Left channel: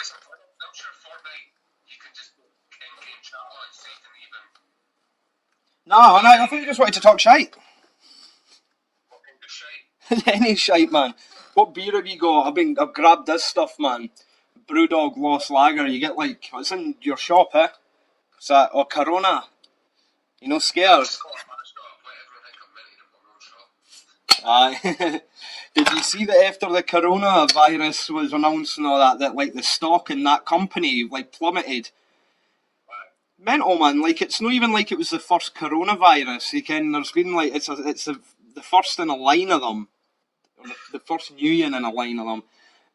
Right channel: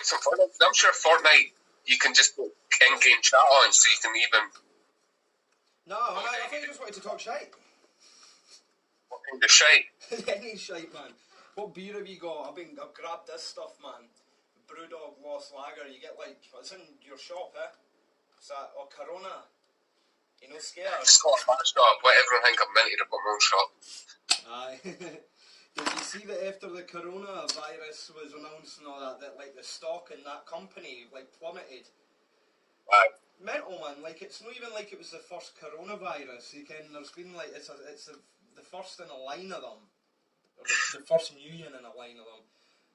quite some fun. I'm sure Fortnite, you can just put in-game chat on, so you can even... No, I think you just wanted to talk shite. What kind of shite? Any shite, man. What beer have you got? I've grabbed this stuff, man. Brewdog Lost Lager. You get it's in your shop, eh? Is that or Corona? You know, scared. Scott, but everyone think I'm minted at my own shop. Aye. Did you see that after the coronavirus was announced and all that the stock in that company plummeted? Aye. Mental, man. It's not even like it was the first coronavirus. There's been it's the first in a line of them, or the first new one in a line of them.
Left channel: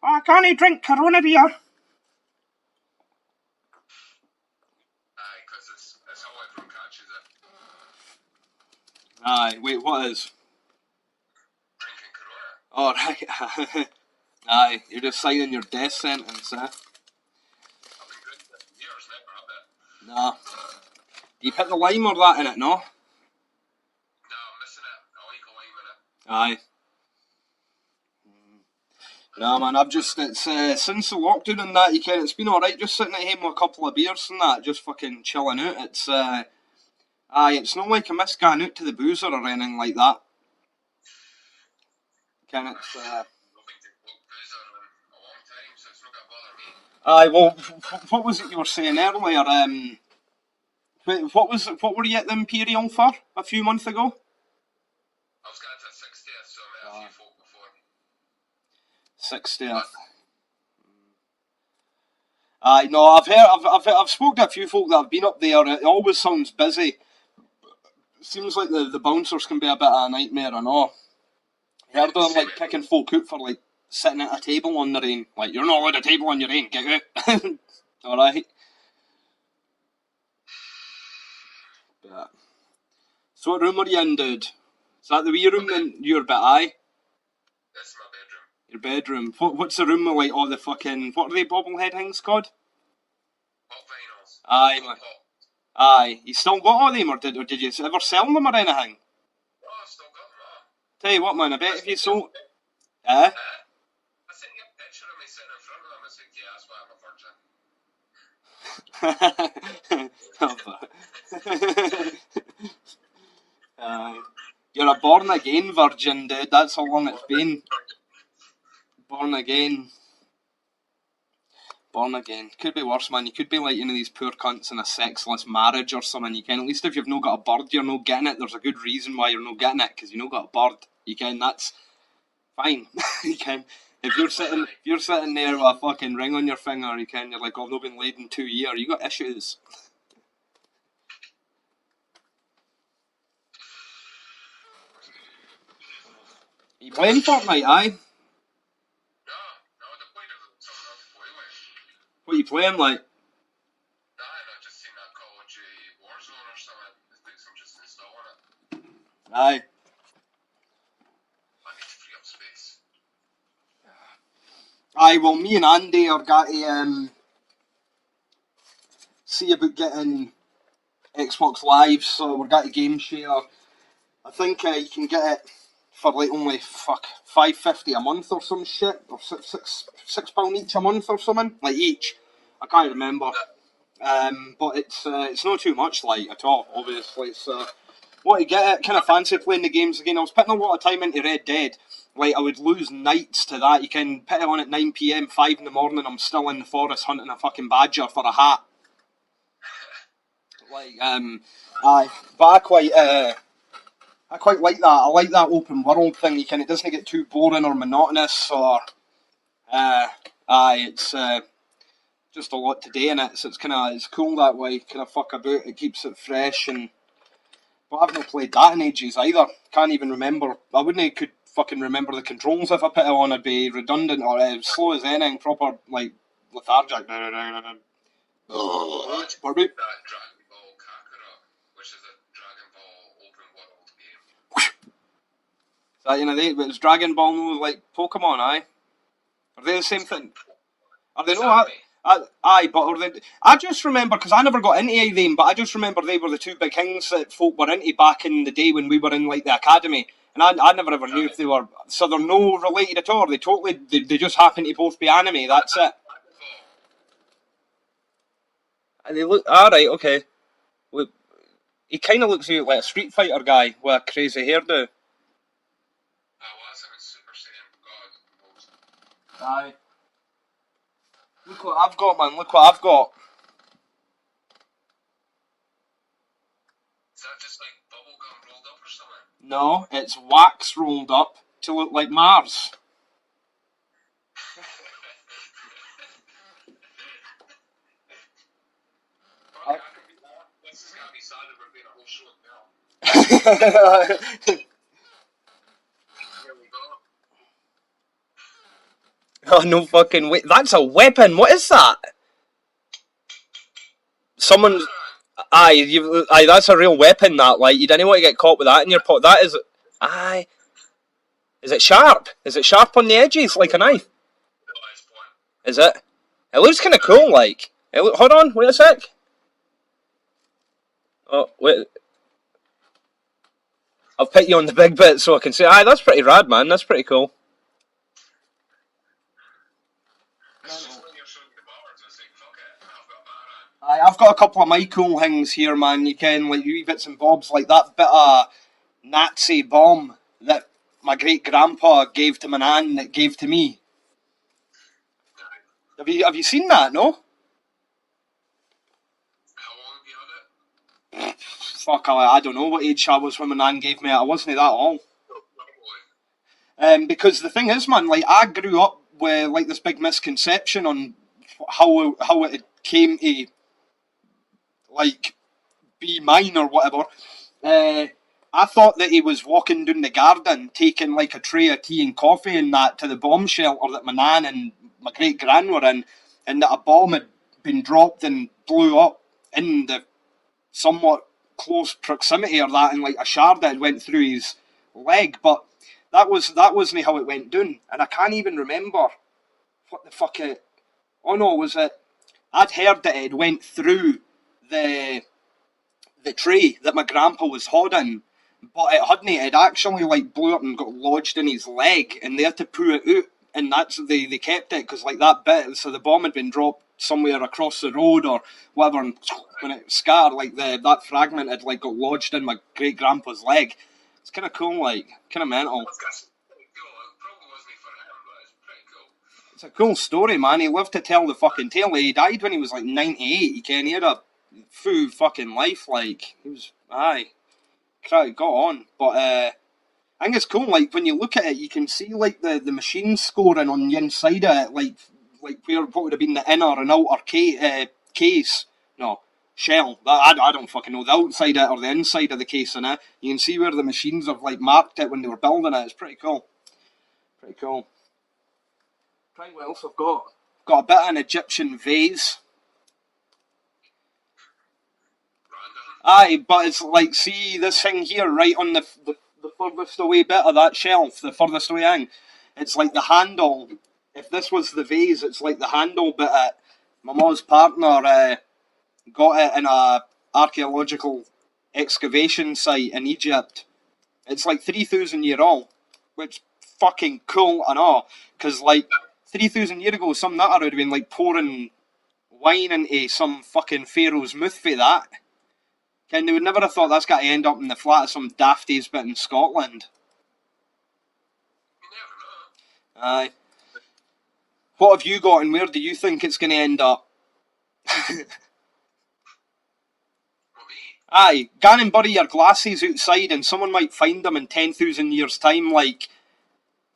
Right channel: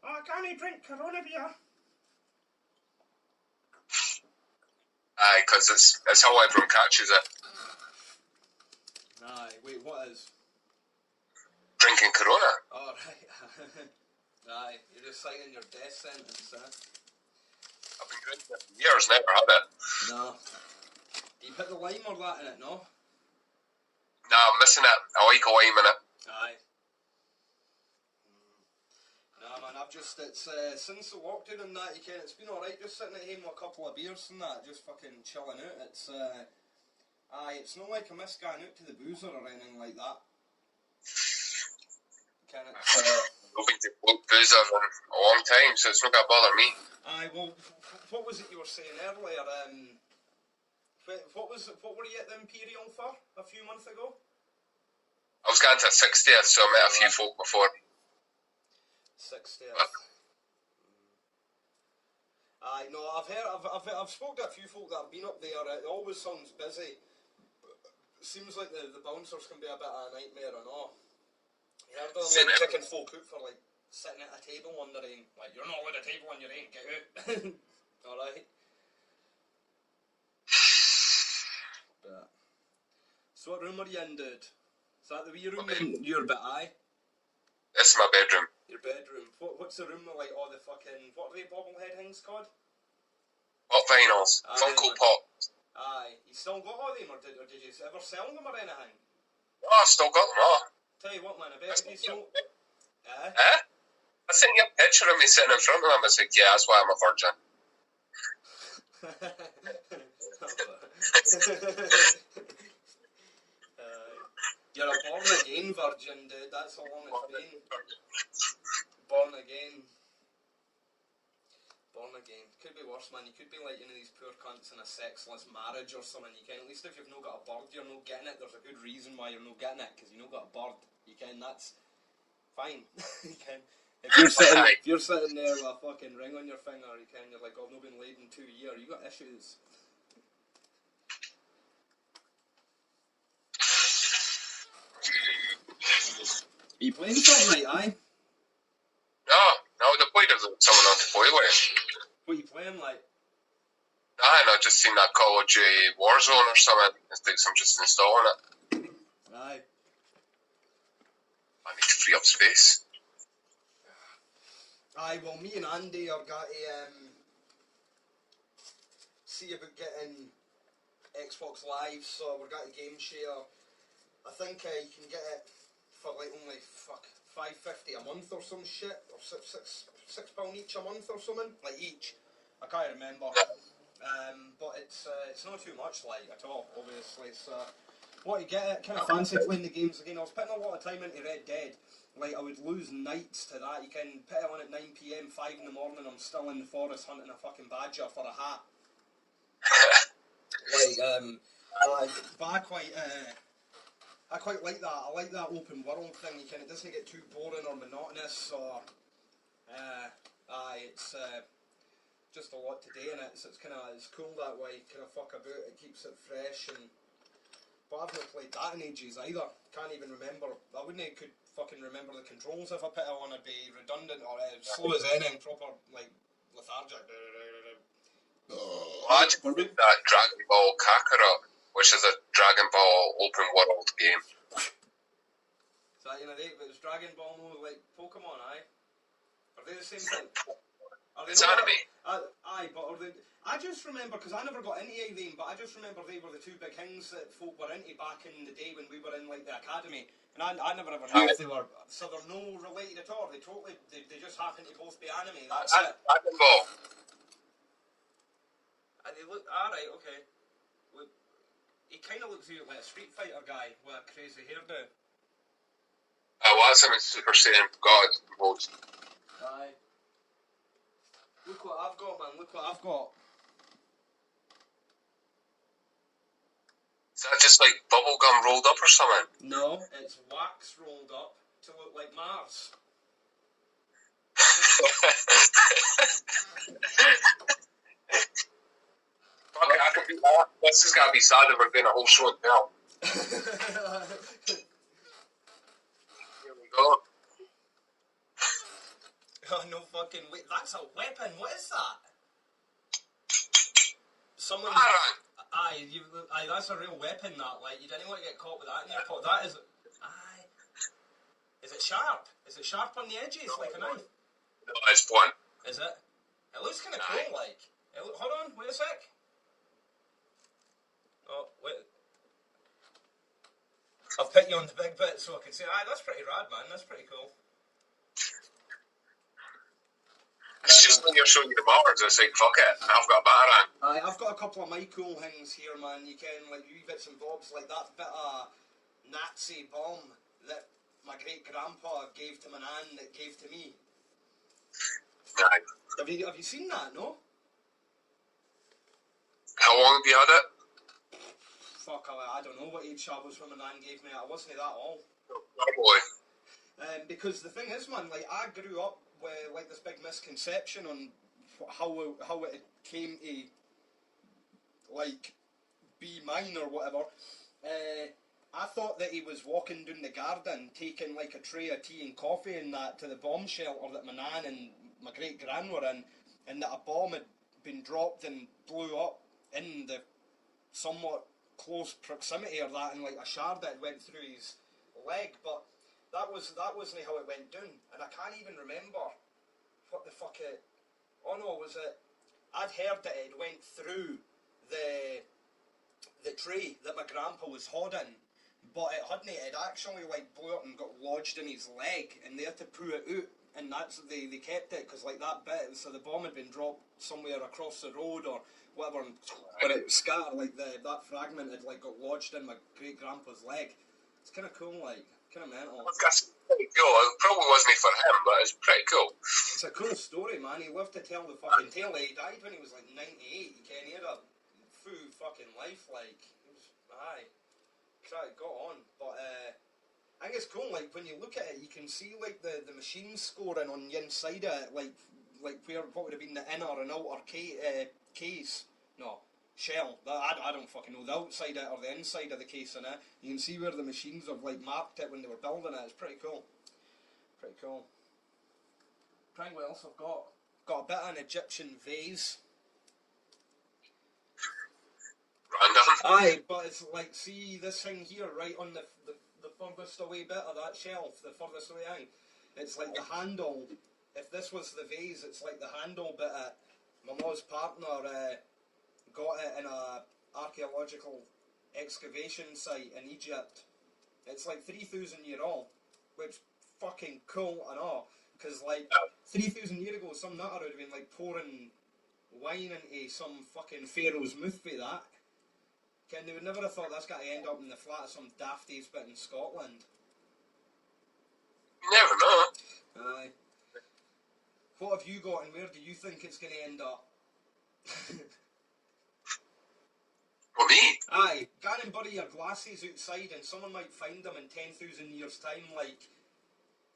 Oh, can't you drink Corona beer? Aye, because it's how everyone catches it. Aye, wait, what is? Drinking Corona. Oh, right. Aye, you're just signing your death sentence, eh? I've been drinking it for years, never had it. Nah. You put the lime or that in it, no? Nah, I'm missing it. I like a lime in it. Aye. Nah, man, it's since the lockdown and that, it's been alright just sitting at home with a couple of beers and that, just fucking chilling out. It's not like I miss going out to the boozer or anything like that. I've been to boozer in a long time, so it's not gonna bother me. Aye, well, what was it you were saying earlier? What were you at the Imperial for a few months ago? I was going to 60th, so I met a few folk before. 60th. Aye, no, I've spoken to a few folk that have been up there. It always sounds busy. Seems like the bouncers can be a bit of a nightmare and all. I heard them kicking folk out for sitting at a table on their own. You're not allowed a table on your own, get out. Alright. Yeah. So what room are you in, dude? Is that the wee room in your bit, aye? It's my bedroom. Your bedroom. What's the room with all the fucking... What are they bobblehead things called? Pop vinyls. Aye. Funko Pop. Aye. You still got all them or did you ever sell them or anything? Oh, I've still got them all. Tell you what, man, I bet if you sold... I sent you a picture of me sitting in front of them. I said, yeah, that's why I'm a virgin. You're a born-again virgin, dude. That's how long it's been. Born again. Could be worse, man. You could be these poor cunts in a sexless marriage or something. At least if you've not got a bird, you're not getting it. There's a good reason why you're not getting it, because you've not got a bird. That's fine. If you're sitting there with a fucking ring on your finger, you're like, oh, I've not been laid in 2 years. You got issues. Are you playing Fortnite, aye? No, the point is someone on to play with. What are you playing like? Aye, I just seen that Call of Duty Warzone or something. I think I'm just installing it. Aye. I need to free up space. Aye, well, me and Andy are got to see about getting Xbox Live, so we're got to game share. I think you can get it for only $5.50 a month or some shit, or £6 each a month or something, each. I can't remember. But it's not too much at all. Obviously, so what to get it. Kind of fancy playing the games again. I was putting a lot of time into Red Dead. I would lose nights to that. You can put it on at 9 PM, 5 in the morning. I'm still in the forest hunting a fucking badger for a hat. Aye, but I quite like that. I like that open world thing. It doesn't get too boring or monotonous, or it's just a lot to do in it. So it's cool that way. Kind of fuck about. It keeps it fresh, but I've not played that in ages either. Can't even remember. I wouldn't could fucking remember the controls if I put it on. I'd be redundant or slow as anything. Proper lethargic. Imagine that Dragon Ball Kakarot, which is a Dragon Ball open world game. That it's Dragon Ball, no, Pokemon, aye? Are they the same thing? Are they not? Aye, but are they? I just remember, because I never got into them, but I just remember they were the two big things that folk were into back in the day when we were in the academy, and I never ever knew if they were. So they're no related at all. They just happen to both be anime. That's it. Dragon Ball. And they look. Alright, okay. Look, he kind of looks like a Street Fighter guy with a crazy hairdo. Well, that's him in Super Saiyan God mode. Aye. Look what I've got, man. Look what I've got. Is that just like bubblegum rolled up or something? No, it's wax rolled up to look like Mars. Fuck it, I can be that. This is gotta be sad that we're doing a whole show now. Here we go. Oh, no fucking way. That's a weapon. What is that? Someone. Aye, that's a real weapon, that. Like, you didn't want to get caught with that in your pot. That is. Aye. Is it sharp? Is it sharp on the edges, like a knife? No, it's one. Is it? It looks kind of cool, like. Hold on, wait a sec. Oh, wait. I'll put you on the big bit so I can say, aye, that's pretty rad, man. That's pretty cool. It's just when you're showing you the Mars, it's like, fuck it, I've got a batarang. Aye, I've got a couple of my cool things here, man. You can, like, wee bits and bobs, like that bit of Nazi bomb that my great-grandpa gave to my nan that gave to me. Aye. Have you seen that, no? How long have you had it? Fuck, I don't know what age I was when my nan gave me it. I wasn't that old. Probably. Because the thing is, man, like, I grew up with, like, this big misconception on how it came to, like, be mine or whatever. I thought that he was walking down the garden taking, like, a tray of tea and coffee and that to the bomb shelter that my nan and my great-gran were in, and that a bomb had been dropped and blew up in the somewhat close proximity or that, and like a shard that went through his leg, but that wasn't how it went down, and I can't even remember what the fuck it. Oh no, was it? I'd heard that it went through the tray that my grandpa was holding, but it hadn't. It actually like blew up and got lodged in his leg, and they had to pull it out, and that's they kept it because like that bit. So the bomb had been dropped somewhere across the road or whatever, and when it scattered, like that fragment had like got lodged in my great grandpa's leg. It's kind of cool, like kind of mental. That's pretty cool. It probably wasn't for him, but it's pretty cool. It's a cool story, man. He lived to tell the fucking tale. He died when he was like 98. He had a full fucking life. Like he was, aye, got on. But I think it's cool. Like when you look at it, you can see like the machine scoring on the inside of it, like where what would have been the inner and outer case. No, shell. I don't fucking know the outside of it or the inside of the case in it. You can see where the machines have like marked it when they were building it. It's pretty cool. Pretty cool. Right, what else I've got? Got a bit of an Egyptian vase. Random. Aye, but it's like, see this thing here, right on the furthest away bit of that shelf, the furthest away thing. It's like the handle. If this was the vase, it's like the handle bit. My mom's partner got it in a archaeological excavation site in Egypt. It's like 3,000 year old, which fucking cool and all. Because like 3,000 years ago, some nutter would have been like pouring wine into some fucking pharaoh's mouth for that. Ken, they would never have thought that's got to end up in the flat of some dafties bit in Scotland. You never know. Aye. What have you got and where do you think it's going to end up? Well, me? Aye, gan and bury your glasses outside and someone might find them in 10,000 years' time, like,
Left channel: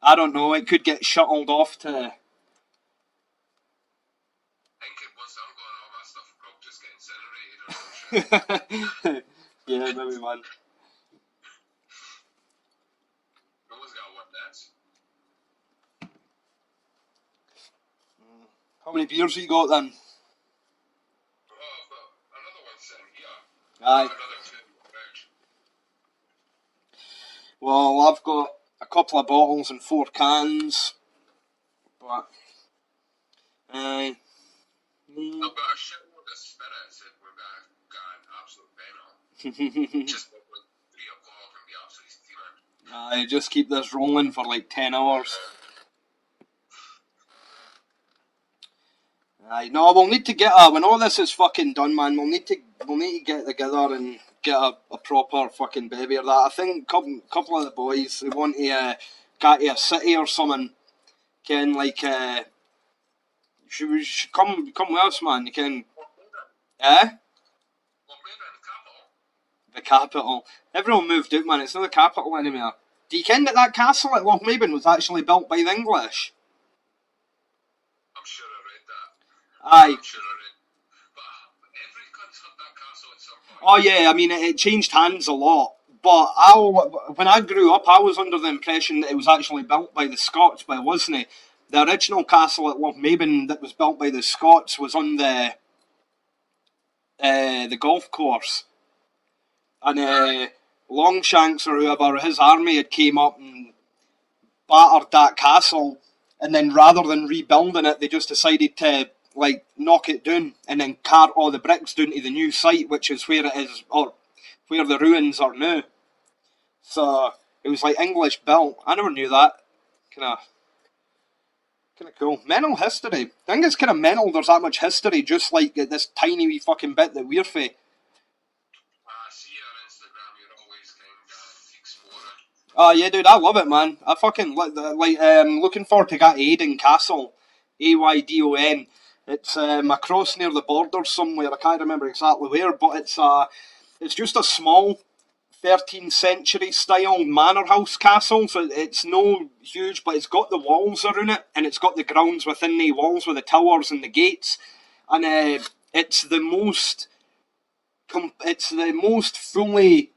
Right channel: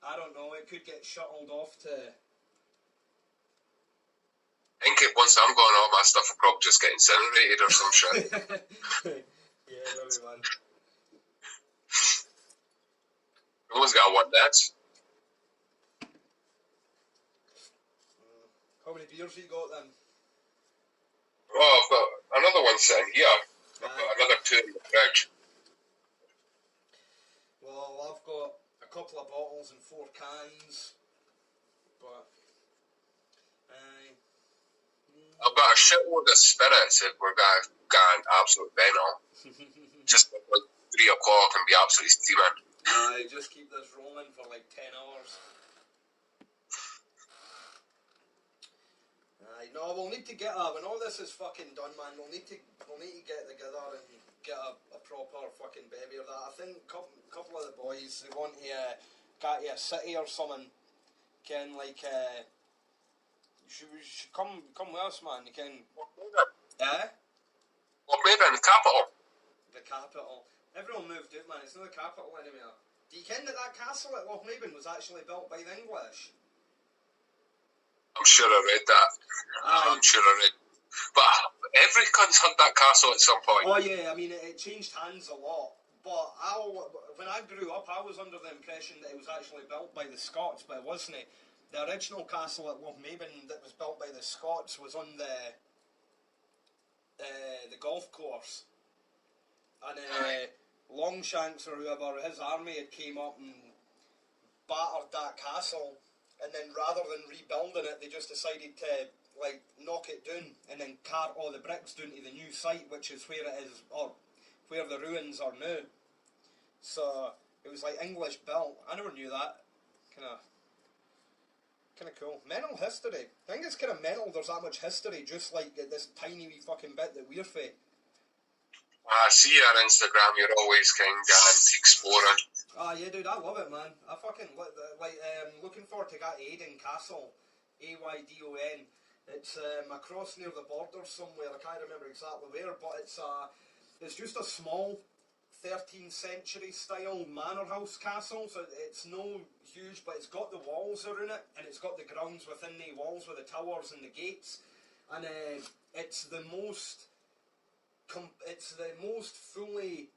I don't know, it could get shuttled off to... I think once I'm gone, all my stuff will probably just get incinerated or some shit. Yeah, maybe, man. Always got one dance. How many beers have you got then? Oh, I've got another one sitting here. Aye. Another two in the fridge. Well, I've got a couple of bottles and 4 cans. But... Aye. I've got a shitload of spirits that we're going to go an absolute venom. Just like 3 o'clock and be absolutely steaming. Aye, just keep this rolling for like 10 hours. Aye, no, we'll need to get when all this is fucking done, man. We'll need to get together and get a proper fucking bevy or that. I think couple of the boys they want to get to a city or something. Can like should come with us, man. You can. Well, maybe in the capital. The capital. Everyone moved out, man. It's not the capital anymore. Do you ken that castle at Lochmaben was actually built by the English? I'm sure I read that. Aye. I'm sure I read. But every cunt's had that castle at some point. Oh yeah, I mean it changed hands a lot. But when I grew up, I was under the impression that it was actually built by the Scots, but it wasn't. The original castle at Lochmaben that was built by the Scots was on the golf course. And Longshanks or whoever, his army had came up and battered that castle, and then rather than rebuilding it, they just decided to like knock it down and then cart all the bricks down to the new site, which is where it is, or where the ruins are now. So it was like English built. I never knew that. Kind of cool. Mental history. I think it's kind of mental. There's that much history, just like this tiny wee fucking bit that we're for. I see your Instagram. You're always kind of exploring. Oh yeah, dude, I love it, man. I fucking looking forward to get Aydon Castle, Aydon. It's across near the border somewhere. I can't remember exactly where, but it's just a small 13th century style manor house castle. So it's no huge, but it's got the walls around it, and it's got the grounds within the walls with the towers and the gates, and it's the most fully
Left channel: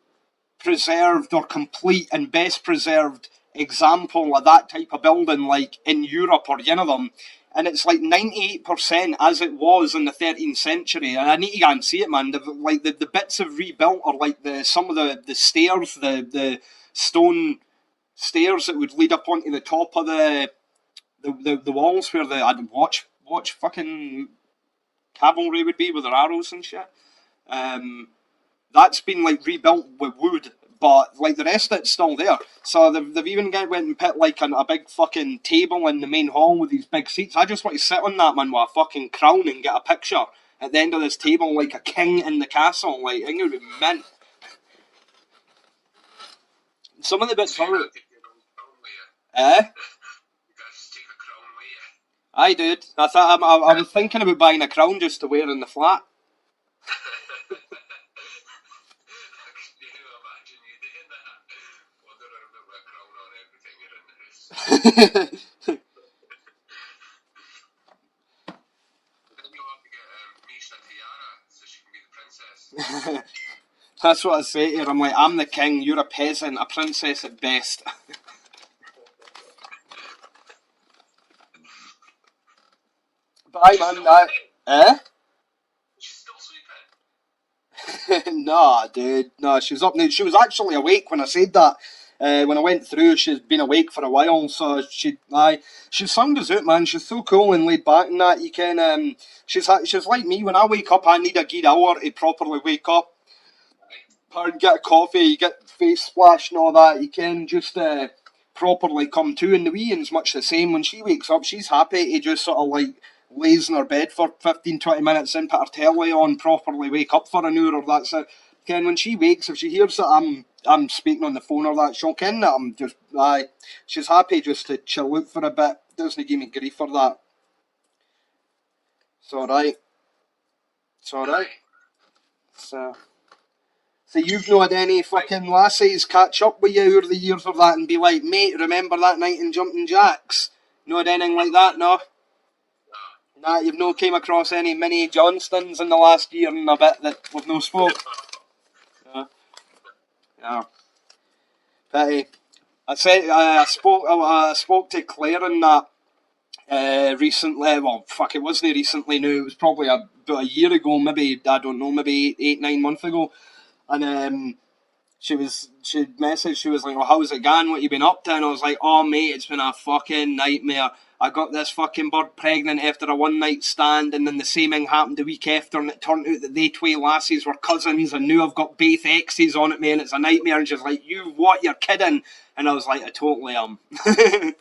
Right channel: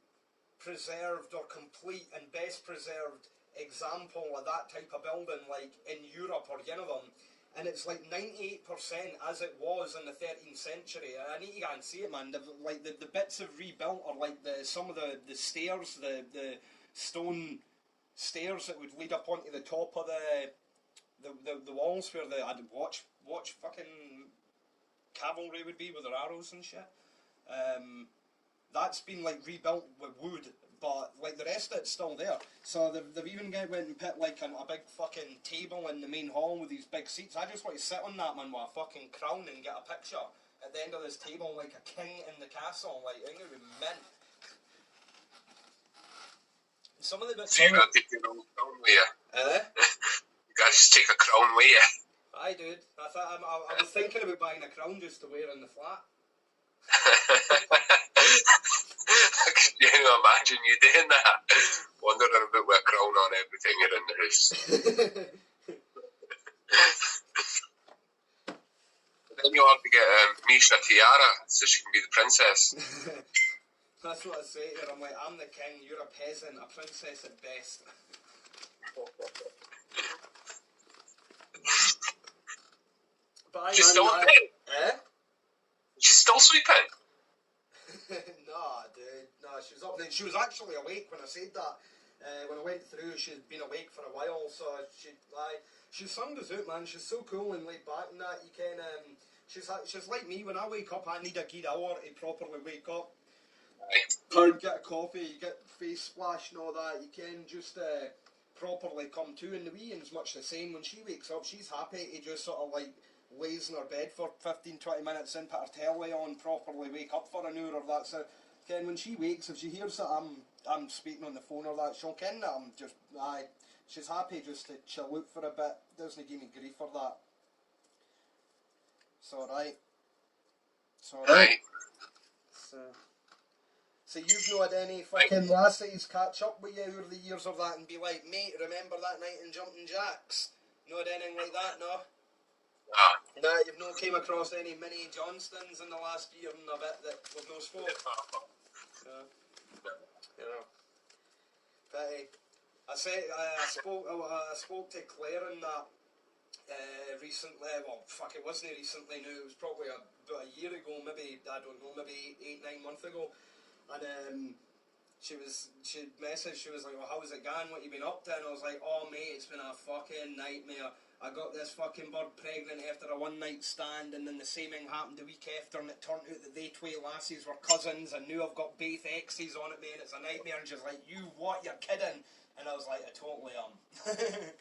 preserved or complete and best preserved example of that type of building like in Europe or any of them, and it's like 98% as it was in the 13th century, and I need to go and see it, man. The bits have rebuilt are like some of the stairs, the stone stairs that would lead up onto the top of the walls where I'd watch fucking cavalry would be with their arrows and shit. That's been like rebuilt with wood, but like the rest of it's still there. So they've even went and put like a big fucking table in the main hall with these big seats. I just want to sit on that, man, with a fucking crown and get a picture at the end of this table like a king in the castle. Like, I think it would be mint. Some of the bits. So you gotta take your own crown with you. You gotta just take a crown with you. Aye, dude. I was thinking about buying a crown just to wear in the flat. Can you imagine you doing that? Wandering about with a crown on every time you're in the house. Then you'll have to get Misha tiara so she can be the princess. That's what I say to her. I'm like, I'm the king, you're a peasant, a princess at best. But She's still sweeping? She's still sweeping? Nah, dude. No, she was up now. She was actually awake when I said that. When I went through, she's been awake for a while, so she sung us out, man. She's so cool and laid back and that. You can, she's like me. When I wake up, I need a good hour to properly wake up. Or get a coffee, you get face splash and all that. You can just properly come to, and the wee one's much the same. When she wakes up, she's happy to just sort of like lays in her bed for 15-20 minutes and put her telly on, properly wake up for an hour or that's it. Ken, when she wakes, if she hears that I'm speaking on the phone or that, she'll ken that I'm just, she's happy just to chill out for a bit. Doesn't give me grief for that. It's alright. It's alright. So you've not had any fucking lassies catch up with you over the years of that and be like, mate, remember that night in Jumping Jacks? No had anything like that, no? Nah, you've no came across any mini Johnstons in the last year and a bit that we've no spoke. Yeah. Pity. I spoke to Claire and that recently. Well, fuck, it wasn't recently. No, it was probably about a year ago. Maybe I don't know. Maybe 8-9 months ago. And she messaged. She was like, "Oh, how's it going? What you been up to?" And I was like, "Oh, mate, it's been a fucking nightmare. I got this fucking bird pregnant after a one-night stand, and then the same thing happened the week after, and it turned out that they two lassies were cousins, and now I've got both exes on it, man. It's a nightmare." And she's like, "You what? You're kidding?" And I was like, "I totally am." Like,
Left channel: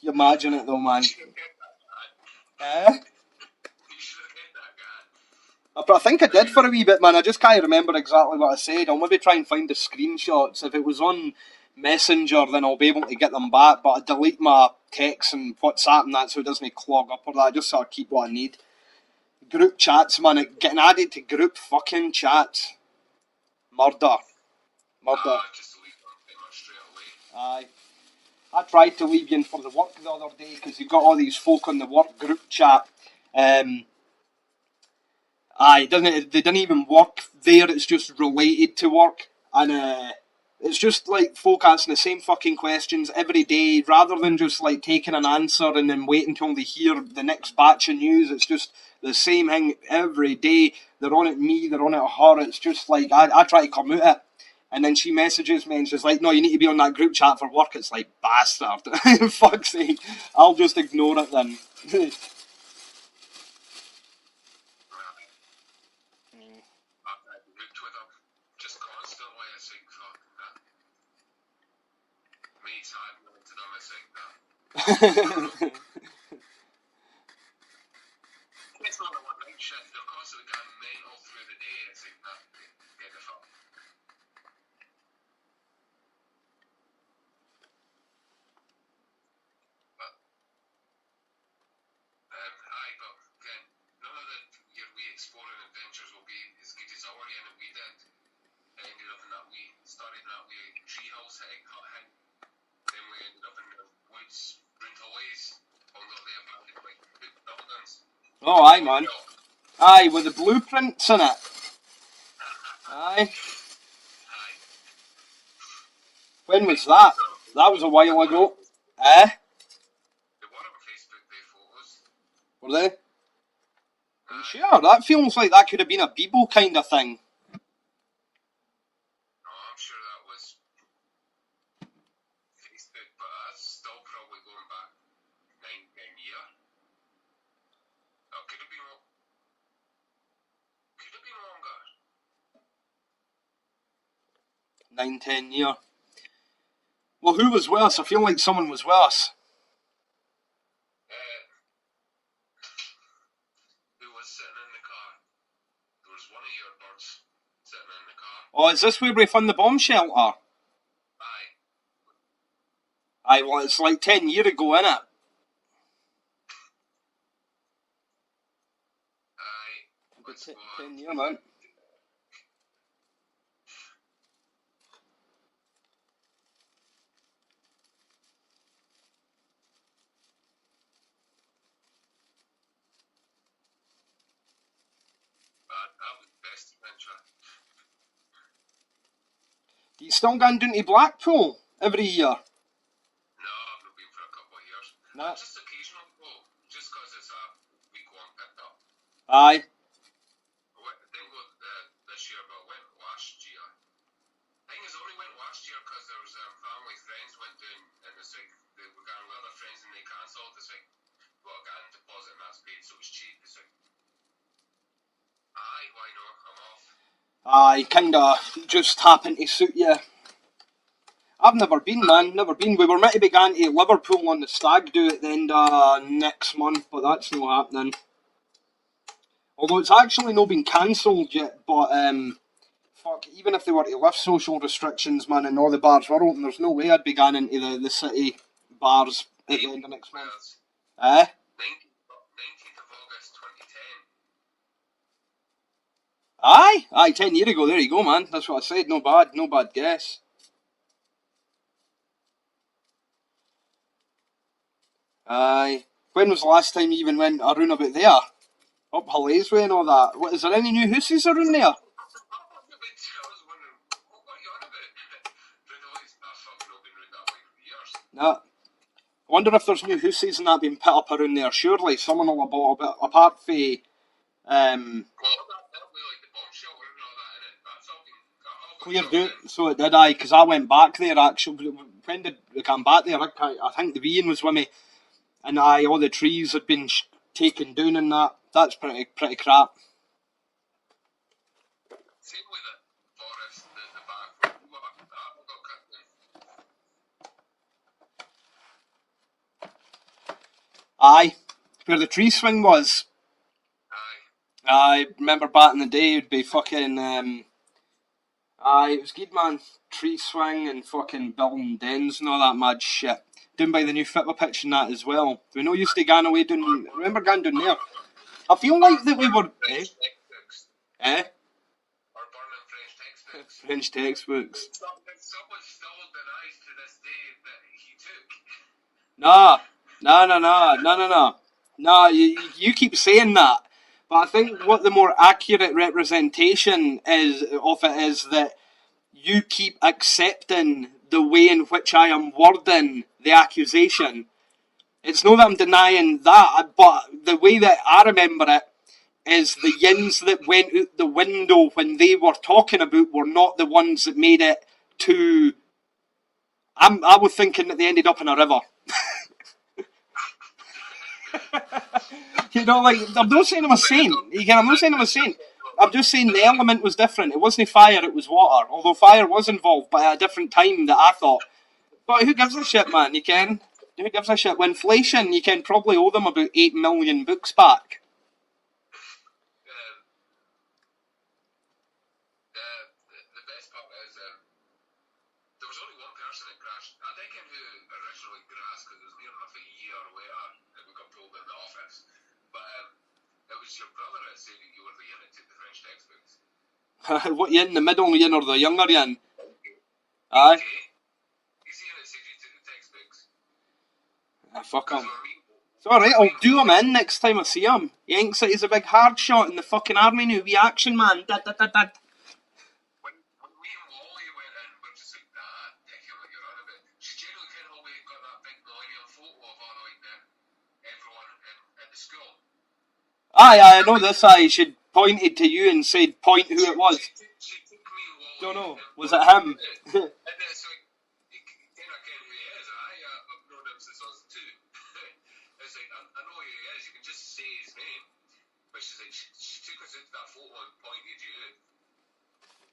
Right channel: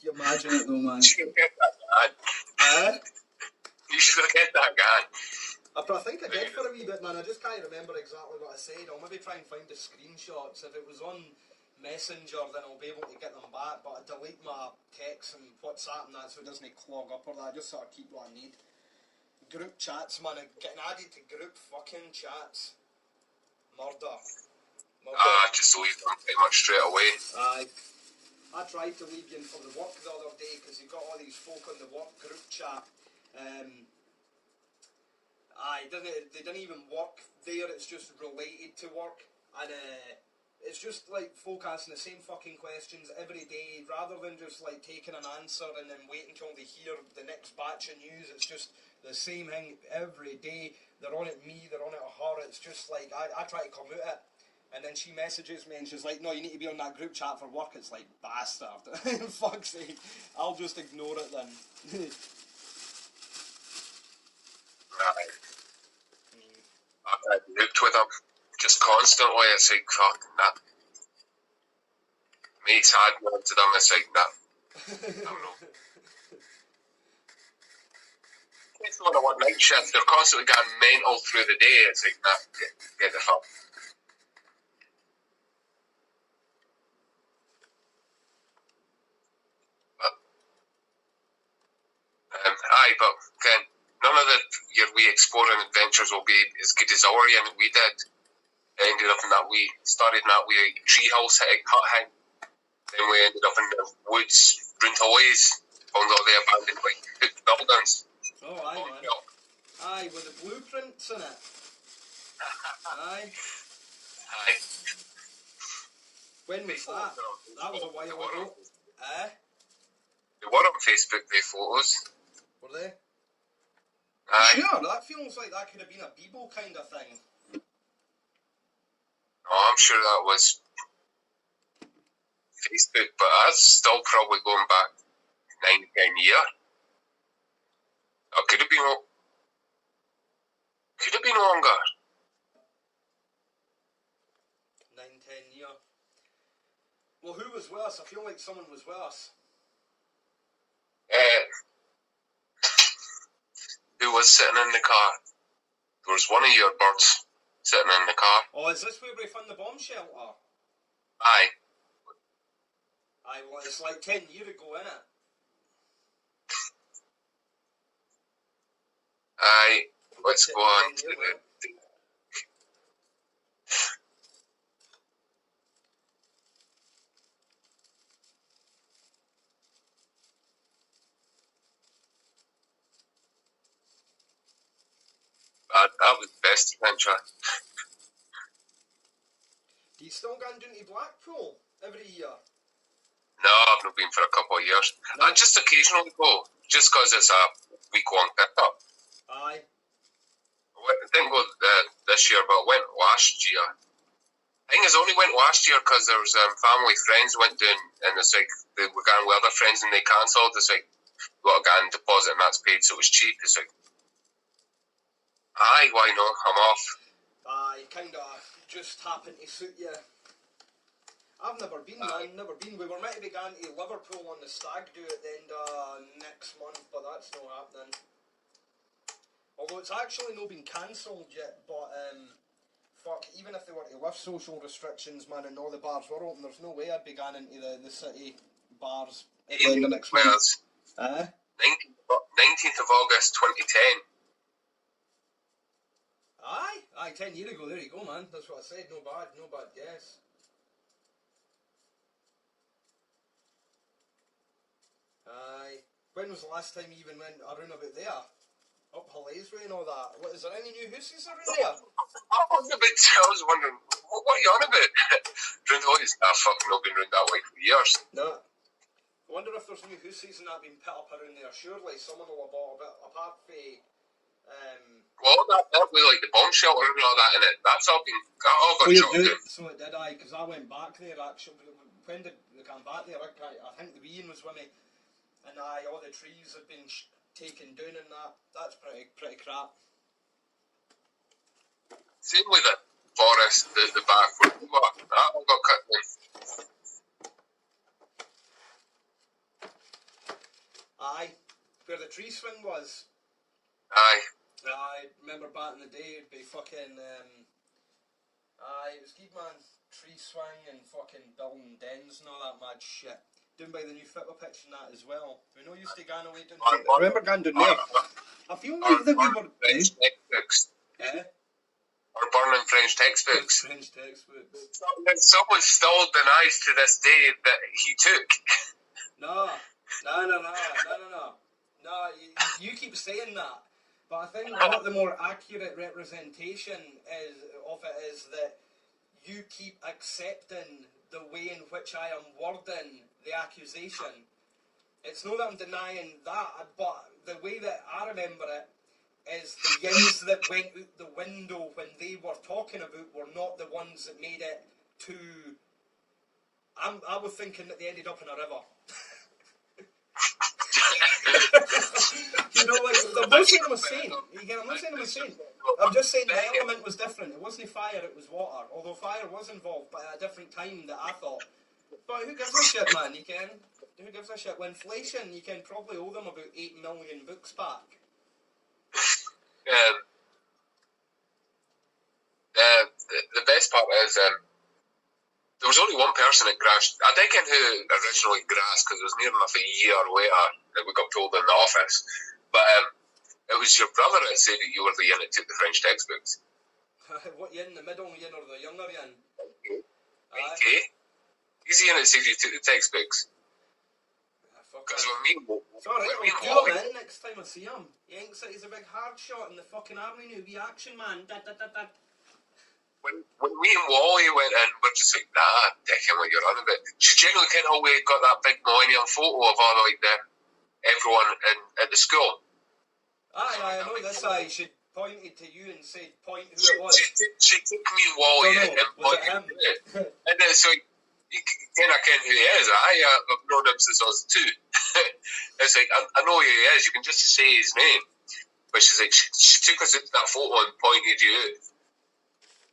you imagine it though, man. She can get that You should have kept that going. But I think I did for a wee bit, man. I just can't remember exactly what I said. I'll maybe try and find the screenshots. If it was on Messenger, then I'll be able to get them back. But I delete my texts and WhatsApp and that so it doesn't clog up or that. Just so I keep what I need. Group chats, man. Getting added to group fucking chats. Murder. Just leave them pretty much straight away. Aye. I tried to leave you in for the work the other day because you've got all these folk on the work group chat. They didn't even work there, it's just related to work. And it's just like folk asking the same fucking questions every day rather than just like taking an answer and then waiting until they hear the next batch of news. It's just the same thing every day. They're on at me, they're on at her. It's just like, I try to come out it. And then she messages me and she's like, no, you need to be on that group chat for work. It's like, bastard. Fuck's sake. I'll just ignore it then. I've looked with them just constantly. It's like, fuck, nah. Mates add me onto them. It's like, nah. It's not a one night shift. They're constantly going mental through the day. It's like, nah, get the fuck. But again, none of your wee exploring adventures will be as good as our and we did. It ended up in that we started in that wee treehouse hut hang. Then we ended up in the woods, Bruntoys, found all the abandoned like buildings. Oh, aye, man. Aye, with the blueprints in it. Aye. When was that? That was a while ago. They were on Facebook, they photos. Were they? Aye. Sure, that feels like that could have been a Bebo kind of thing. Oh, I'm sure that was Facebook, but that's still probably going back 9-10 years. Or could have been longer. 9-10 years. Well, who was with us? I feel like someone was with us. Who was sitting in the car? There was one of your birds sitting in the car. Oh, is this where we found the bomb shelter? Aye. Aye, well, it's like 10 years ago, innit? Aye. Let's go on. 10 years, man. That was the best adventure. Do you still going down to Blackpool every year? No, I've not been for a couple of years. No. I just occasionally go, just because it's a week-long pickup. Aye. I didn't go this year, but I went last year. I think I only went last year because there was family friends went down, and it's like they were going with other friends and they cancelled. It's like, you got to get a deposit and that's paid, so it was cheap. It's like, aye, why not? I'm off. Aye, kinda just happened to suit you. I've never been, man, never been. We were meant to be going to Liverpool on the stag do at the end of next month, but that's not happening. Although it's actually not been cancelled yet, but fuck, even if they were to lift social restrictions, man, and all the bars were open, there's no way I'd be going into the city bars at the end of next month. 19th of August 2010. Aye, 10 years ago, there you go, man. That's what I said, no bad guess. Aye. When was the last time you even went around about there? Up Halays Way and all that. What, is there any new hoosies around there? I was wondering, what are you on about? Round Hoy's fucking not been round that way for years. Nah. I wonder if there's new hoosies and that being put up around there. Surely someone will have bought a bit, apart from... Well, that way, like the bomb shelter and all that in it, that's all got shut down. So it did, aye, because I went back there actually. When did we come back there? I think the Ian was with me. And aye, all the trees had been taken down and that. That's pretty crap. Same with the forest, the back where we were, that all got cut down. Aye. where the tree swing was. Aye. I remember back in the day, it'd be fucking, it was good, man. Tree swing and fucking building dens and all that mad shit. Down by the new football pitch and that as well. We know used to go away down, remember going down there? I feel like that we were... French textbooks. Eh? Or burning French textbooks. French textbooks. Someone still denies to this day that he took. No, you keep saying that. But I think what the more accurate representation is of it is that you keep accepting the way in which I am wording the accusation. It's not that I'm denying that, but the way that I remember it is the yins that went out the window when they were talking about were not the ones that made it to... I was thinking that they ended up in a river. You know, like, I'm not saying I'm a saint. I'm not saying I'm a saint. I'm just saying the element was different. It wasn't fire, it was water. Although fire was involved, but at a different time that I thought. But who gives a shit, man? You can. Who gives a shit? With inflation, you can probably owe them about 8 million books back. The best part is there was only one person that crashed. I don't know who originally grasped because it was near enough a year later that we got told in the office. But it was your brother that said that you were the yin that took the French textbooks. What yin? The middle yin or the younger yin? Aye. Okay. He's the yin that said you took the textbooks. Fuck him. Because It's alright, I'll do him in next time I see him. He thinks that he's a big hard shot in the fucking army now. Wee action man. When me and Wally went in, we're just like, nah, dicking what you're on about. She generally kind of always got that big millennium photo of all like everyone at the school. Aye, I know this. She pointed to you and said, point who it was. She took me and Wally in. Was it him? And it's like, you kind of ken who he is. I've known him since I was 2. It's like, I know who he is. You can just say his name. But she's like, she took us into that photo and pointed you out.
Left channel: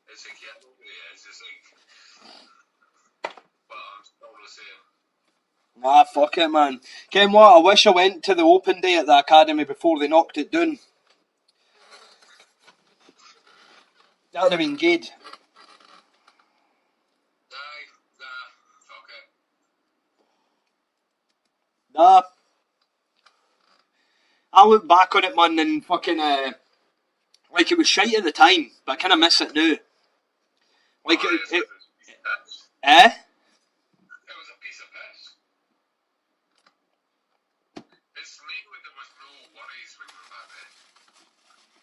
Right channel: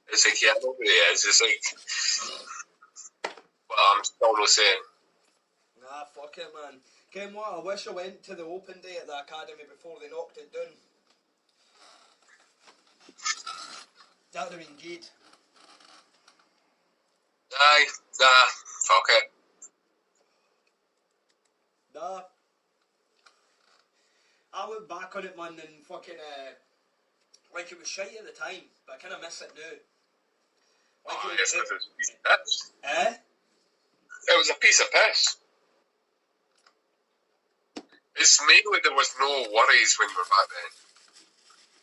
It's like, yeah, I know who he is. It's like, well, I'm still not saying. Nah, fuck it, man. Ken what? I wish I went to the open day at the academy before they knocked it down. That would have been good. Aye, nah, fuck it. Nah. I look back on it, man, and fucking, like it was shite at the time, but I kind of miss it now. Like it was a piece of piss. Eh? It was a piece of piss. It's mainly there was no worries when we were back then.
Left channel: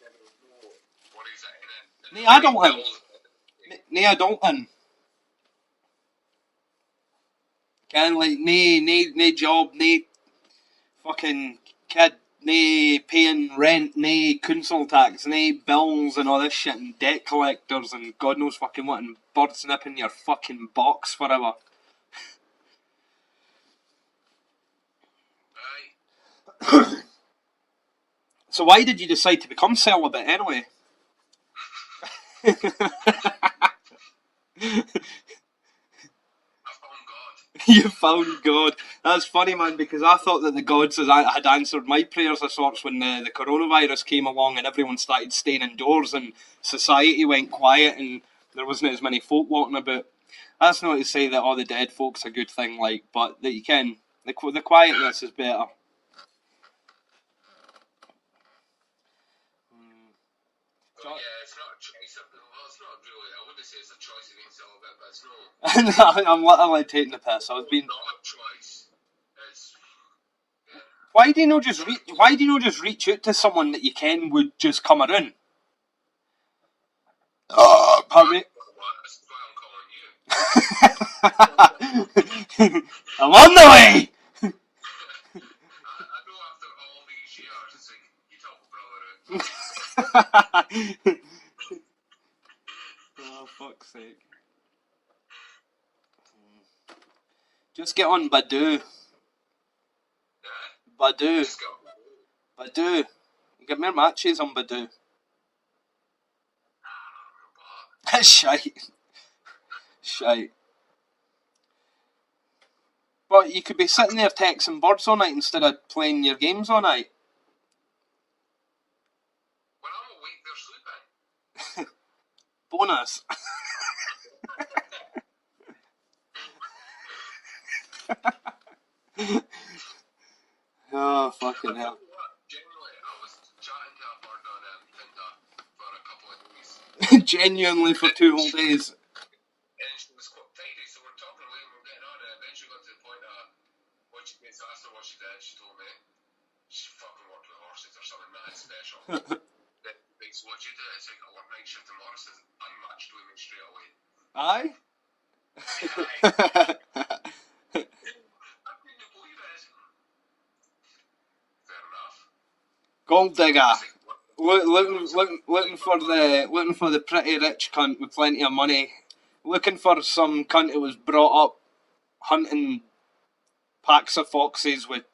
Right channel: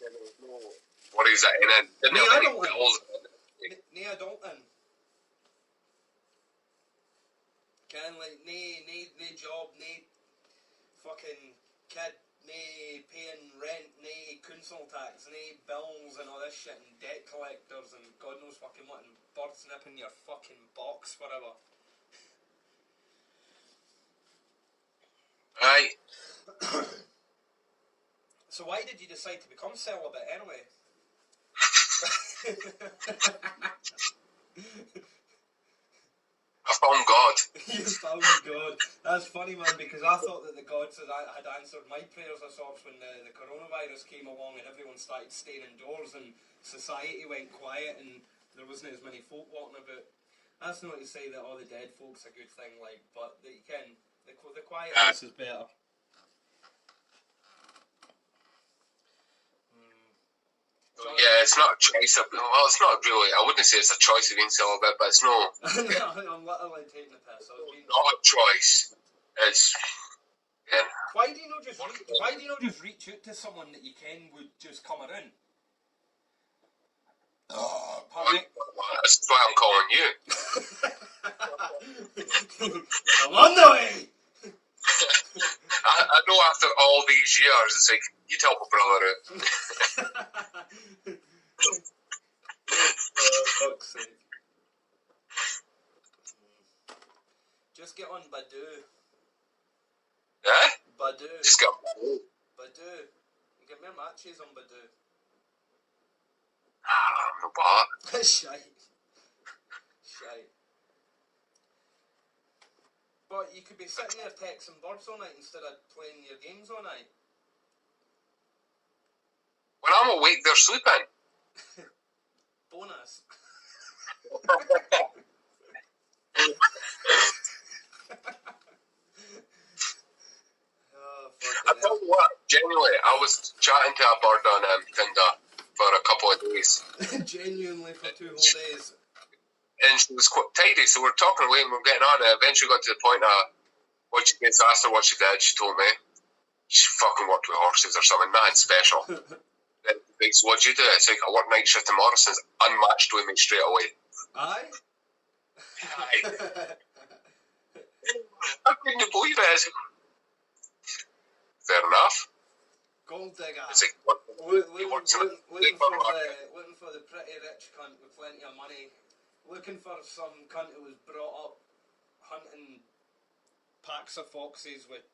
There was no worries at any end. I don't. Can like nae job, nae fucking kid, nae paying rent, nae council tax, nae bills and all this shit and debt collectors and God knows fucking what and birds nipping your fucking box forever. Aye. So why did you decide to become celibate anyway? I found God. You found God. That's funny, man, because I thought that the gods had answered my prayers of sorts when the coronavirus came along and everyone started staying indoors and society went quiet and there wasn't as many folk walking about. That's not to say that all the dead folk's a good thing, like, but that you can. The quietness is better. Yeah, it's not a choice. Well, it's not really. I wouldn't say it's a choice of being celibate, but it's no. I'm literally taking the piss. I was being. Not a choice. It's. Yeah. Why do you not just reach out to someone that you ken would just come around? Pardon me? That's why I'm calling you. I'm on the way. I know after all these years, it's like, you tell my brother out. Oh, fuck's sake. Just get on Badoo. Eh? Badoo. Just get Badoo. You get more matches on Badoo. no bother. Shite. But you could be sitting there texting birds all night instead of playing your games all night. I'm awake, they're sleeping. Bonus. Oh, fucking I tell you what, genuinely, I was chatting to a bird on Tinder for a couple of days. Genuinely for 2 whole days. And she was quite tidy, so we're talking away and we're getting on, and eventually got to the point of what she gets asked her what she did. She told me she fucking worked with horses or something, nothing special. So what'd you do? It's like, I work night shift in Morrison's, unmatched with me straight away. Aye? I couldn't believe it. I was like, fair enough. Gold digger. I was like, Looking for the pretty rich cunt with plenty of money. Looking for some cunt who was brought up hunting packs of foxes with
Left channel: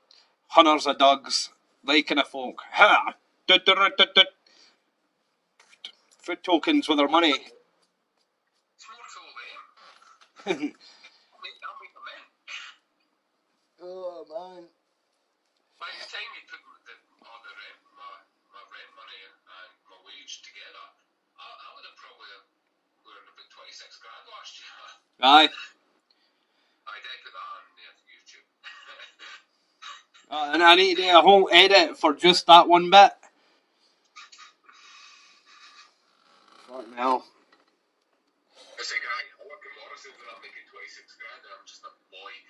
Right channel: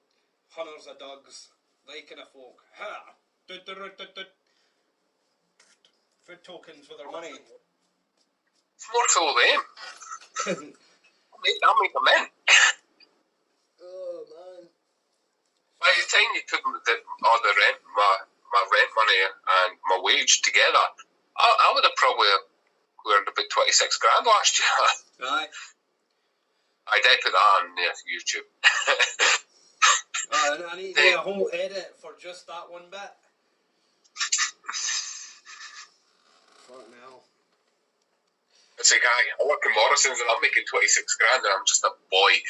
hunters of dogs, liking a folk. Ha! Food tokens with their money. it's more cool than him. I'll make them in. Oh, man. By the time you put all the rent, my rent money and my wage together, I would have probably earned about 26 grand last year. Aye. I did put that on YouTube. And I need to do a whole edit for just that one bit. Fucking hell. It's like, I work in Morrison's and I'm making 26 grand and I'm just a boy.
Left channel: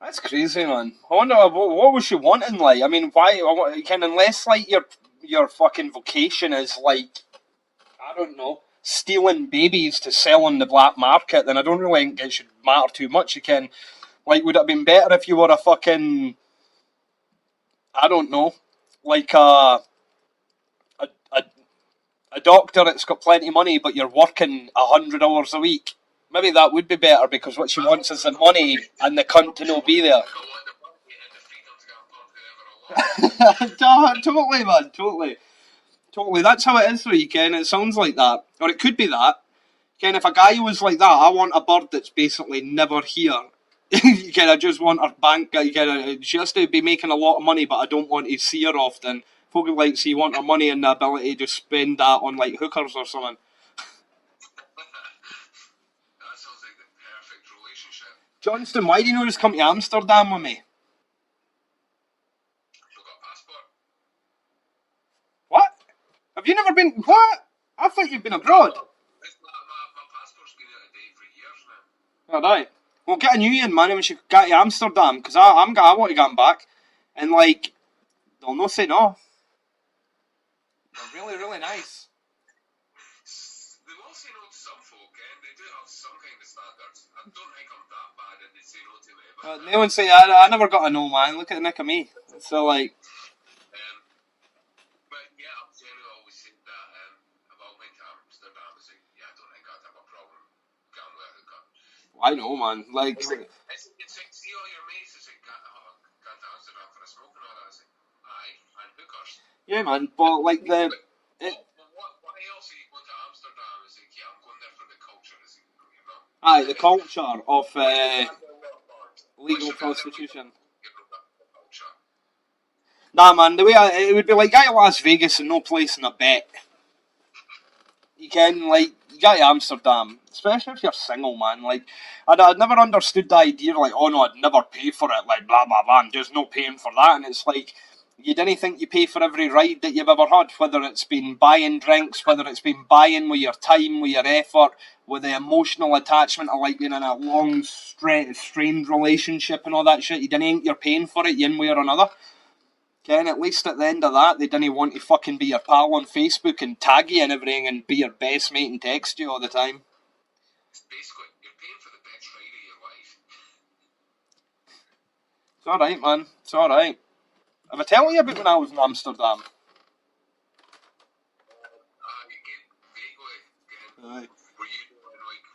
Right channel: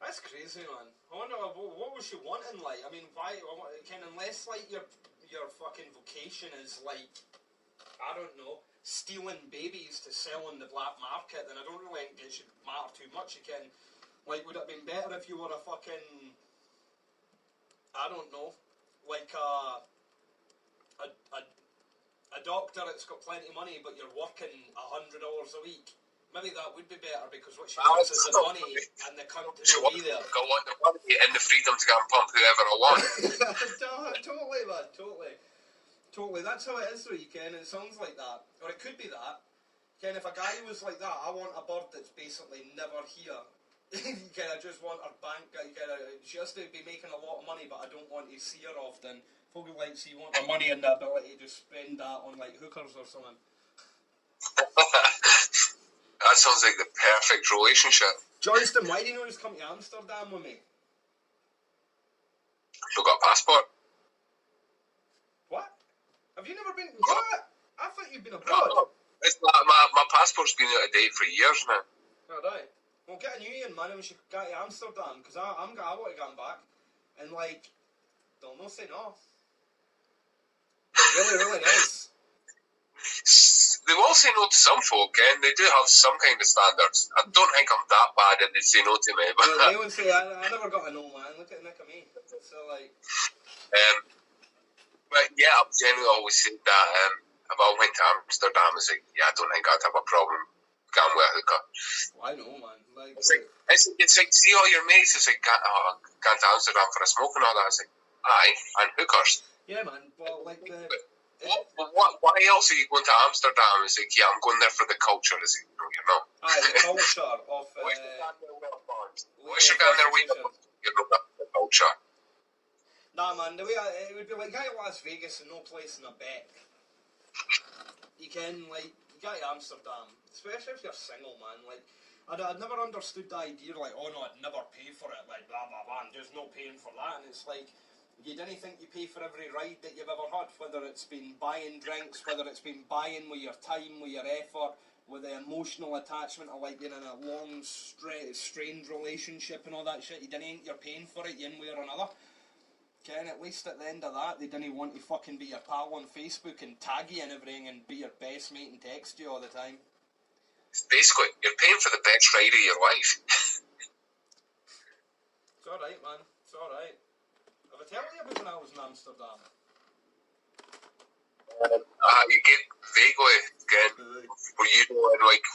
That's crazy, man. I wonder what was she wanting, like? I mean, why? Unless like your fucking vocation is like, I don't know, stealing babies to sell on the black market, then I don't really think it should matter too much. Like, would it have been better if you were a fucking, I don't know, like a doctor that's got plenty of money, but you're working 100 hours a week? Maybe that would be better, because what she wants is the money and the cunt to not be there. I want the money and the freedom to go and pump whoever I want. Totally, man. Totally. That's how it is for you, Ken. It sounds like that. Or it could be that. Ken, if a guy was like that, I want a bird that's basically never here. I just want her bank. She has to be making a lot of money, but I don't want to see her often. Folk like, so you want her money and the ability to spend that on like hookers or something. That sounds like the perfect relationship. Johnston, why do you not just come to Amsterdam with me? You got a passport? What? Have you never been? What? I thought you'd been abroad. It's not, my passport's been out of date for years now. Alright. Well, get a new one, man, when she get to Amsterdam, because I want to get him back. And, like, they'll not say no. They're really, really nice. They will say no to some folk, and they do have some kind of standards. I don't think I'm that bad and they say no to me. But They would say, I never got a no, man. Look at the nick of me. So, like... but yeah, I've generally always said that if I went to Amsterdam, it's like, yeah, I don't think I'd have a problem going with a hooker. I know, man. Like... It's like, see all your mates, it's like, gone to Amsterdam for a smoke and all that. It's like, aye, and hookers. Yeah, man, but, like, Why else are you going to Amsterdam? It's like, yeah, I'm going there for the culture. It's like, no, you're not. Aye, the culture of Legal legal prostitution. You're not the culture. Nah, man, the way it would be like, guy to Las Vegas and no place in a bet. You can, like, you got to Amsterdam, especially if you're single, man. Like, I'd never understood the idea, like, oh no, I'd never pay for it, like, blah, blah, blah, and there's no paying for that. And it's like, you didn't think you pay for every ride that you've ever had, whether it's been buying drinks, whether it's been buying with your time, with your effort, with the emotional attachment of, like, being in a long, strained relationship and all that shit. You didn't think you're paying for it one way or another. Ken, at least at the end of that, they didn't want to fucking be your pal on Facebook and tag you and everything and be your best mate and text you all the time. Basically, you're paying for the best ride of your life. It's alright, man. It's alright. Have I told you about when I was in Amsterdam? You get vaguely, again, Aye. were you in, like,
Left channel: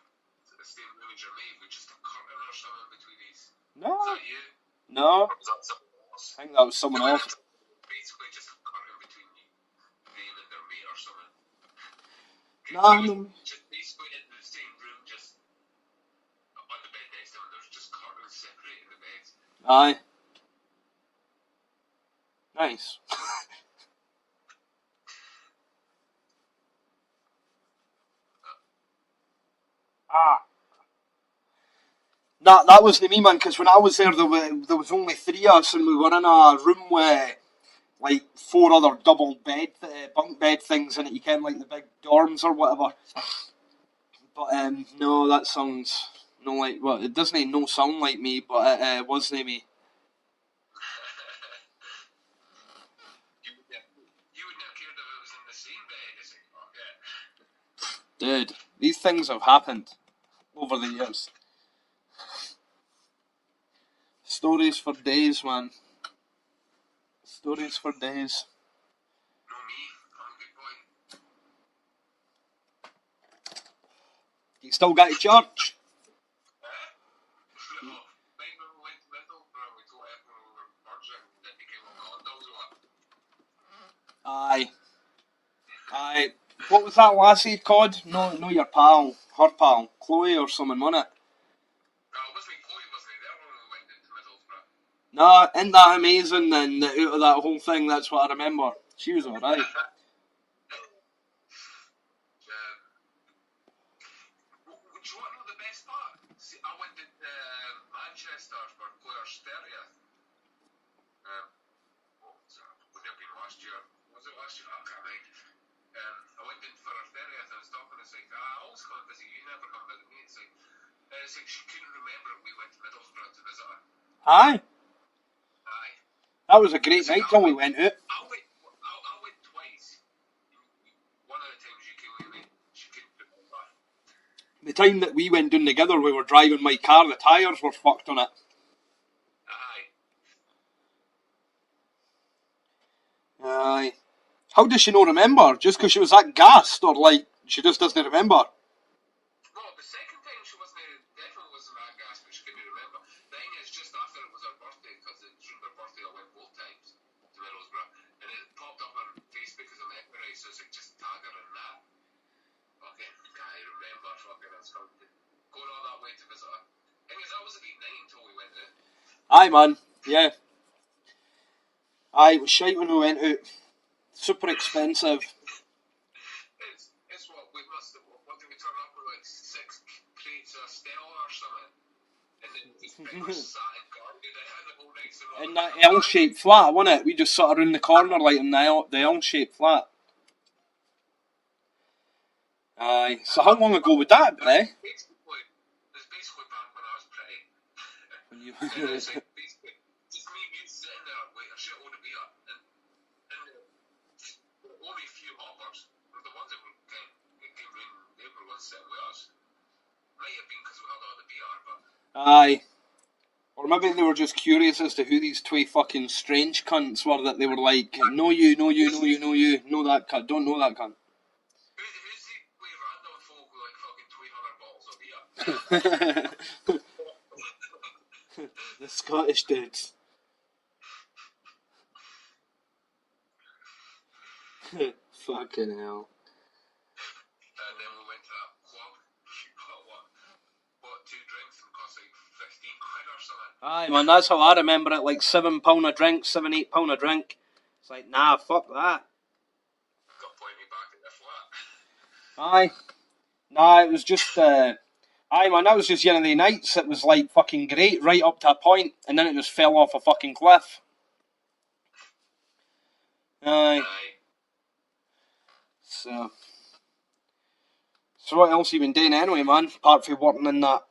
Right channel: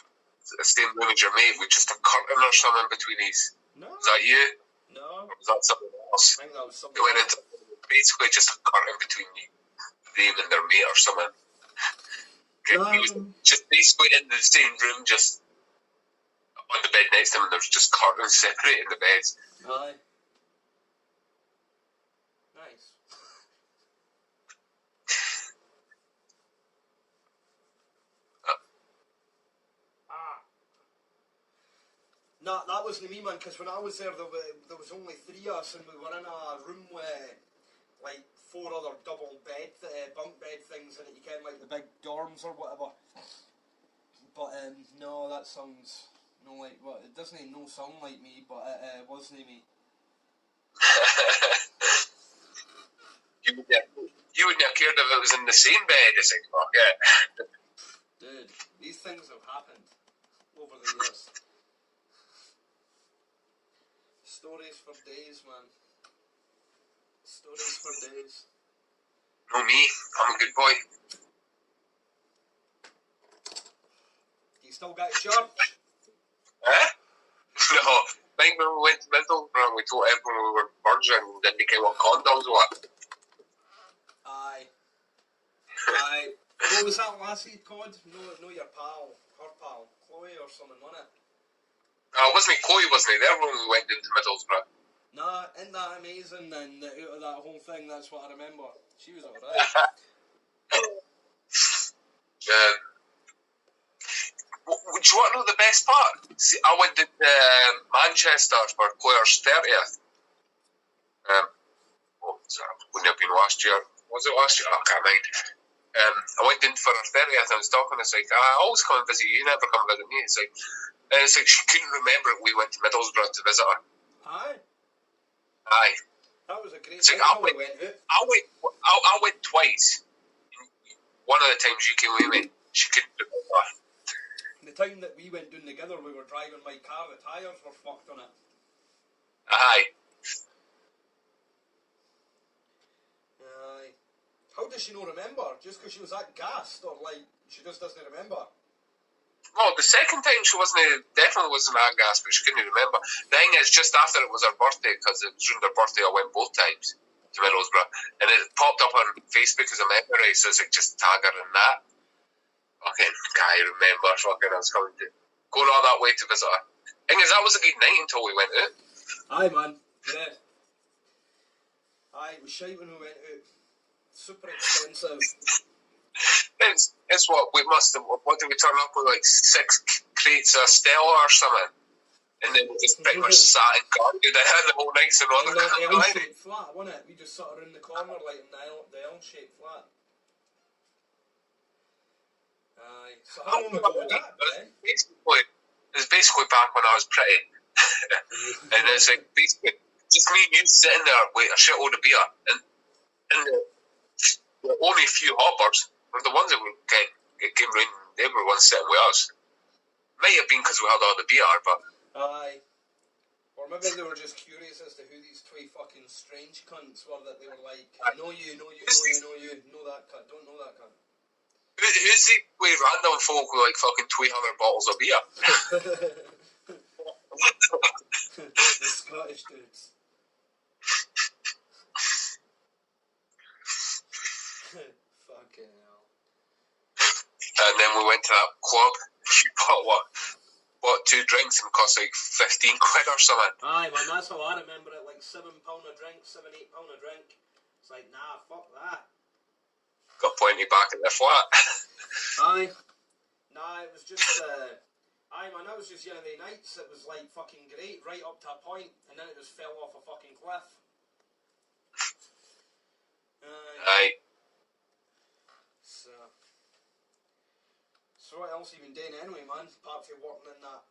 the same room as your mate with just a curtain or something between these? No. Was that you? No. Or was that someone else? I think that was someone else. Basically, just a curtain between them and their mate or something. Just basically in the same room, just on the bed next to them, and there's just curtains separating the beds. Aye. Nice. That wasn't me, man, because when I was there, there was only 3 of us, and we were in a room with, like, 4 other double bed, bunk bed things in it, you can, like, the big dorms or whatever. But, no, that sounds, no, like, well, it doesn't no sound like me, but it wasn't me. You wouldn't have cared if it was in the same bed as it, fuck it. Dude, these things have happened over the years. Stories for days, man. Stories for days. No, me. I'm a good boy. You still got to church? Eh? No. I think when we went to Middlesbrough, we told everyone we were virgin, and then they came what condoms were. Aye. Aye. What was that lassie called? No, your pal. Her pal. Chloe or something, wasn't it? Wasn't it Chloe, wasn't it? There when we went into Middlesbrough. Nah, isn't that amazing? And out of that whole thing, that's what I remember. She was alright. Would you want to know the best part? See, I went to Manchester for Claire's 30th. Wouldn't have been last year. Was it last year? I can't mind. I went in for her 30th and I was talking. It's like, I always come and visit you. You never come visit me. It's like she couldn't remember it. We went to Middlesbrough to visit her. Aye. Aye. That was a great night till we went out. I went twice. One of the times you came with me, she couldn't remember. The time that we went down together, we were driving my car, the tyres were fucked on it. Aye. Aye. How does she not remember? Just because she was that gassed, or like, she just doesn't remember? No, the second time she definitely wasn't that gas, but she couldn't remember. The thing is, just after it was her birthday, because it was during her birthday, I went both times to Middlesbrough, and it popped up on Facebook as a memory, so it's like, just tag her in that. Fucking guy, remember, fucking, I was going all that way to visit her. Thing is, that was a good night until we went out. Aye, man, yeah. Aye, it was shite when we went out. Super expensive. It's what did we turn up with, like 6 crates of Stella or something? And then we just pretty much sat and guarded the whole night. So in the L-shaped flat, wasn't it? We just sat around the corner like in the L-shaped flat. Aye. So how long ago would that be? It's basically back when I was pretty. And it's like basically just me and you sitting there with a shitload of beer. And the only a few hoppers were the ones that came round. They were the ones sitting with us. Might have been because we had all the beer, but... Aye. Or maybe they were just curious as to who these two fucking strange cunts were that they were like, know you, know that cunt, don't know that cunt. Who's the way random folk with like fucking 200 bottles of beer? The Scottish dudes. Fucking hell. And then we went to that club. You bought 2 drinks and cost like 15 quid or something. Aye, man, that's how I remember it. Like £7 a drink, £7-8 a drink. It's like, nah, fuck that. Got plenty back at the flat. Aye. Nah, it was just, aye, man, that was just one of the nights. It was like fucking great right up to a point, and then it just fell off a fucking cliff. Aye. Aye. So what else have you been doing anyway, man? Apart from working in that?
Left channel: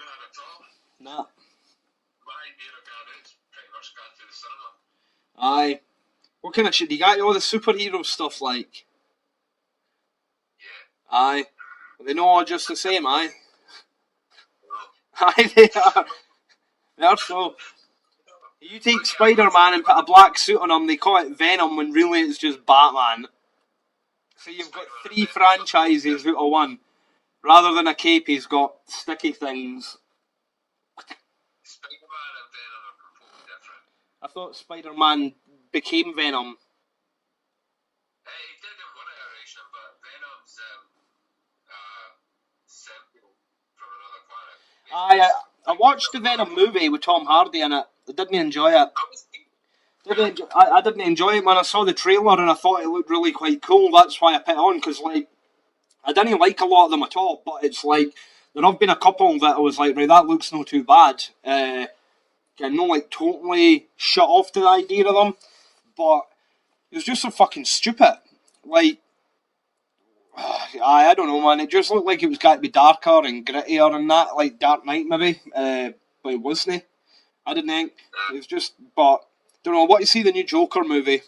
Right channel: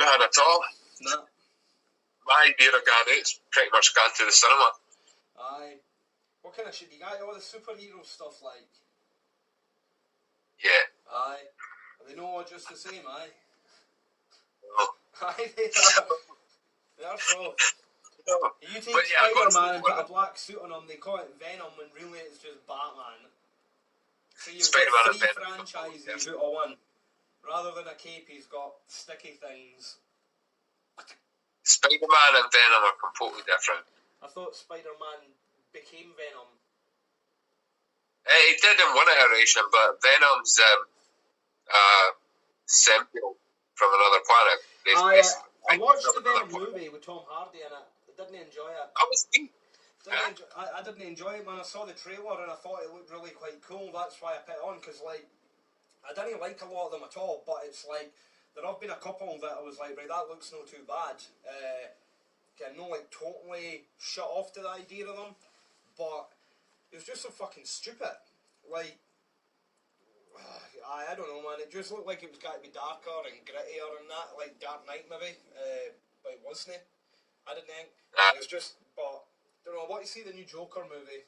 Nothing at all. Nah. My beer I got it's pretty much gone to the cinema. Aye. What kind of shit? You got all the superhero stuff like? Yeah. Aye. Are they not all just the same, aye? No. Aye, they are. They are so. You take Spider-Man and put a black suit on him, they call it Venom when really it's just Batman. So you've got 3 franchises out of one. Rather than a cape, he's got sticky things. Spider-Man and Venom are completely different. I thought Spider-Man became Venom. He did in one iteration, but Venom's symbiote from another planet. I watched the Venom movie with Tom Hardy in it. I didn't enjoy it. I didn't enjoy it when I saw the trailer and I thought it looked really quite cool. That's why I put it on, because like I didn't like a lot of them at all. But it's like there have been a couple that I was like, right, that looks not too bad. I'm not like totally shut off to the idea of them, but it was just so fucking stupid. Like, I don't know, man. It just looked like it was got to be darker and grittier and that, like Dark Knight maybe, but it wasn't. I didn't think. It was just, but don't know. What you see the new Joker movie?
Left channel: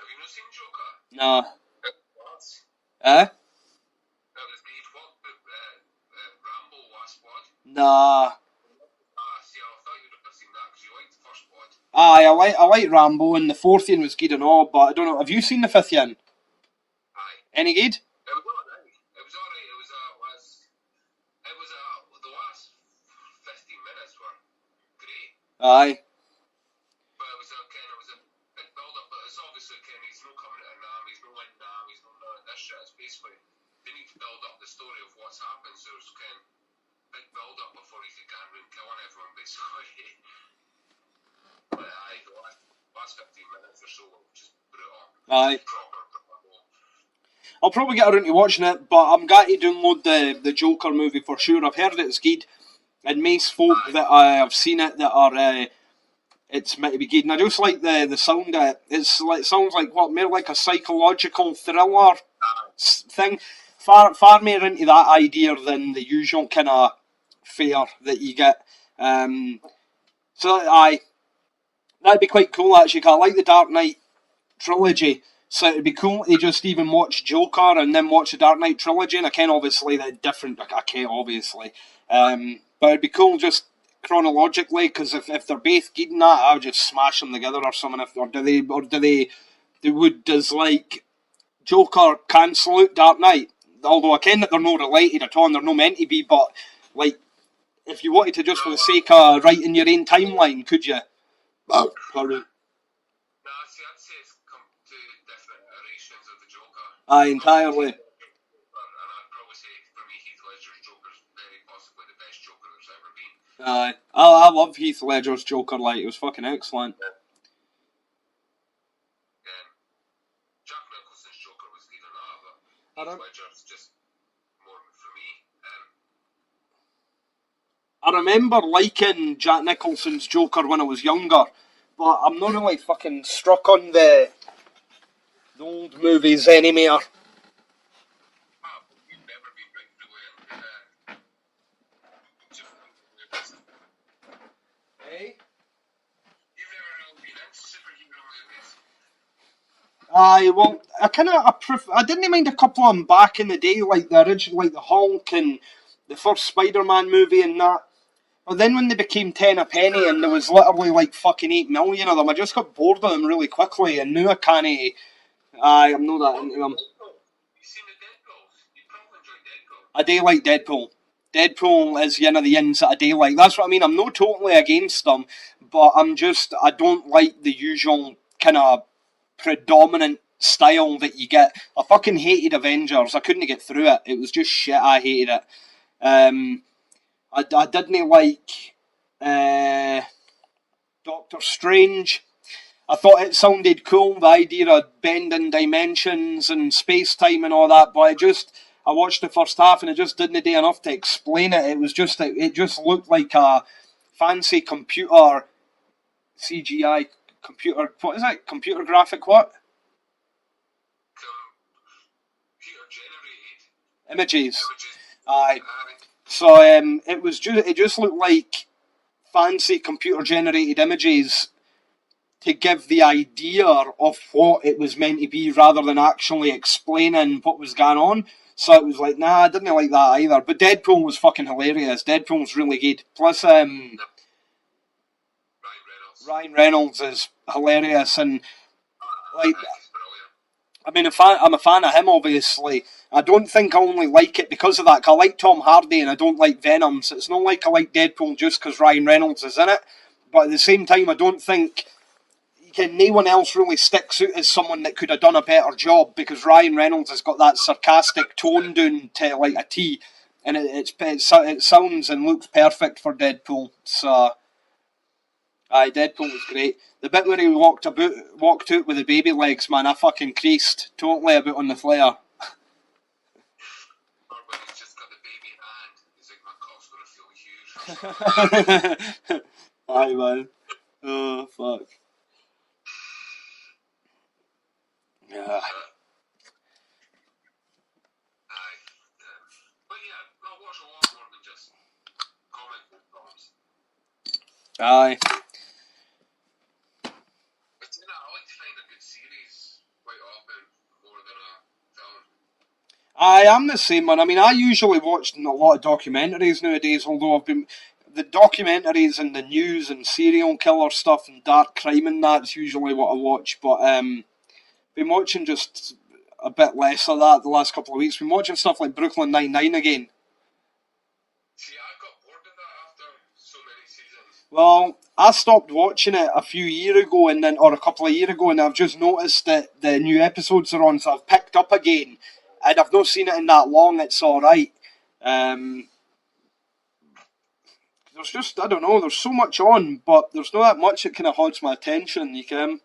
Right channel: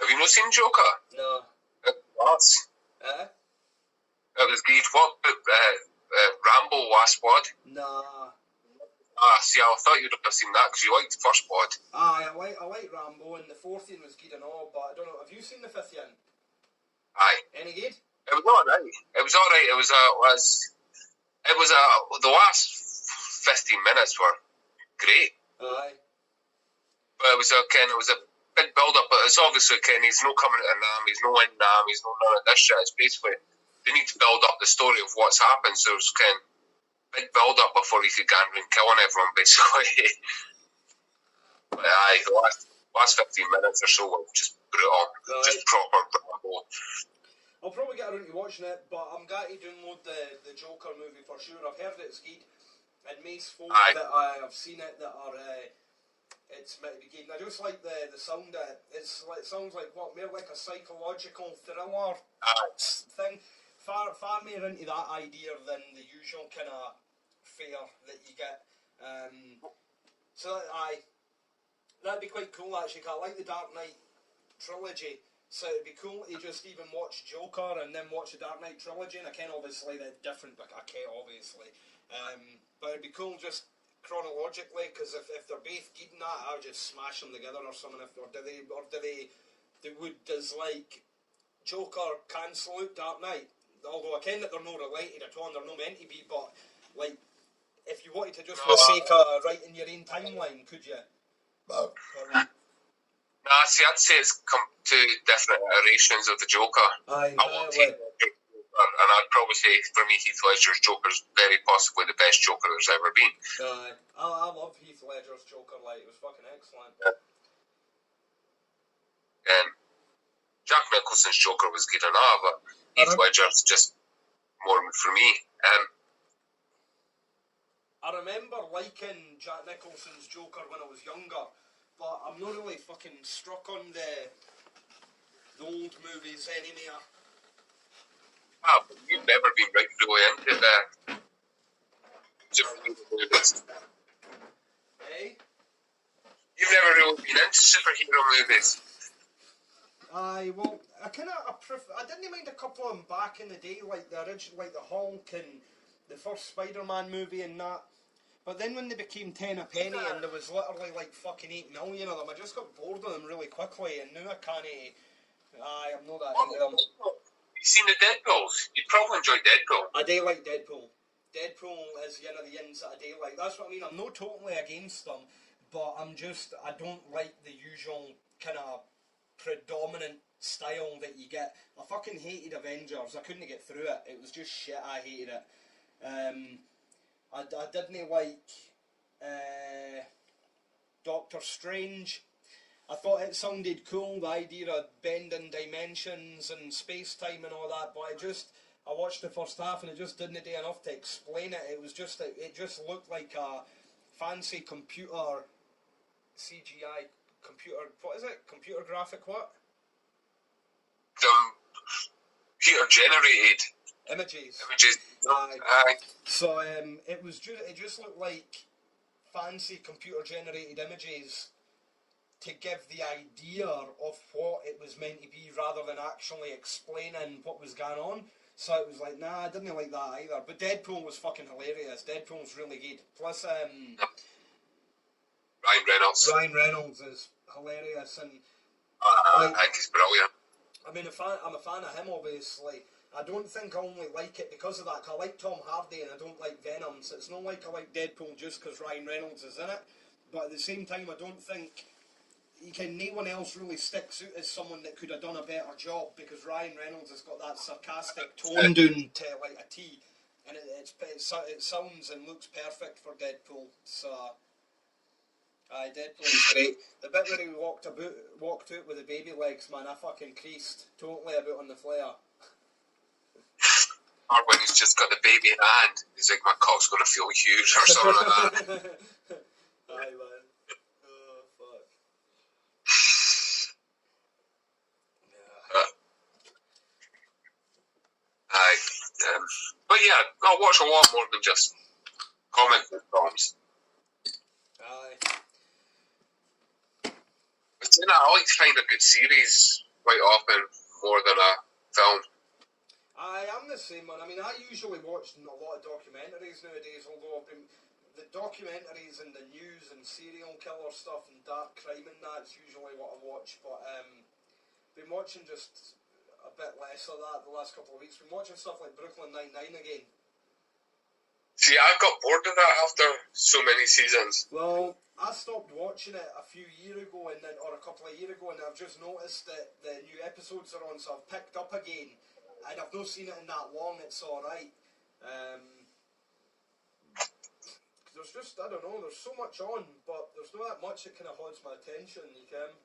Have you not seen Joker? Nah. What? It was great. What Rambo Last Blood? Nah. See, I thought you'd have seen that because you liked the first Blood. Aye, I like Rambo, and the fourth one was good and all, but I don't know. Have you seen the fifth one? Aye. Any good? It was alright. It was alright. The last 15 minutes were great. Aye. But it was a big build up. But it's obviously he's no coming to Nam, he's no in Nam, he's no none of this shit. It's basically they need to build up the story of what's happened. So it's big build up before he could go and killing everyone basically. But aye, the last 15 minutes or so were just brutal. Aye. Just proper Rambo. I'll probably get around to watching it, but I'm going to download the Joker movie for sure. I've heard it's good, and most folk that I've seen it that are it's meant to be good. And I just like the sound of it. It sounds like what, more like a psychological thriller thing. Far more into that idea than the usual kind of fare that you get. So that'd be quite cool actually. 'Cause I like the Dark Knight trilogy. So it'd be cool to just even watch Joker and then watch the Dark Knight trilogy. And I can obviously that different. I can't obviously, but it'd be cool just chronologically because if they're both good in that, I would just smash them together or something. Does like Joker cancel out Dark Knight? Although I ken that they're not related at all, and they're not meant to be. But like, if you wanted to just for the sake of writing your own timeline, could you? Sorry. Nah, see, I'd say it's come two different iterations of the Joker. Aye, entirely. And I'd probably say, for me, Heath Ledger's Joker's very possibly the best Joker there's ever been. Aye. I love Heath Ledger's Joker, like, it was fucking excellent. Yeah. And Jack Nicholson's Joker was good enough, but Heath Ledger's just more for me. I remember liking Jack Nicholson's Joker when I was younger, but I'm not really fucking struck on the old movies anymore. But you've never been really into the superhero movies. Hey? You've never really been into superhero movies. Aye, well, I didn't mind a couple of them back in the day, like the original, like the Hulk and the first Spider-Man movie and that. But then when they became 10 a penny and there was literally like fucking 8 million of them, I just got bored of them really quickly, and now I can't. I'm not that into them. You've seen the Deadpools? You'd probably enjoy Deadpool. I do like Deadpool. Deadpool is one of the ins that I do like. That's what I mean. I'm not totally against them, but I don't like the usual kind of predominant style that you get. I fucking hated Avengers. I couldn't get through it. It was just shit. I hated it. I didn't like Doctor Strange. I thought it sounded cool, the idea of bending dimensions and space-time and all that, but I watched the first half and it just didn't do enough to explain it. It just looked like a fancy computer CGI computer. What is it? Computer graphic what? Computer generated images. Aye. So it just looked like fancy computer generated images to give the idea of what it was meant to be rather than actually explaining what was going on. So it was like, nah, I didn't like that either. But Deadpool was fucking hilarious. Deadpool was really good. Plus, Ryan Reynolds. Ryan Reynolds is hilarious, and I think he's brilliant. I mean, I'm a fan of him, obviously. I don't think I only like it because of that. I like Tom Hardy and I don't like Venom, so it's not like I like Deadpool just because Ryan Reynolds is in it. But at the same time, I don't think no one else really sticks out as someone that could have done a better job, because Ryan Reynolds has got that sarcastic tone down to like a T, and it sounds and looks perfect for Deadpool. So, Deadpool was great. The bit where he walked out with the baby legs, man, I fucking creased totally about on the flare. Or when he's just got the baby in hand, he's like, my cock's going to feel huge or something like that. Aye, man. Oh, fuck. Yeah. Aye. But yeah, I'll watch a lot more than just comic book films. Aye. But you know, I like to find a good series quite often more than a film. Aye, I'm the same, man. I mean, I usually watch a lot of documentaries nowadays, although I've been... The documentaries and the news and serial killer stuff and dark crime and that's usually what I watch, but been watching just a bit less of that the last couple of weeks. Been watching stuff like Brooklyn Nine-Nine again. See, I got bored of that after so many seasons. Well, I stopped watching it a few years ago, or a couple of years ago, and I've just noticed that the new episodes are on, so I've picked up again, and I've not seen it in that long. It's all right. There's just, I don't know, there's so much on, but there's not that much that kind of holds my attention, you can.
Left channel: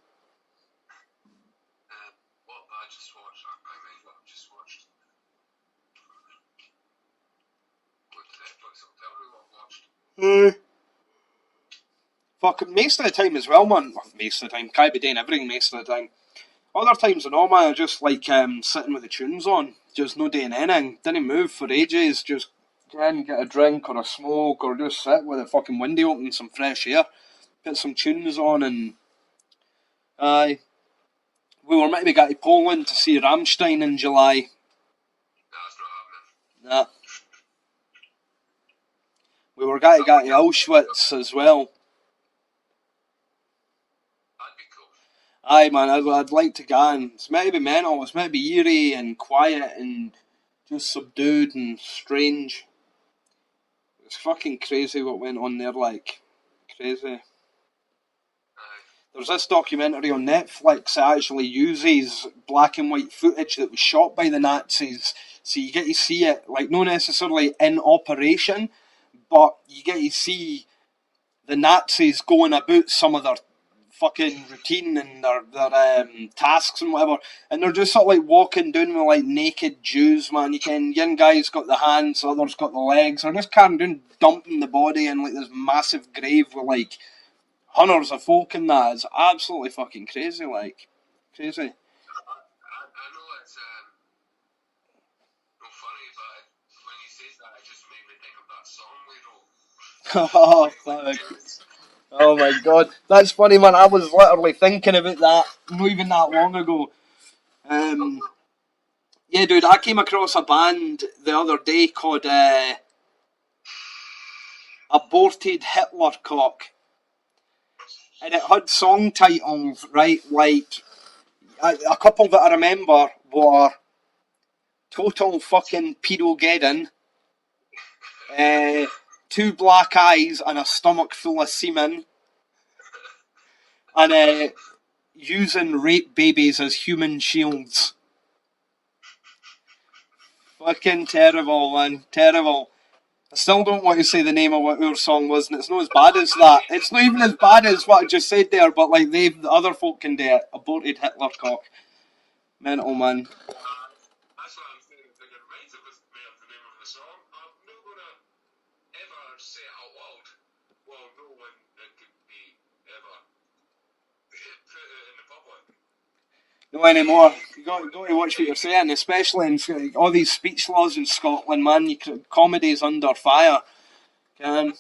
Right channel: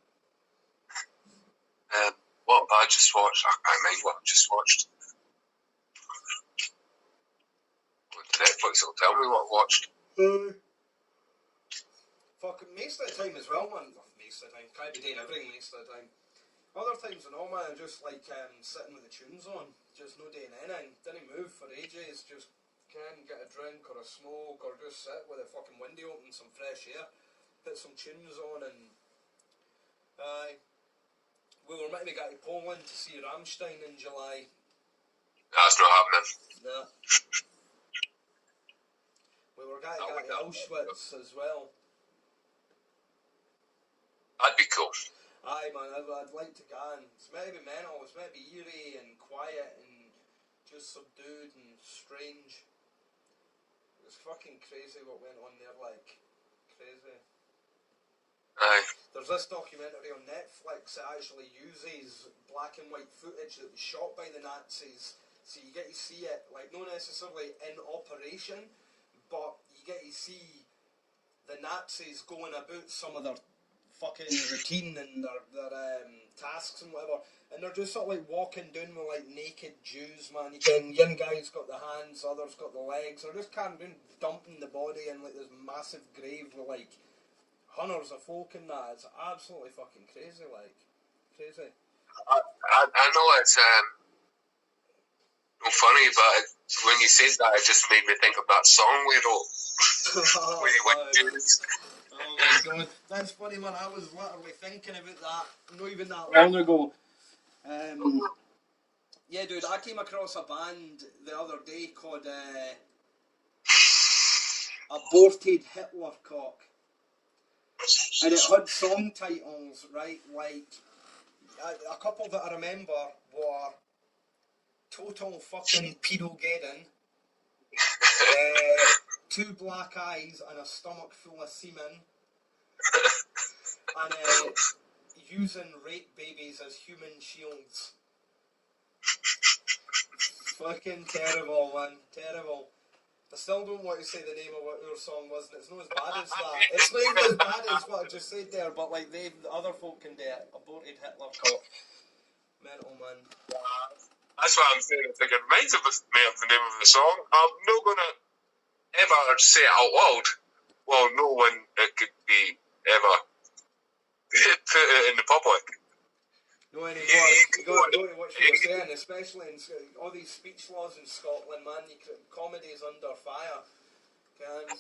What have I just watched? I can't mind what I just watched. Netflix will tell me what I watched. Fuck, most of the time as well, man. Well, most of the time, can't be doing everything most of the time. Other times than all, man, I just like sitting with the tunes on, just no doing anything. Didn't move for ages, just get a drink or a smoke or just sit with the fucking window open, some fresh air, put some tunes on and... Aye. We were meant to go to Poland to see Rammstein in July. That's not happening. Nah. We were going to go to Auschwitz as well. That'd be cool. Aye, man, I'd like to go, and it's meant to be mental. It's meant to be eerie and quiet and just subdued and strange. It's fucking crazy what went on there, like. Crazy. Aye. There's this documentary on Netflix that actually uses black and white footage that was shot by the Nazis. So you get to see it, like, not necessarily in operation, but you get to see the Nazis going about some of their fucking routine and their tasks and whatever, and they're just sort of like walking down with like naked Jews, man. You can, one guy's got the hands, the other's got the legs. They're just carrying down, dumping the body in like this massive grave with like hundreds of folk in that. It's absolutely fucking crazy, like crazy. I know it's funny, but when you said that, it just made me think of that song we wrote. Oh, oh my god, that's funny, man. I was literally thinking about that not even that long ago. Yeah, dude, I came across a band the other day called Aborted Hitler Cock, and it had song titles, right? Like a couple that I remember were Total Fucking Pedogeddon, Two Black Eyes and a Stomach Full of Semen, and Using Rape Babies as Human Shields. Fucking terrible, man. Terrible. I still don't want to say the name of what our song was, and it's not as bad as that. It's not even as bad as what I just said there, but like the other folk can do it. Aborted Hitler Cock. Mental, man. That's what I'm saying. I think it reminds me of the name of the song. I'm not going to ever say it out loud. Well, no one could be ever put it in the public. No anymore. You got to watch what you're saying, especially in all these speech laws in Scotland, man. Comedy's under fire. But you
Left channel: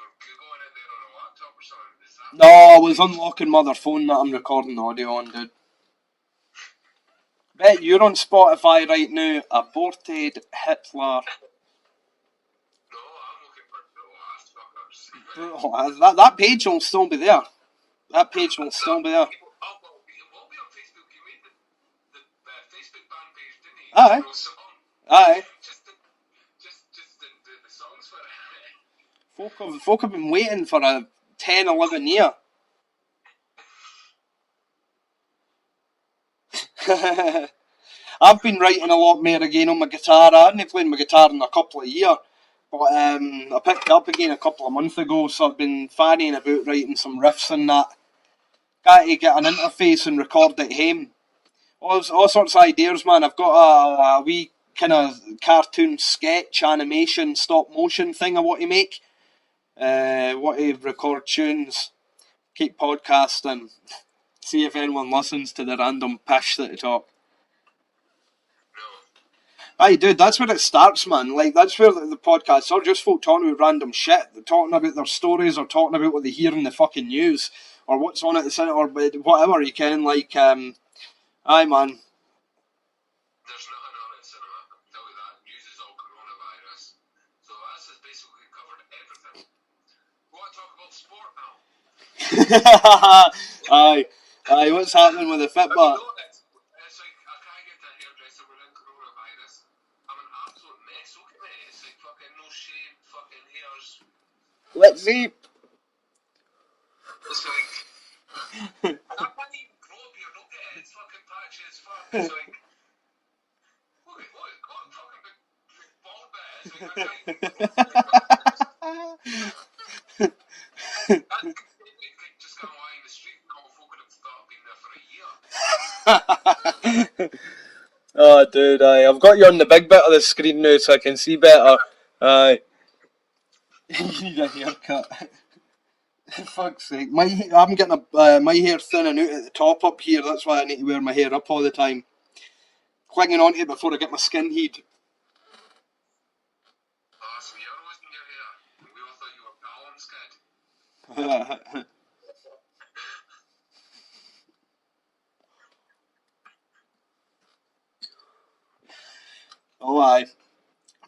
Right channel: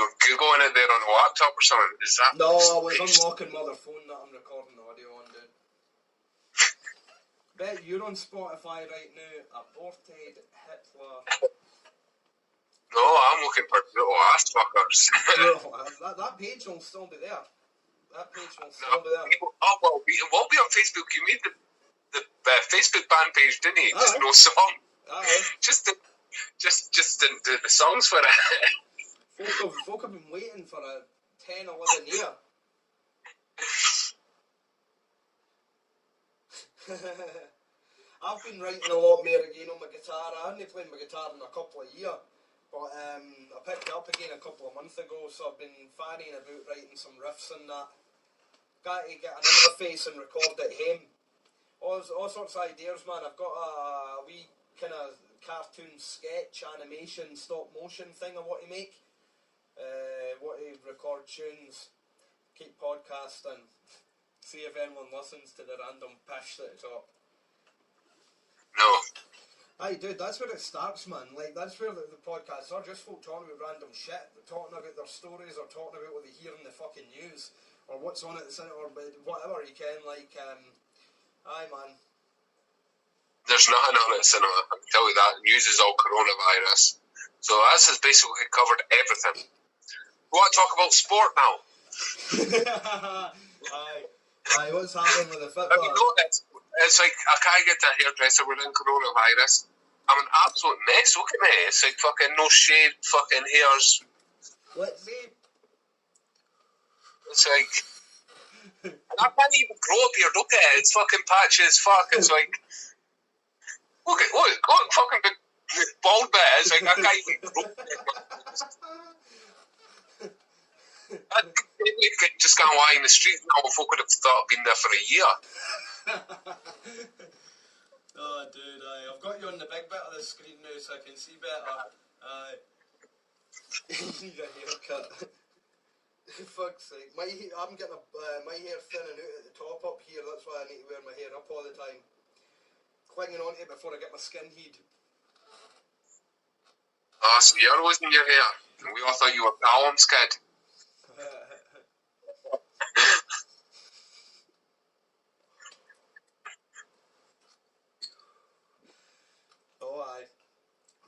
were Googling it there on a laptop or something? Is that? No, I was unlocking my other phone that I'm recording the audio on, dude. Bet you're on Spotify right now. Aborted Hitler. No, I'm looking for brutal ass fuckers. that page will still be there. That page will still be there. Oh, well, we'll be on Facebook. You made the Facebook band page, didn't you? Aye. Just no song. Aye. Just didn't do the songs for it. Folk have been waiting for a 10, 11 year. I've been writing a lot more again on my guitar. I hadn't played my guitar in a couple of years, but I picked it up again a couple of months ago, so I've been fannying about writing some riffs and that. Got to get an interface and record it home. All sorts of ideas, man. I've got a wee kind of cartoon sketch animation stop motion thing I want to make. Want to record tunes, keep podcasting, see if anyone listens to the random pish that I talk. No. Aye, dude, that's where it starts, man. Like, that's where the podcasts are just folk talking about random shit. They're talking about their stories or talking about what they hear in the fucking news or what's on at the cinema or whatever, you can. Like, aye, man. There's nothing on at cinema, I can tell you that. News is all coronavirus. So this has basically covered everything. We want to talk about sport now. Aye, what's happening with the Fitbit? It's like, I can't get to a hairdresser within coronavirus. I'm an absolute mess, look at me. It's like fucking no shade, fucking hairs. Let's see. It's like, I can't even grow a beard, look at it. It's fucking patchy as fuck. It's like, look, fucking big bald bit. It's like, I can't even grow a beard. I just can't lie in the street now. Folk would have thought I'd been there for a year. Oh, dude, I've got you on the big bit of the screen now so I can see better. Aye. You need a haircut. Fuck's sake. I'm getting my hair thinning out at the top up here, that's why I need to wear my hair up all the time. Clinging onto it before I get my skin heat. Oh, so you're losing your hair. We all thought you were Callum's kid. Oh, aye.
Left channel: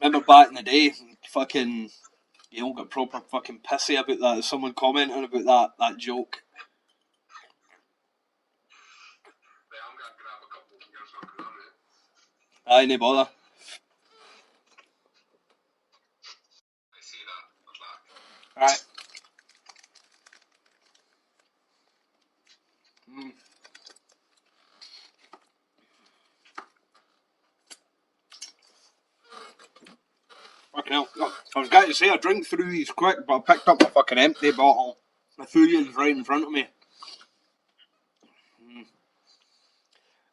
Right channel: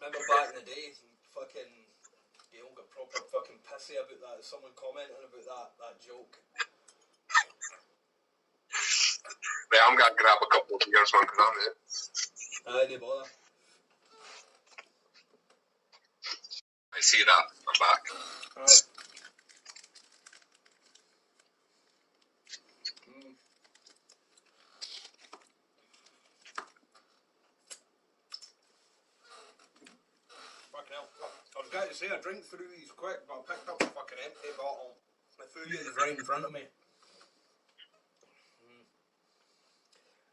Remember back in the day, fucking, you all got proper fucking pissy about that. Someone commenting about that joke. Right, I'm going to grab a couple of beers, man, because I'm it. Aye, no bother. I see that. I'm back. Right. Fucking hell. Oh, I was going to say I drink through these quick, but I picked up a fucking empty bottle. The food is right in front of me.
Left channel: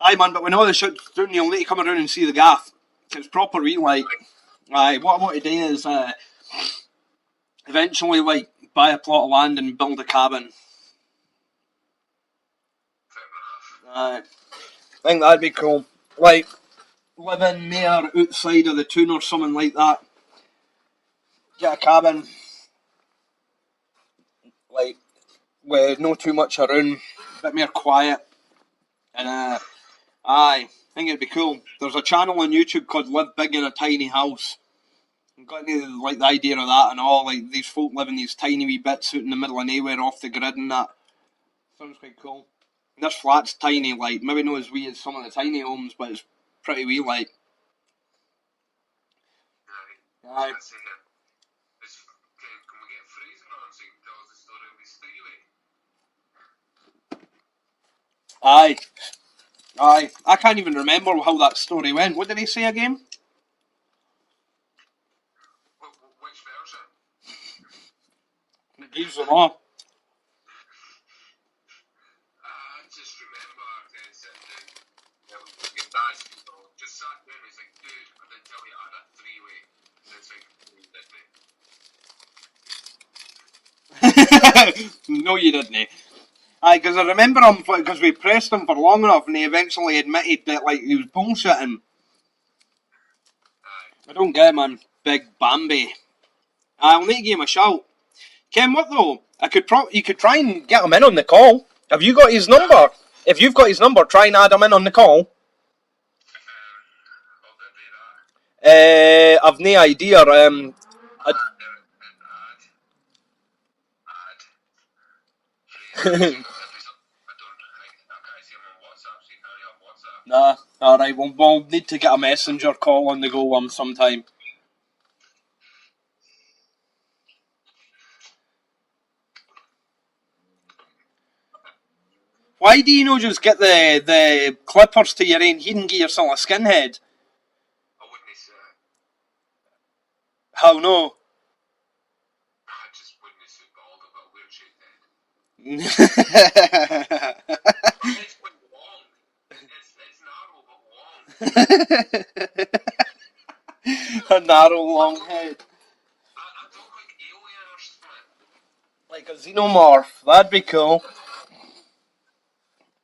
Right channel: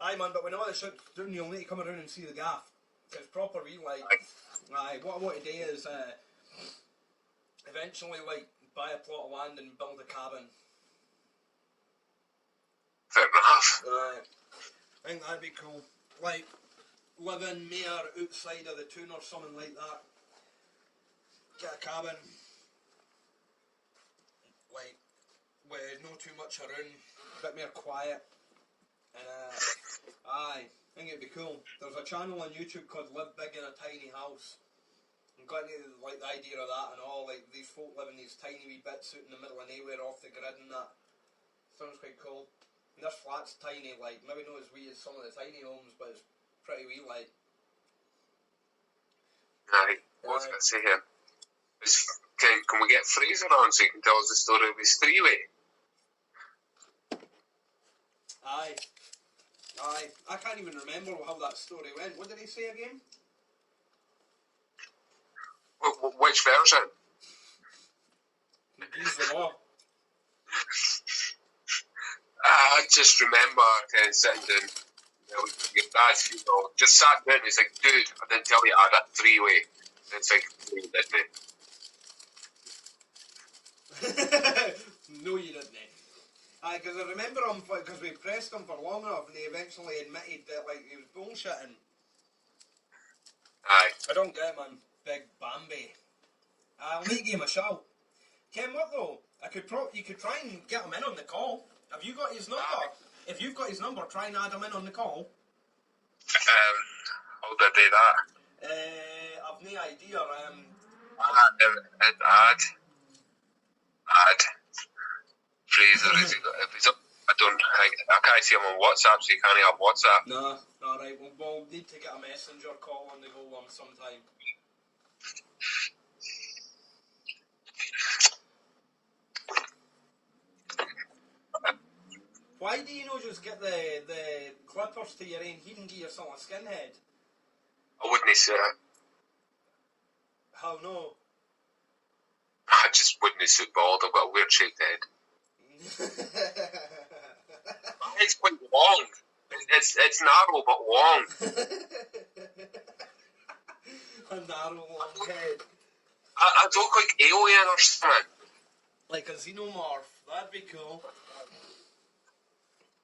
Aye, man, but when all the shit's down, you'll need to come around and see the gaff. It's proper wee, like. Aye, what I want to do is eventually, like, buy a plot of land and build a cabin. Fair enough. I think that'd be cool. Like, living more outside of the town or something like that. Get a cabin. Like, with no too much around. A bit more quiet. And, aye, I think it'd be cool. There's a channel on YouTube called Live Big in a Tiny House. I've got into, like, the idea of that and all. Like, these folk live in these tiny wee bits out in the middle of nowhere off the grid and that. Sounds quite cool. This flat's tiny, like, maybe not as wee as some of the tiny homes, but it's pretty wee, like. Aye, what was I going to say here? Can we get Fraser on so he can tell us the story of his three-way? Aye. I can't even remember how that story went. What did he say again? Which version? He's the law. I just remember kind of sitting down, your dad's funeral, just sat down and he's like, dude, I didn't tell you I had a three-way. And it's like, you didn't. No, you didn't. Aye, because I remember him, because we pressed him for long enough and he eventually admitted that, like, he was bullshitting. Aye. I don't get it, man. Big Bambi. I'll need to give him a shout. Ken, what though? You could try and get him in on the call. Have you got his number? If you've got his number, try and add him in on the call. How did I do that? I've no idea. Add. Fraser, I can't see him on WhatsApp, so you can't have WhatsApp. Nah, alright, we'll need to get a messenger call on the go sometime. Why do you not just get the clippers to your end? You can get yourself a skinhead. I wouldn't say that. How no? I just wouldn't suit bald. I've got a weird shaped head. It's quite long. It's narrow but long. A narrow, long head. I look like Alien or something. Like a xenomorph. That'd be cool.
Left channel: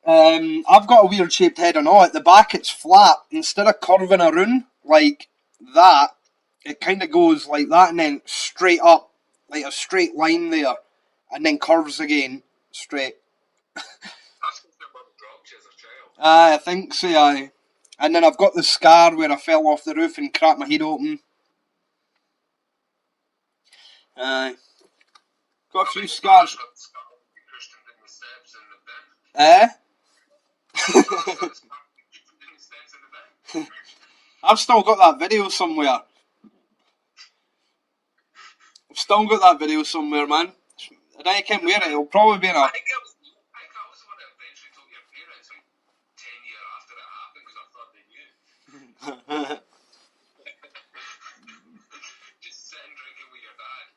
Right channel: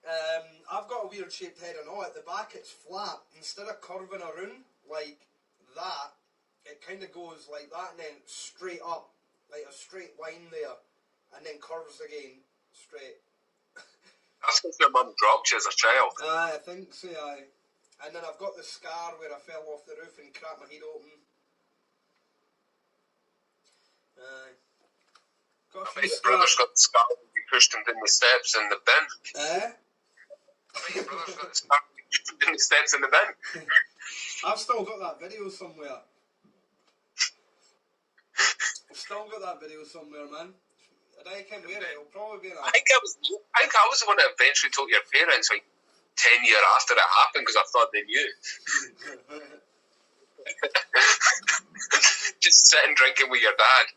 I've got a weird shaped head and all. At the back it's flat. Instead of curving around like that, it kind of goes like that and then straight up. Like a straight line there. And then curves again. Straight. That's because your mum dropped you as a child. Aye, I think so, aye. And then I've got the scar where I fell off the roof and cracked my head open. Aye. Got a few Your scars. brother's got the scar when you pushed him down the steps in the bin. In the steps in the bin. I've still got that video somewhere. I've still got that video somewhere, man. And I can't wear it. It'll probably be in a... I think I was the one that eventually told your parents like 10 years after it happened because I thought they knew. Just sitting drinking with your dad.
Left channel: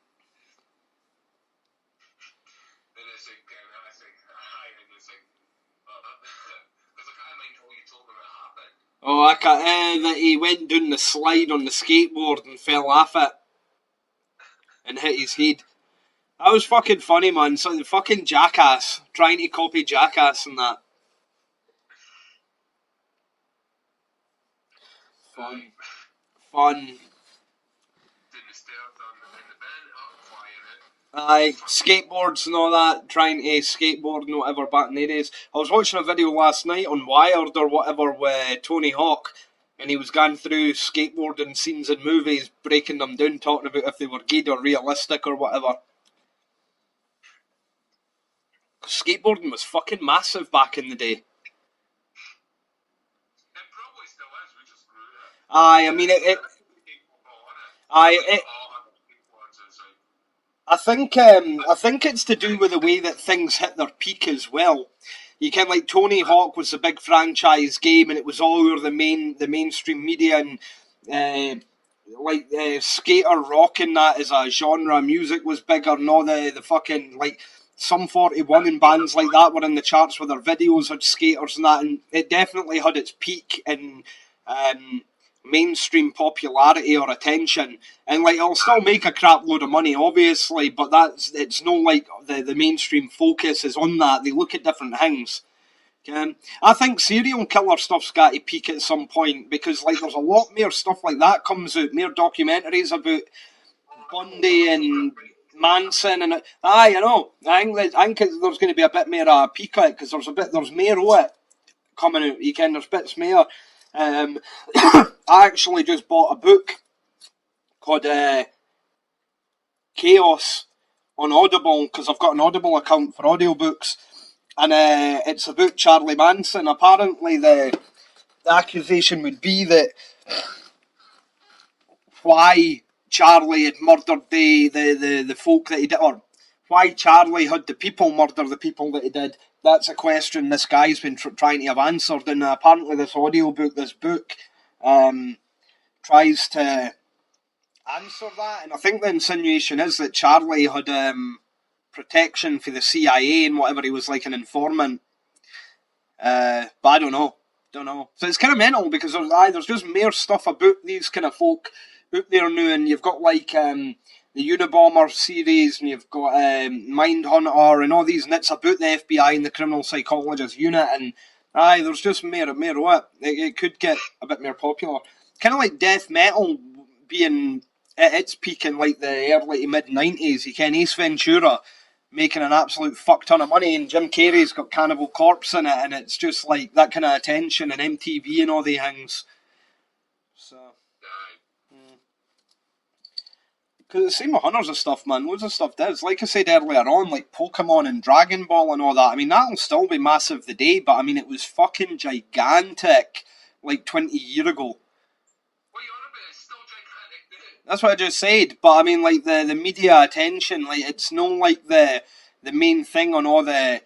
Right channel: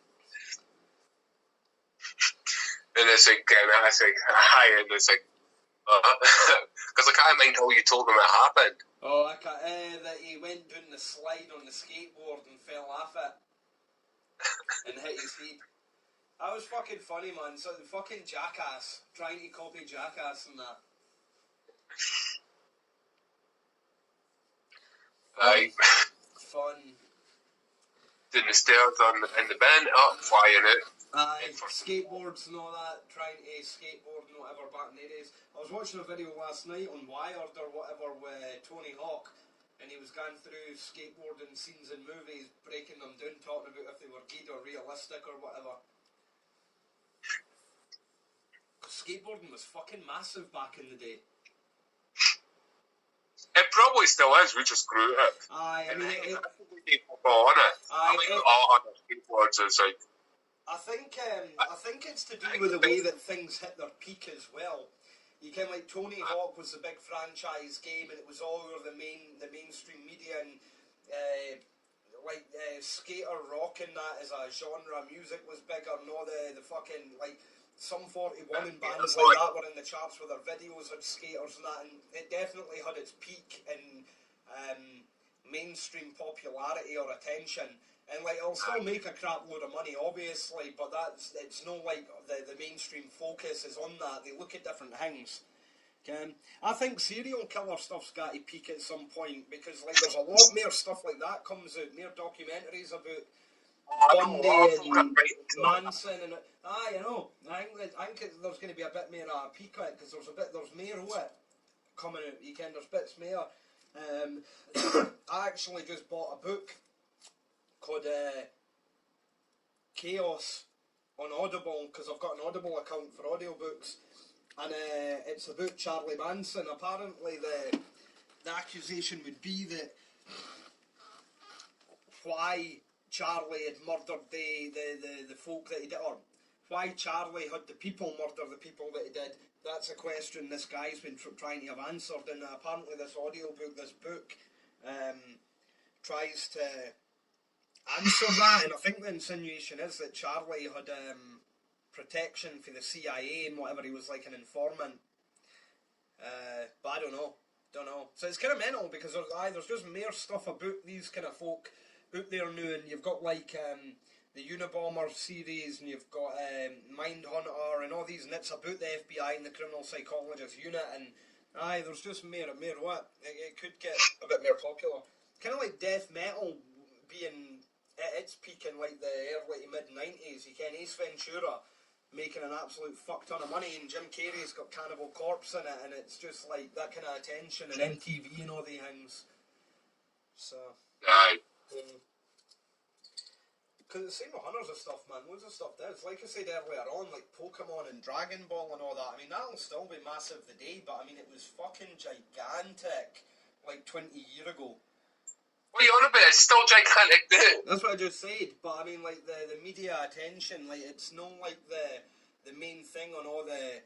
And it's like, and I say, hi, and it's like, because I can't mind how you told them it happened. Oh, I can't. That he went down the slide on the skateboard and fell off it. And hit his head. That was fucking funny, man. So the fucking Jackass. Trying to copy Jackass and that. Fun. Doing the stairs in the bin, up, flying out. Aye, skateboards and all that, trying to skateboard and whatever back in the days. I was watching a video last night on Wired or whatever with Tony Hawk, and he was going through skateboarding scenes in movies, breaking them down, talking about if they were good or realistic or whatever. Skateboarding was fucking massive back in the day. It probably still is, we just grew it. Aye, I mean it Skateboards is like... I think it's to do with the way that things hit their peak as well. You can like Tony Hawk was a big franchise game, and it was all over the mainstream media, and skater rock and that as a genre. Music was bigger, and all the fucking like Sum 41 and bands like that were in the charts with their videos had skaters and that, and it definitely had its peak in mainstream popularity or attention. And like it'll still make a crap load of money, obviously, but it's no like the mainstream focus is on that. They look at different things. I think serial killer stuff's got to peak at some point because like there's a lot more stuff like that comes out, more documentaries about Bundy and Manson and aye, I know. I think there's going to be a bit more of a peak at it because there's more of it coming out. There's bits more. I actually just bought a book called Chaos on Audible because I've got an Audible account for audiobooks, and it's about Charlie Manson. Apparently the accusation would be that why Charlie had murdered the folk that he did, or why Charlie had the people murder the people that he did. That's a question this guy's been trying to have answered, and apparently this book tries to answer that, and I think the insinuation is that Charlie had protection for the CIA and whatever, he was like an informant. But I don't know. So it's kind of mental because there's just more stuff about these kind of folk out there now, and you've got like the Unabomber series, and you've got Mindhunter and all these, and it's about the FBI and the criminal psychologist unit, and there's just more of it. It could get a bit more popular. Kind of like death metal being at its peak in like the early to mid 90s. You can Ace Ventura making an absolute fuck ton of money, and Jim Carrey's got Cannibal Corpse in it, and it's just like that kind of attention and MTV and all the things. So. Aye. Because the same with Hunters and stuff, man. Loads of stuff does. Like I said earlier on, like Pokemon and Dragon Ball and all that. I mean, that'll still be massive today, but I mean, it was fucking gigantic like 20 years ago. What are you on about? It's still gigantic now. That's what I just said. But I mean, like the media attention, like it's no like the main thing on all the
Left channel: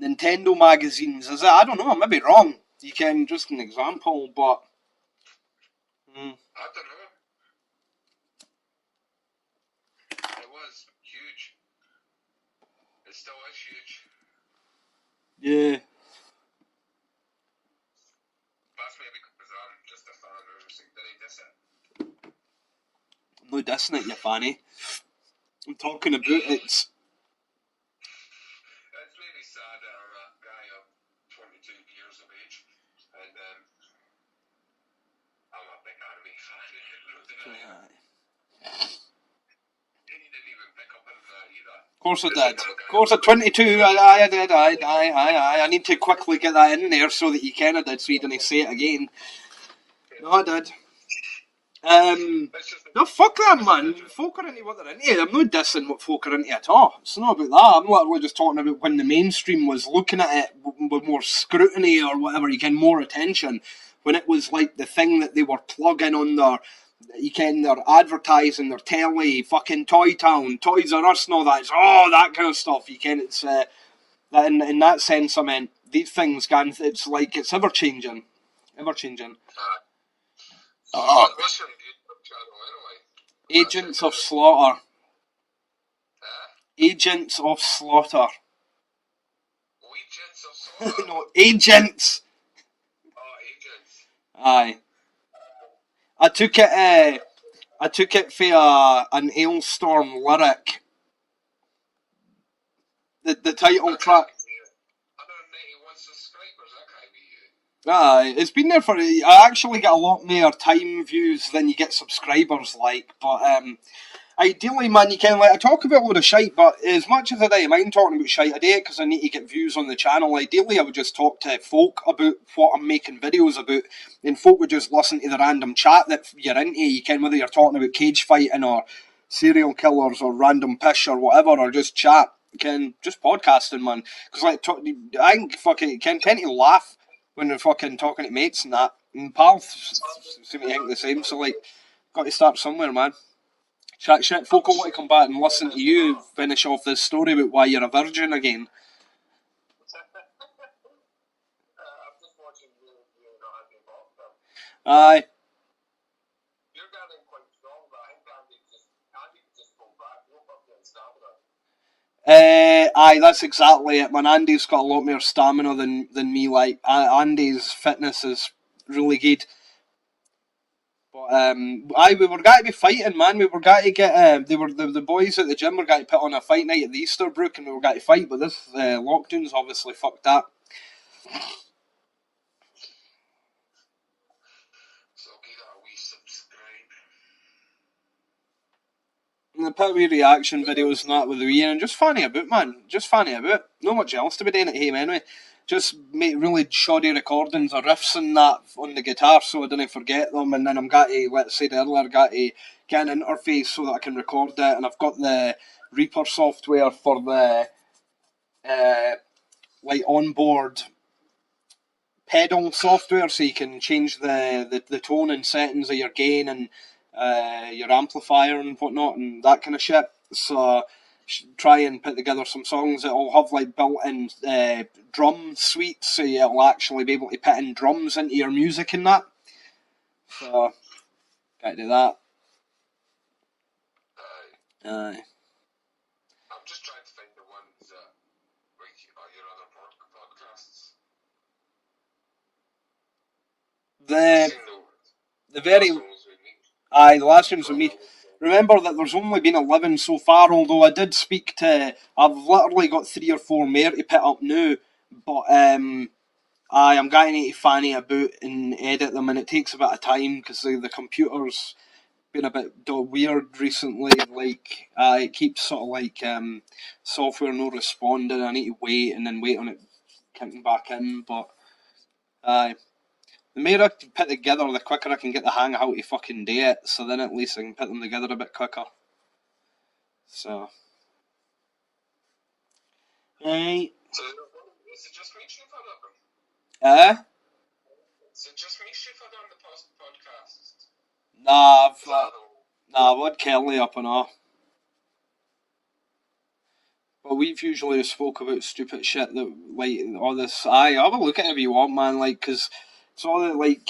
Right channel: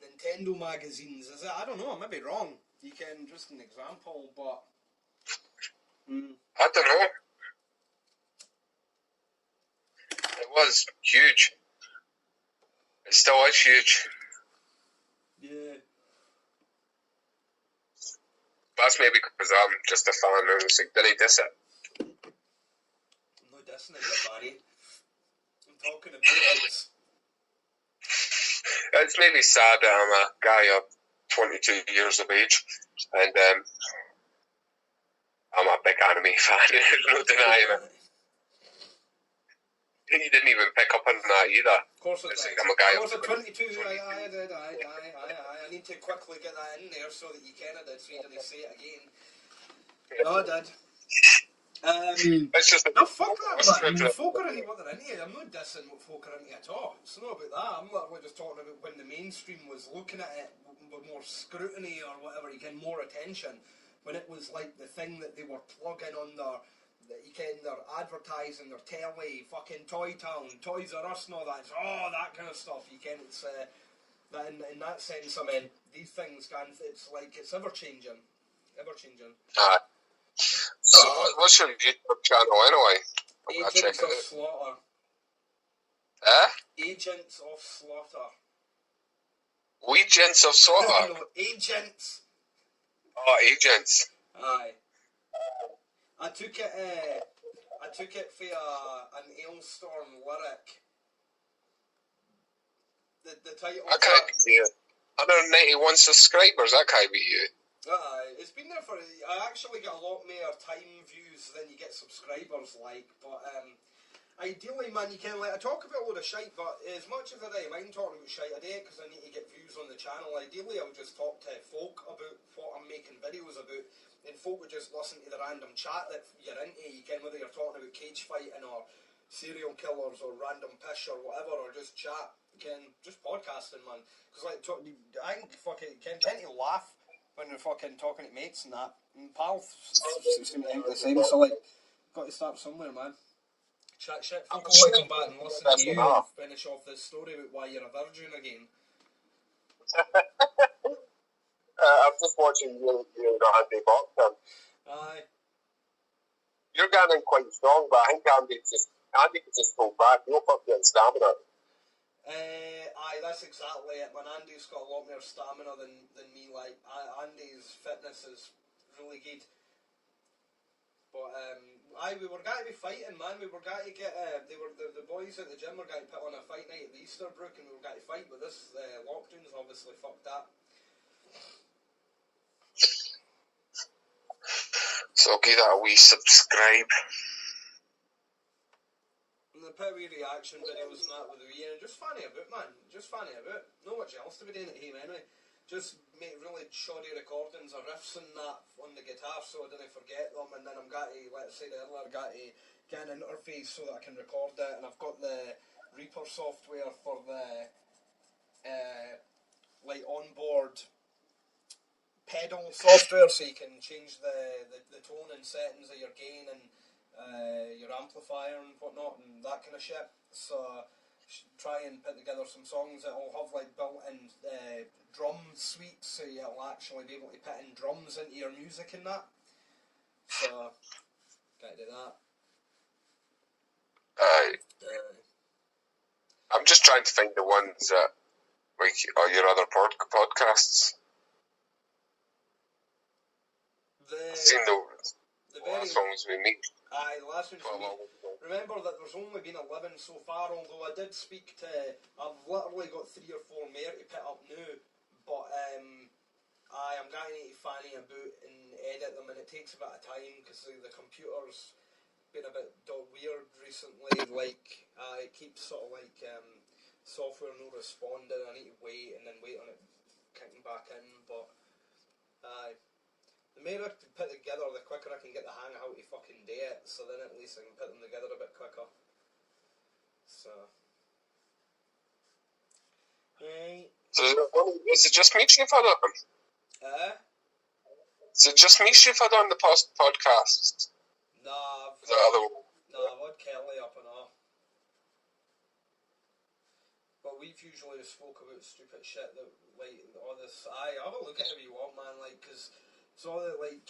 Nintendo magazines, is it? I don't know. I may be wrong. You can just an example, but I don't know. It was huge. It still is huge. Yeah. That's maybe because I'm just a fan and it's like, did he diss it? No dissing it, you fanny. I'm talking about it. It's maybe sad that I'm a guy of 22 years of age, and I'm a big anime fan. There's no denying it. You didn't even pick up on that either. Of course I It's did. like I'm a guy Of course, at 22, I did. I need to quickly get that in there so that you kind of did, so you didn't say it again. No, I did. It's just No, fuck that, man. Folk are into what they're into. I'm not dissing what folk are into at all. It's not about that. I'm literally just talking about when the mainstream was looking at it with more scrutiny or whatever, you can more attention. When it was like the thing that they were plugging on their, you can, their advertising, their telly, fucking Toy Town, Toys R Us and all that. It's all that kind of stuff. You can, it's, that in that sense, I mean, these things can, it's like, it's ever changing. Ever changing. So what's your YouTube channel anyway? Agents of Slaughter. Eh? Agents of Slaughter. Agents of Slaughter? No, Agents. Oh, Agents. Aye. I took it for an Ailstorm lyric. The title track. 191 subscribers, that can't be you. Aye, it's been there for. I actually get a lot more time views than you get subscribers, like. But ideally, man, you can like I talk about a load of shite, but as much as I don't mind talking about shite, I do it because I need to get views on the channel. Ideally, I would just talk to folk about what I'm making videos about, and folk would just listen to the random chat that you're into. You can whether you're talking about cage fighting or serial killers or random pish or whatever, or just chat. You can just podcasting, man. Because like, I think fucking can tend to laugh when they're fucking talking to mates and that. And pals seem to think the same. So like, got to start somewhere, man. Chat shit. Folk will want to come back and listen to you finish off this story about why you're a virgin again. I'm just watching you Andy boxing. Aye. You're getting quite strong, but I think Andy could just pull back. You'll fucking stamina. Aye, that's exactly it, man. Andy's got a lot more stamina than me. Like Andy's fitness is really good. But aye, we were going to be fighting, man. We were going to get they were the boys at the gym were going to put on a fight night at the Easterbrook, and we were going to fight. But this lockdown's obviously fucked that. So give that a wee subscribe. And I put wee reaction videos and that with the wee, and just fanny about, man. Just fanny about. Not much else to be doing at home anyway. Just make really shoddy recordings of riffs and that on the guitar so I didn't forget them. And then I'm got to, let's say earlier, got to get an interface so that I can record it. And I've got the Reaper software for the like onboard pedal software, so you can change the tone and settings of your gain and your amplifier and whatnot and that kind of shit. So try and put together some songs that'll have like built-in drum suites, so you'll actually be able to put in drums into your music and that. So gotta do that. Aye. I'm just trying to find the ones that like are your other podcasts. The very songs we meet. Aye, the last ones with me. Remember that there's only been 11 so far, although I did speak to... I've literally got 3 or 4 more to pick up now, but I'm getting to fanny about and edit them, and it takes a bit of time, because the computer's been a bit weird recently, like, it keeps sort of like, software not responding, I need to wait, and then wait on it kicking back in, but, the more I can put together, the quicker I can get the hang of how to fucking do it, so then at least I can put them together a bit quicker. So. Right. So is it just me you've had on? Is it just me you've had on the podcast? Nah, I've had Kelly up and off. But we've usually spoke about stupid shit that, like, all this. Aye, have a look at it if you want, man, like, because it's all that, like,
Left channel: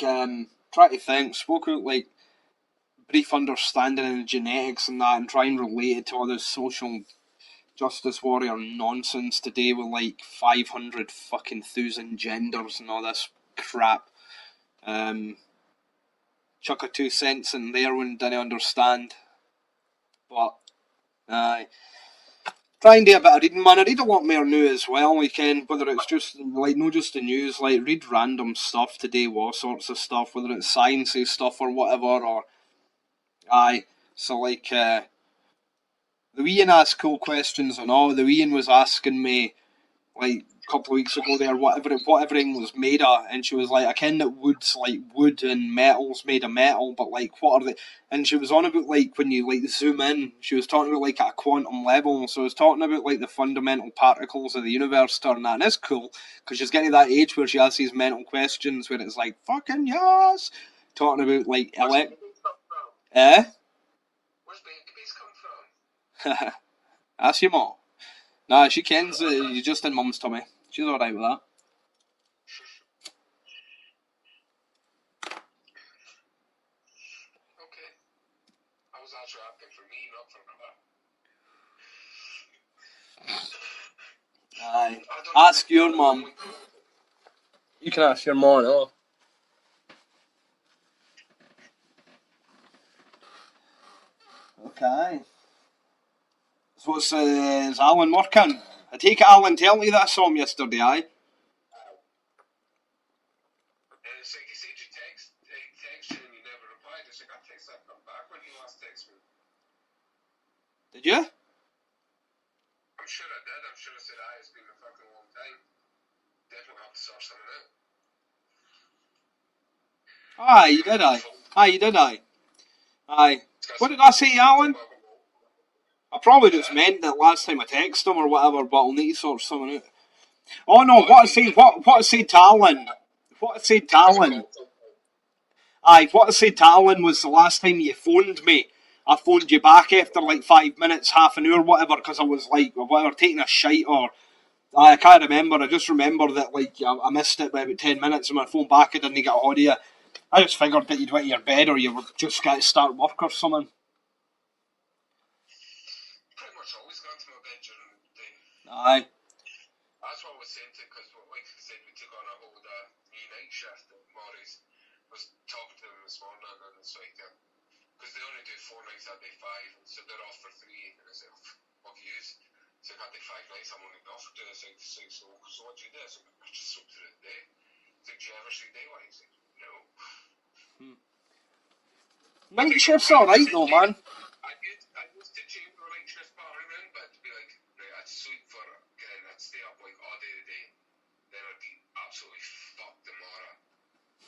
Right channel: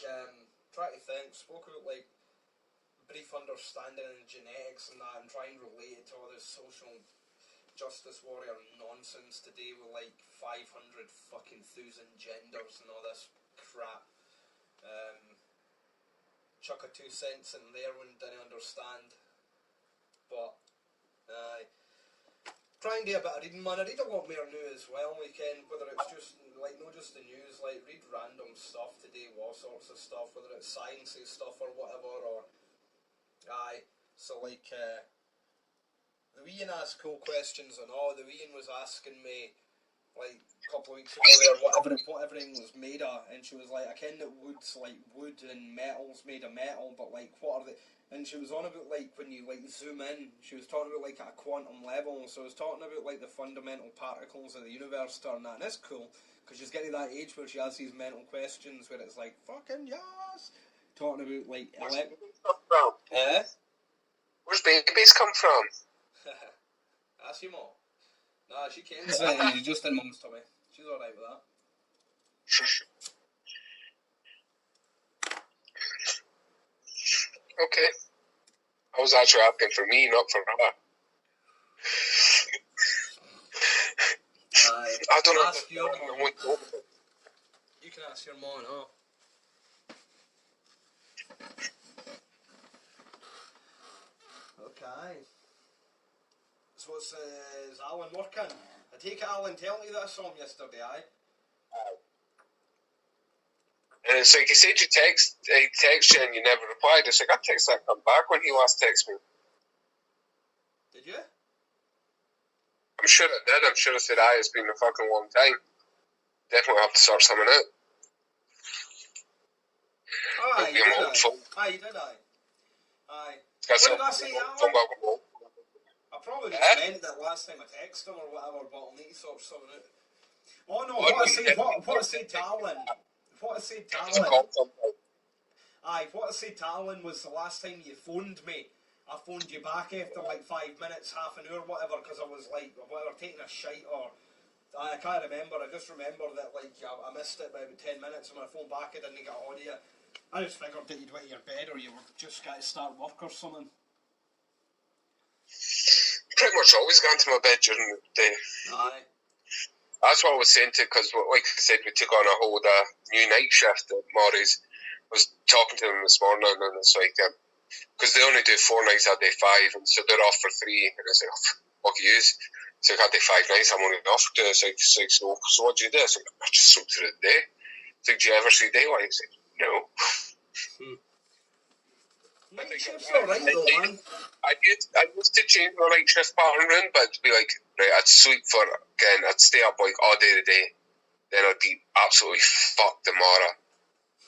try to think, spoke about, like, brief understanding in genetics and that, and try and relate it to all this social justice warrior nonsense today with, like, 500 fucking thousand genders and all this crap. Chuck a 2 cents in there when didn't understand. But, aye. Try and do a bit of reading, man. I read a lot more now as well, whether it's just, like, not just the news, like, read random stuff today, all sorts of stuff, whether it's sciencey stuff or whatever, or, aye. So, like, the Ian asked cool questions and all. The Ian was asking me, like, a couple of weeks ago there, what everything was made of, and she was like, I ken that wood's like wood and metal's made of metal, but like, what are they? And she was on about, like, when you like zoom in, she was talking about like at a quantum level, so I was talking about like the fundamental particles of the universe turn that, and it's cool, because she's getting to that age where she asks these mental questions where it's like, fucking yes! Talking about like, Where's babies come from? Ask your mom. Nah, she kens that you're just in mum's tummy. She's alright with that. Okay. I was actually asking for me, not for her. Aye. I don't know. Ask your mum. You can ask your mom, oh. Okay. So what's, is Alan working? I take it Alan told me that I saw him yesterday, aye? And it's like, he said he text you and you never replied. It's like, I text that come back when he last texted me. Did you? I'm sure I did. I'm sure I said, aye, it's been a fucking long time. Definitely have to sort something out. Aye, you did, aye. Aye, you did, aye. Aye. What did I say to Alan? I probably just meant that last time I texted him or whatever, but I'll need to sort something out. Oh no, what I said to Alan. What I said to Alan. Aye, what I said to Alan was the last time you phoned me, I phoned you back after like 5 minutes, half an hour, whatever, because I was like, whatever, taking a shite or... I can't remember, I just remember that like I missed it by about 10 minutes and my phone back, I didn't get a hold of you. I just figured that you'd went to your bed or you were just going to start work or something. Pretty much always gone to my bed during the day. Aye. That's what I was saying to, because like I said, we took on a whole new night shift at Murray's. I was talking to them this morning and it's like, because they only do 4 nights, I do 5, and so they're off for 3, and I was like, oh, fuck yous. So I do 5 nights, I'm only off for 2. It's like, so what do you do? It's like, I just sleep through the day. It's like, do you ever see daylight? It's like, no. Night shift's alright though, man. I used to change my night shift pattern round, but it'd be like, right, I'd sleep for, again, I'd stay up like all day today, then I'd be absolutely fucked tomorrow.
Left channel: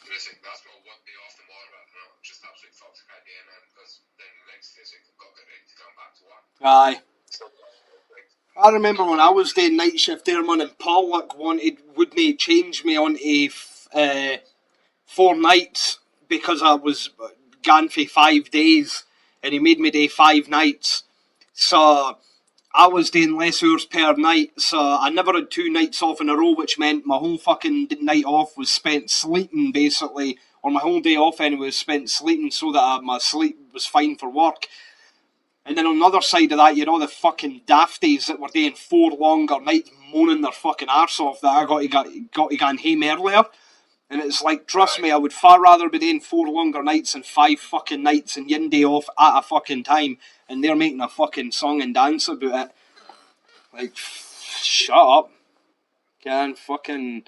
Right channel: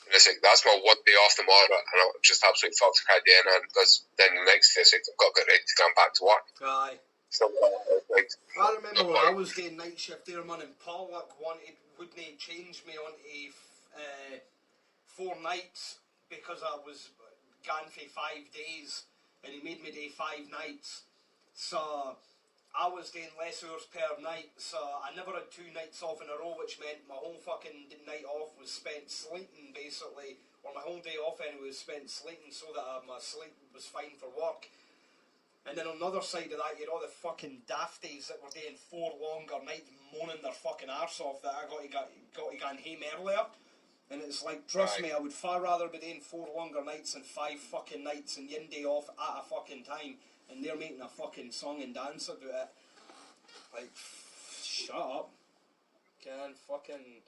And it's like, that's my one day off tomorrow, and I'm just absolutely fucked if I do anything, because then the next day, it's like, I've got to get ready to come back to work. Aye. So, like, I remember when I was doing night shift there, man, and Pollock wouldn't change me on a 4 nights because I was gone for 5 days, and he made me do 5 nights. So I was doing less hours per night, so I never had 2 nights off in a row, which meant my whole fucking night off was spent sleeping, basically, or my whole day off anyway was spent sleeping so that my sleep was fine for work. And then on the other side of that, you know, the fucking dafties that were doing 4 longer nights moaning their fucking arse off that I got to go home earlier. And it's like, trust me, I would far rather be doing 4 longer nights than 5 fucking nights and yin day off at a fucking time. And they're making a fucking song and dance about it. Like, shut up. Can fucking...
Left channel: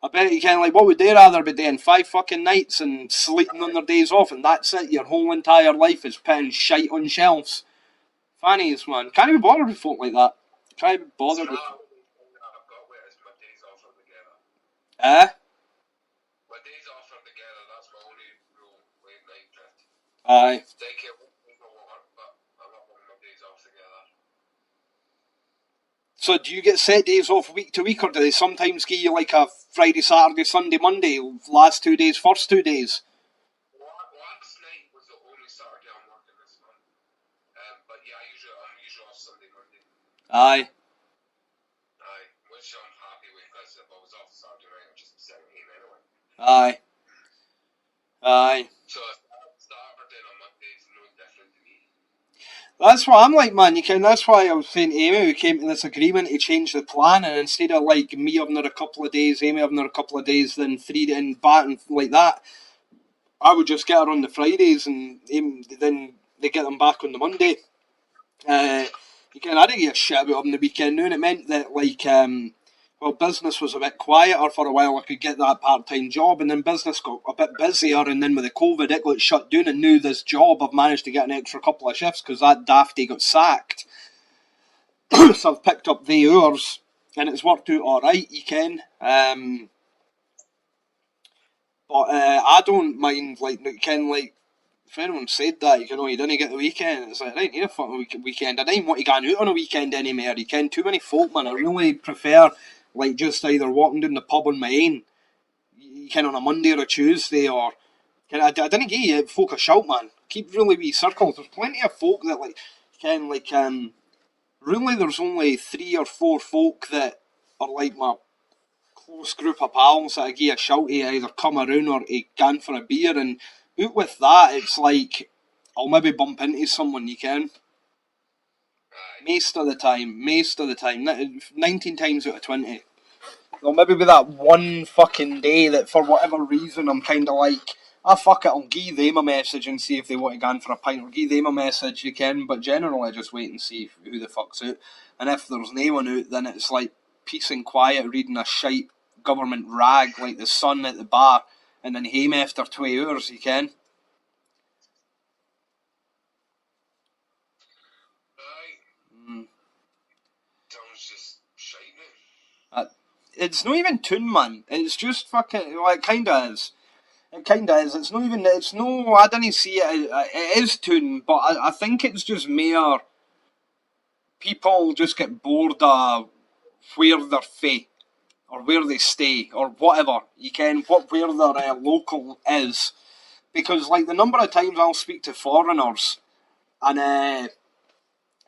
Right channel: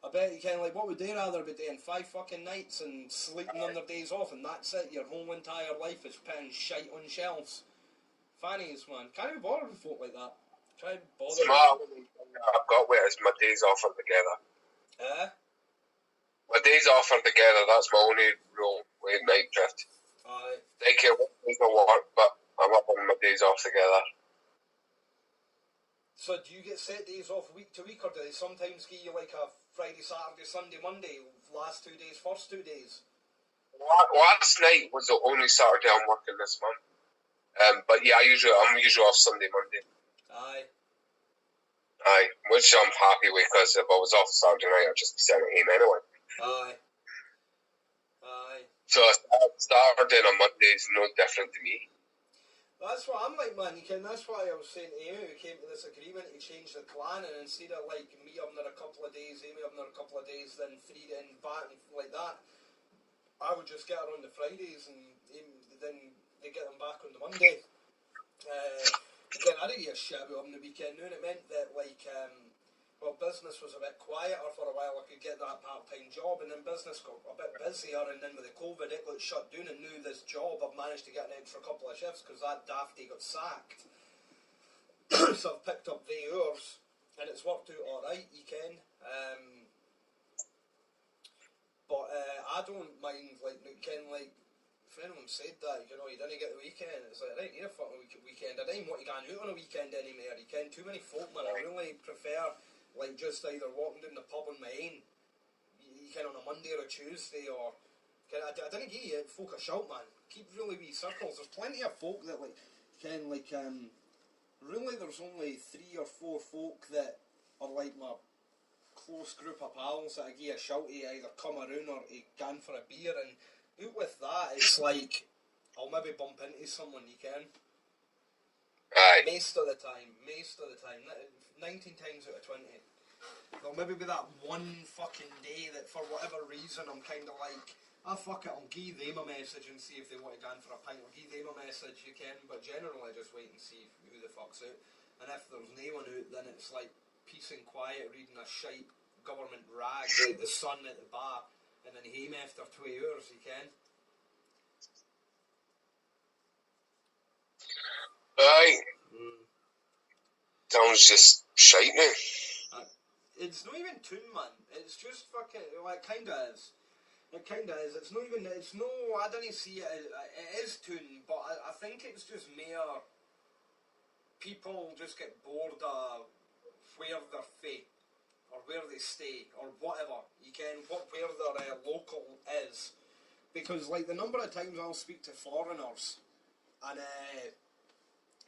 I bet you can, like, what would they rather be doing? 5 fucking nights and sleeping on their days off, and that's it? Your whole entire life is putting shite on shelves. Fannies, man. Can't be bothered with folk like that. Can't be bothered with... I've got where my days off are together. My days off are together, that's my only rule with night shift. Aye. Daycare days no work, but I'm up on my days off together. So do you get set days off week to week, or do they sometimes give you like a Friday, Saturday, Sunday, Monday, last 2 days, first 2 days? Last night was the only Saturday I'm working this month. But yeah, I'm usually off Sunday, Monday. Aye. Which I'm happy with, because if I was off Saturday night, I'd just be sitting at home anyway. Aye. So Saturday and Monday is no different to me. That's what I'm like, man. That's why I was saying to Amy, we came to this agreement to change the plan, and instead of like me having her a couple of days, Amy having her a couple of days, then 3 and back and like that, I would just get her on the Fridays and then they get them back on the Monday. Again, I didn't give a shit about him the weekend now, and it meant that, like, well, business was a bit quieter for a while. I could get that part-time job, and then business got a bit busier, and then with the COVID, it got shut down, and now this job, I've managed to get an extra couple of shifts because that dafty got sacked. So I've picked up the hours, and it's worked out alright, you can. But I don't mind, like, you can, like, if anyone said that, you know, you didn't get the weekend, it's like, right, need a fucking weekend. I don't want to go out on a weekend anymore, you can. Too many folk, man. I really prefer, like, just either walking down the pub on my own, you can, on a Monday or a Tuesday, or, I didn't give you folk a shout, man. Keep really wee circles. There's plenty of folk that, like, can, like, really there's only 3 or 4 folk that are, like, my close group of pals that I give a shout to either come around or to gan for a beer, and out with that, it's like I'll maybe bump into someone, you can. Aye. Most of the time, 19 times out of 20. There'll maybe be that one fucking day that for whatever reason I'm kind of like, fuck it, I'll give them a message and see if they want to go in for a pint, or give them a message, you can, but generally I just wait and see who the fuck's out, and if there's no one out, then it's like peace and quiet reading a shite government rag like The Sun at the bar, and then home after 2 hours, you can. Aye. Sounds just shite now. It's not even tune, man. It's just fucking, well, it kinda is. It kinda is. It's not even, it's no, I didn't see it, it is tune, but I think it's just mere people just get bored of where they're fae, or where they stay, or whatever, you can, where their local is. Because, like, the number of times I'll speak to foreigners, and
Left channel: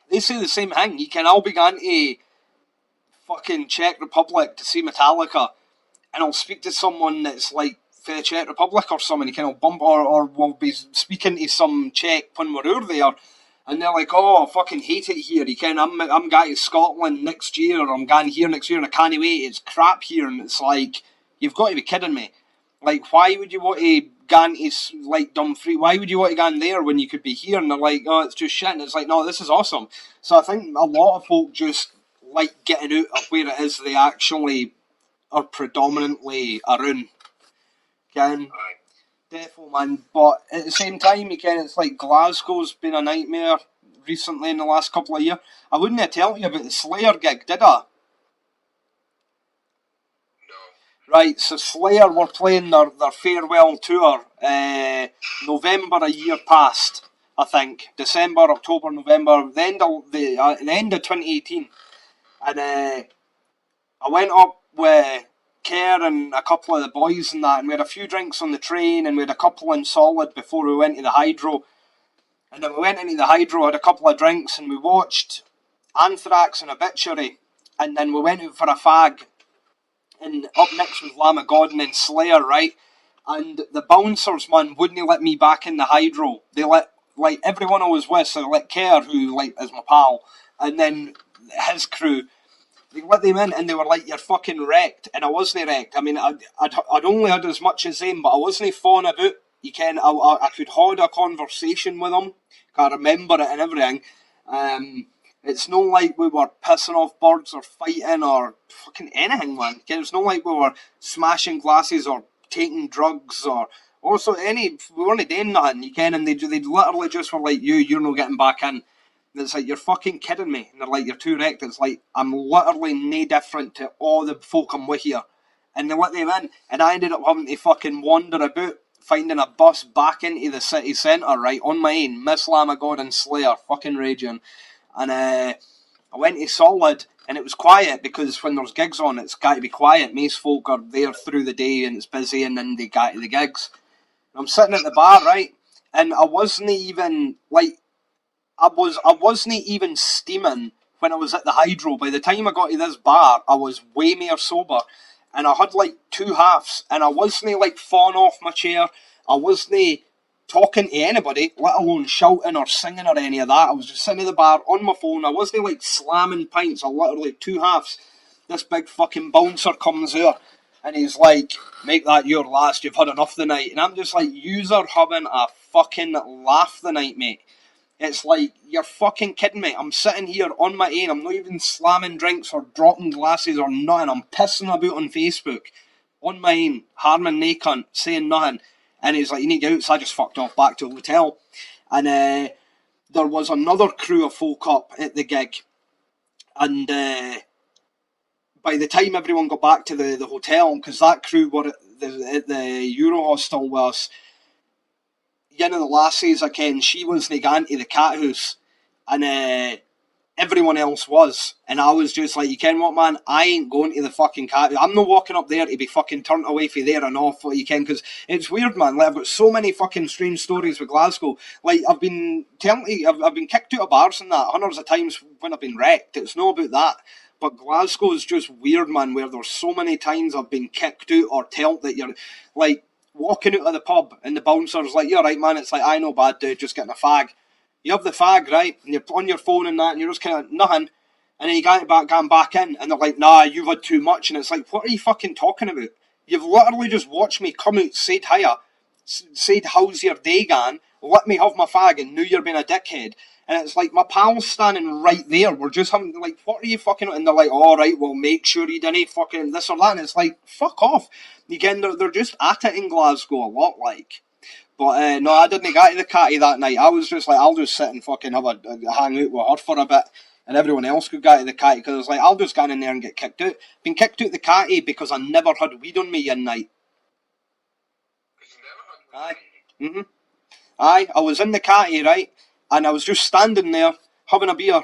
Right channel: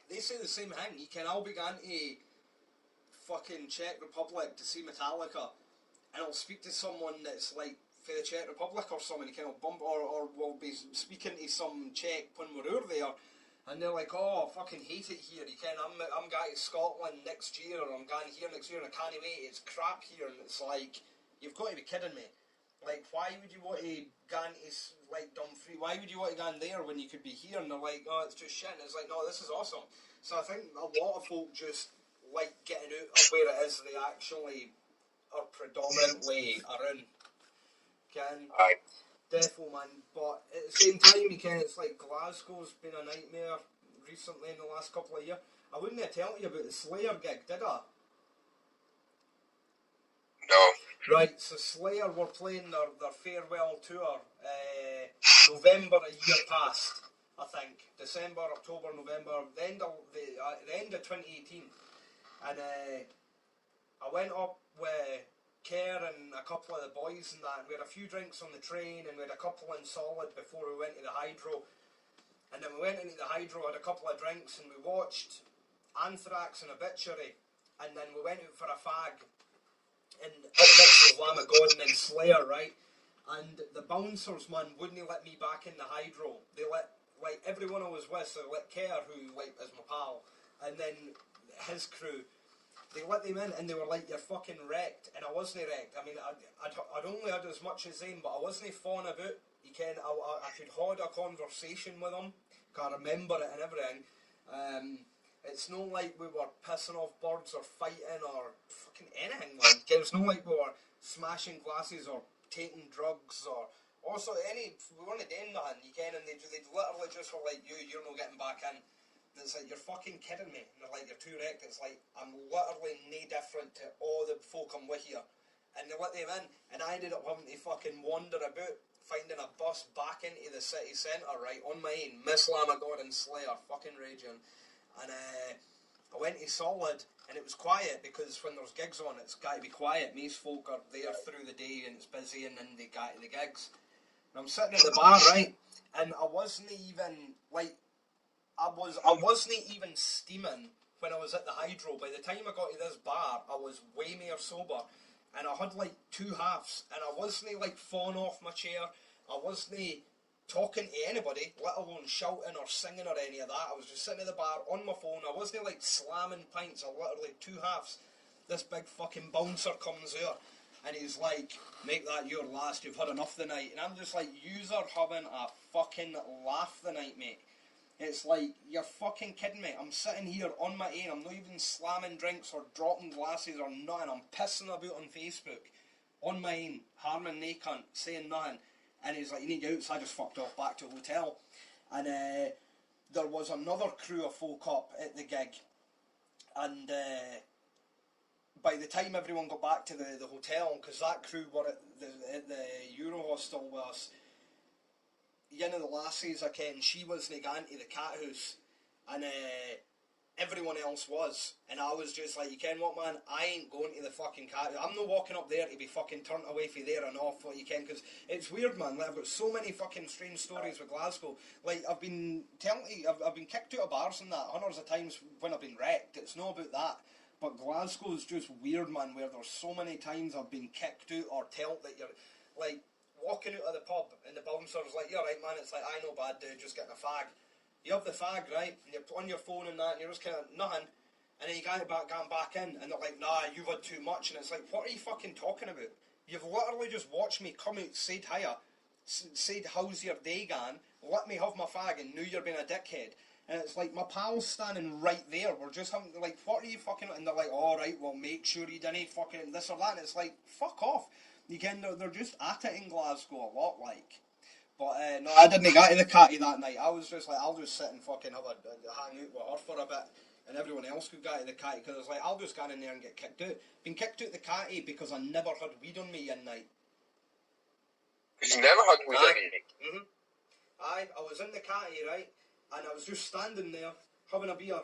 they say the same thing, you can, I'll be going to fucking Czech Republic to see Metallica, and I'll speak to someone that's, like, for the Czech Republic or something, you can, I'll bump, or we'll be speaking to some Czech when we're over there, and they're like, oh, I fucking hate it here, you can, I'm going to Scotland next year, or I'm going here next year, and I can't wait, it's crap here, and it's like, you've got to be kidding me. Like, why would you want to go into, like, Dumfries, why would you want to go in there when you could be here? And they're like, oh, it's just shit, and it's like, no, this is awesome. So I think a lot of folk just like getting out of where it is they actually are predominantly around. Can defo, man. But at the same time, you can, it's like Glasgow's been a nightmare recently in the last couple of years. I wouldn't have told you about the Slayer gig, did I? No. Right, so Slayer were playing their farewell tour November a year past, I think. December, October, November, the end of 2018. And I went up with Kerr and a couple of the boys and that, and we had a few drinks on the train, and we had a couple in Solid before we went to the Hydro. And then we went into the Hydro, had a couple of drinks, and we watched Anthrax and Obituary, and then we went out for a fag. And up next was Lamb of God and then Slayer, right? And the bouncers, man, wouldn't let me back in the Hydro. They let, like, everyone I was with, so they let Kerr, who, like, is my pal, and then his crew, they let them in, and they were like, you're fucking wrecked. And I wasn't wrecked. I mean, I'd only had as much as them, but I wasn't fawing about. You can, I could hold a conversation with them. I remember it and everything. It's not like we were pissing off birds or fighting or fucking anything, man. It's not like we were smashing glasses or taking drugs or also we weren't doing nothing, you can, and they'd literally just were like, you're not getting back in. And it's like, you're fucking kidding me. And they're like, you're too wrecked. It's like, I'm literally no different to all the folk I'm with here. And they let them in, and I ended up having to fucking wander about, finding a bus back into the city centre, right, on my own, Miss Lamb of God and Slayer, fucking raging. And I went to Solid, and it was quiet, because when there's gigs on, it's got to be quiet. Most folk are there through the day, and it's busy, and then they get to the gigs. And I'm sitting at the bar, right, and I wasn't even, like, I wasn't even steaming when I was at the Hydro. By the time I got to this bar, I was way more sober, and I had, like, 2 halves, and I wasn't, like, falling off my chair. I wasn't talking to anybody, let alone shouting or singing or any of that. I was just sitting at the bar on my phone. I wasn't, like, slamming pints. I literally 2 halves. This big fucking bouncer comes out, and he's like, make that your last, you've had enough the night. And I'm just like, you're having a fucking laugh the night, mate. It's like, you're fucking kidding me. I'm sitting here on my own. I'm not even slamming drinks or dropping glasses or nothing. I'm pissing about on Facebook on my own, harming nae cunt, saying nothing. And he's like, you need to get out. So I just fucked off back to the hotel. And there was another crew of folk up at the gig. And by the time everyone got back to the hotel, because that crew were at the Euro Hostel with us, one of the lassies I ken, she wasn't going to the cat house, and everyone else was, and I was just like, you ken what, man, I ain't going to the fucking cat house. I'm not walking up there to be fucking turned away from there and off, what you ken, because it's weird, man. Like, I've got so many fucking strange stories with Glasgow. Like, I've been telling you, I've been kicked out of bars and that hundreds of times when I've been wrecked. It's not about that. But Glasgow is just weird, man, where there's so many times I've been kicked out or told that you're, like, walking out of the pub and the bouncer's like, you're right, man, it's like, I know, bad dude, just getting a fag. You have the fag, right, and you're on your phone and that, and you're just kind of nothing, and then you get going back in, and they're like, nah, you've had too much, and it's like, what are you fucking talking about? You've literally just watched me come out, said hiya, said how's your day gone, let me have my fag, and now you're being a dickhead. And it's like, my pal's standing right there. We're just having, like, what are you fucking... And they're like, all right, well, make sure you didn't fucking this or that. And it's like, fuck off. Again, they're just at it in Glasgow a lot, like. But, no, I didn't get to the catty that night. I was just like, I'll just sit and fucking have a hang out with her for a bit. And everyone else could get to the catty, because I was like, I'll just get in there and get kicked out. Been kicked out the catty because I never had weed on me one night. Because you never had weed on you? Mm-hmm. Aye, I was in the catty, right? And I was just standing there, having a beer,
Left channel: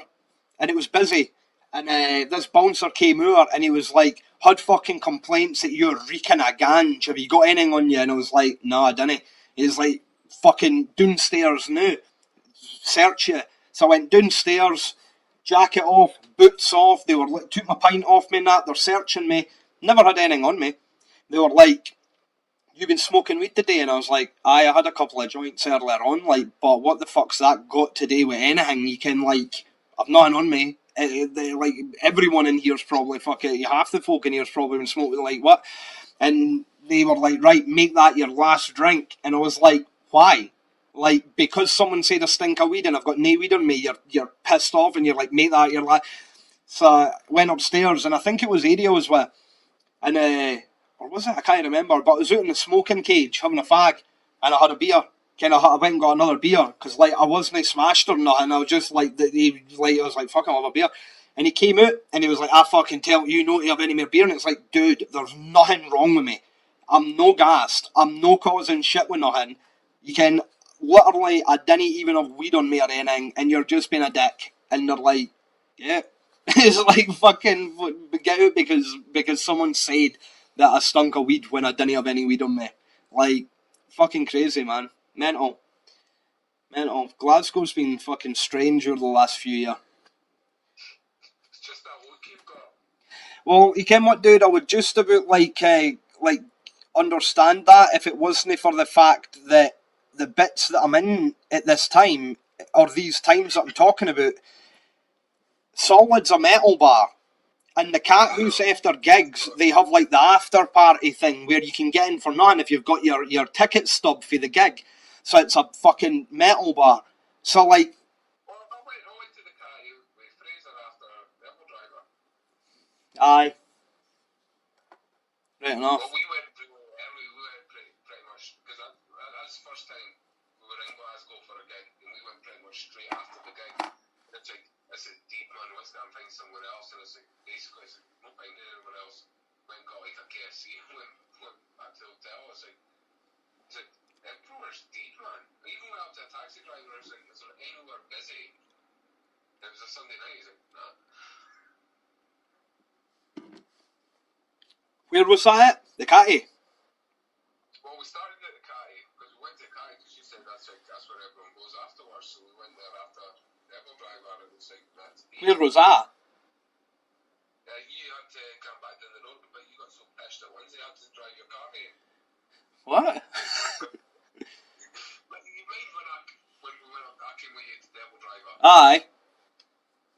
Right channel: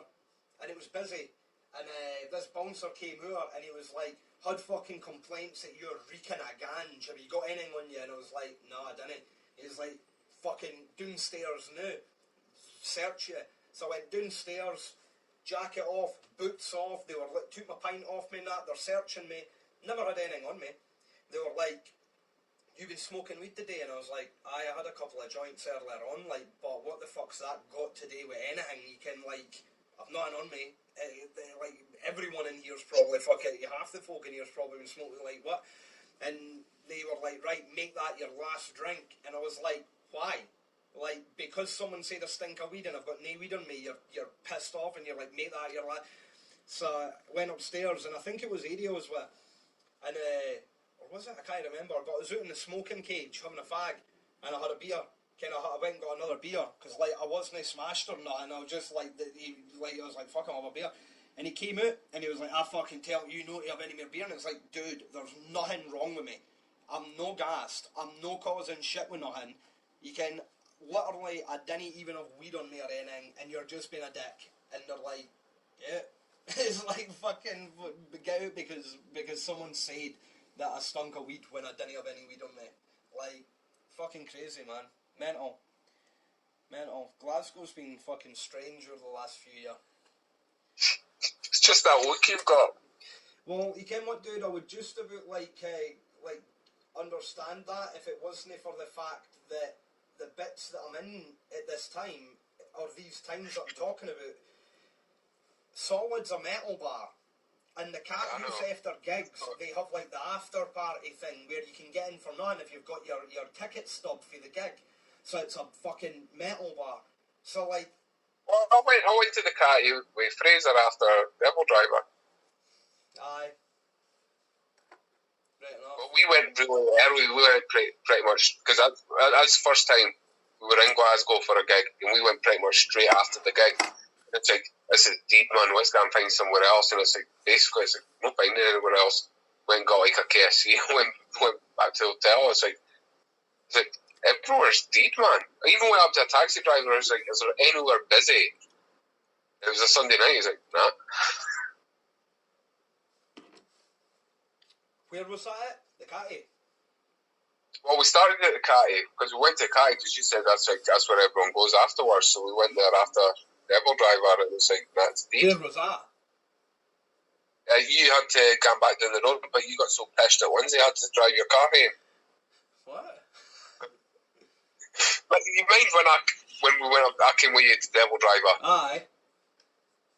and it was busy. And this bouncer came over, and he was like, had fucking complaints that you're reeking of ganj. Have you got anything on you? And I was like, no, I didn't. He's like, fucking downstairs now. Search you. So I went downstairs, jacket off, boots off. They were like, took my pint off me and that. They're searching me. Never had anything on me. They were like, you've been smoking weed today? And I was like, aye, I had a couple of joints earlier on, like, but what the fuck's that got to do with anything? You can, like, I've nothing on me. Like, everyone in here's probably, half the folk in here's probably been smoking, like, what? And they were like, right, make that your last drink. And I was like, why? Like, because someone said a stink of weed and I've got no weed on me, you're pissed off and you're like, make that your last... So I went upstairs, and I think it was Adio as well. And, or was it? I can't remember. But I was out in the smoking cage having a fag, and I had a beer. I went and got another beer because, like, I wasn't smashed or nothing. I was just like, I was like, fuck, I'll have a beer. And he came out and he was like, I fucking tell you not to have any more beer. And it's like, dude, there's nothing wrong with me. I'm no gassed. I'm no causing shit with nothing. You can literally, I didn't even have weed on me or anything, and you're just being a dick. And they're like, yeah. It's like, fucking get out because someone said that I stunk of weed when I didn't have any weed on me. Like, fucking crazy, man. Mental. Glasgow's been fucking strange over the last few years. It's just that look you've got. Well, you can what, dude? I would just about like understand that if it wasn't for the fact that the bits that I'm in at this time, or these times that I'm talking about, Solid's a metal bar. And the cat house after gigs, they have like the after party thing where you can get in for nothing if you've got your ticket stub for the gig. So it's a fucking metal bar. So like... Well, I went to the catty with Fraser after Devil Driver. Aye. Right enough. Well, we went really early. We went pretty much, because that was the first time we were in Glasgow for a gig, and we went pretty much straight after the gig. It's like, this is deep, man, let's go and find somewhere else. And it's like, basically, it's like, no finding anywhere else. Went and got like a KFC, went back to the hotel. It's like everywhere's deep, man. I even went up to a taxi driver, I was like, is there anywhere busy? It was a Sunday night, he's like, nah. Where was that at? The catty? Well, we started at the catty, because we went to the catty, because you said that's where everyone goes afterwards, so we went there after Devil Driver, and it's like, that's deep. Where was that? You had to come back down the road, but you got so pissed at Wednesday, you had to drive your car home. What? Like, you mind when we went up, I came with you to Devil Driver. Aye.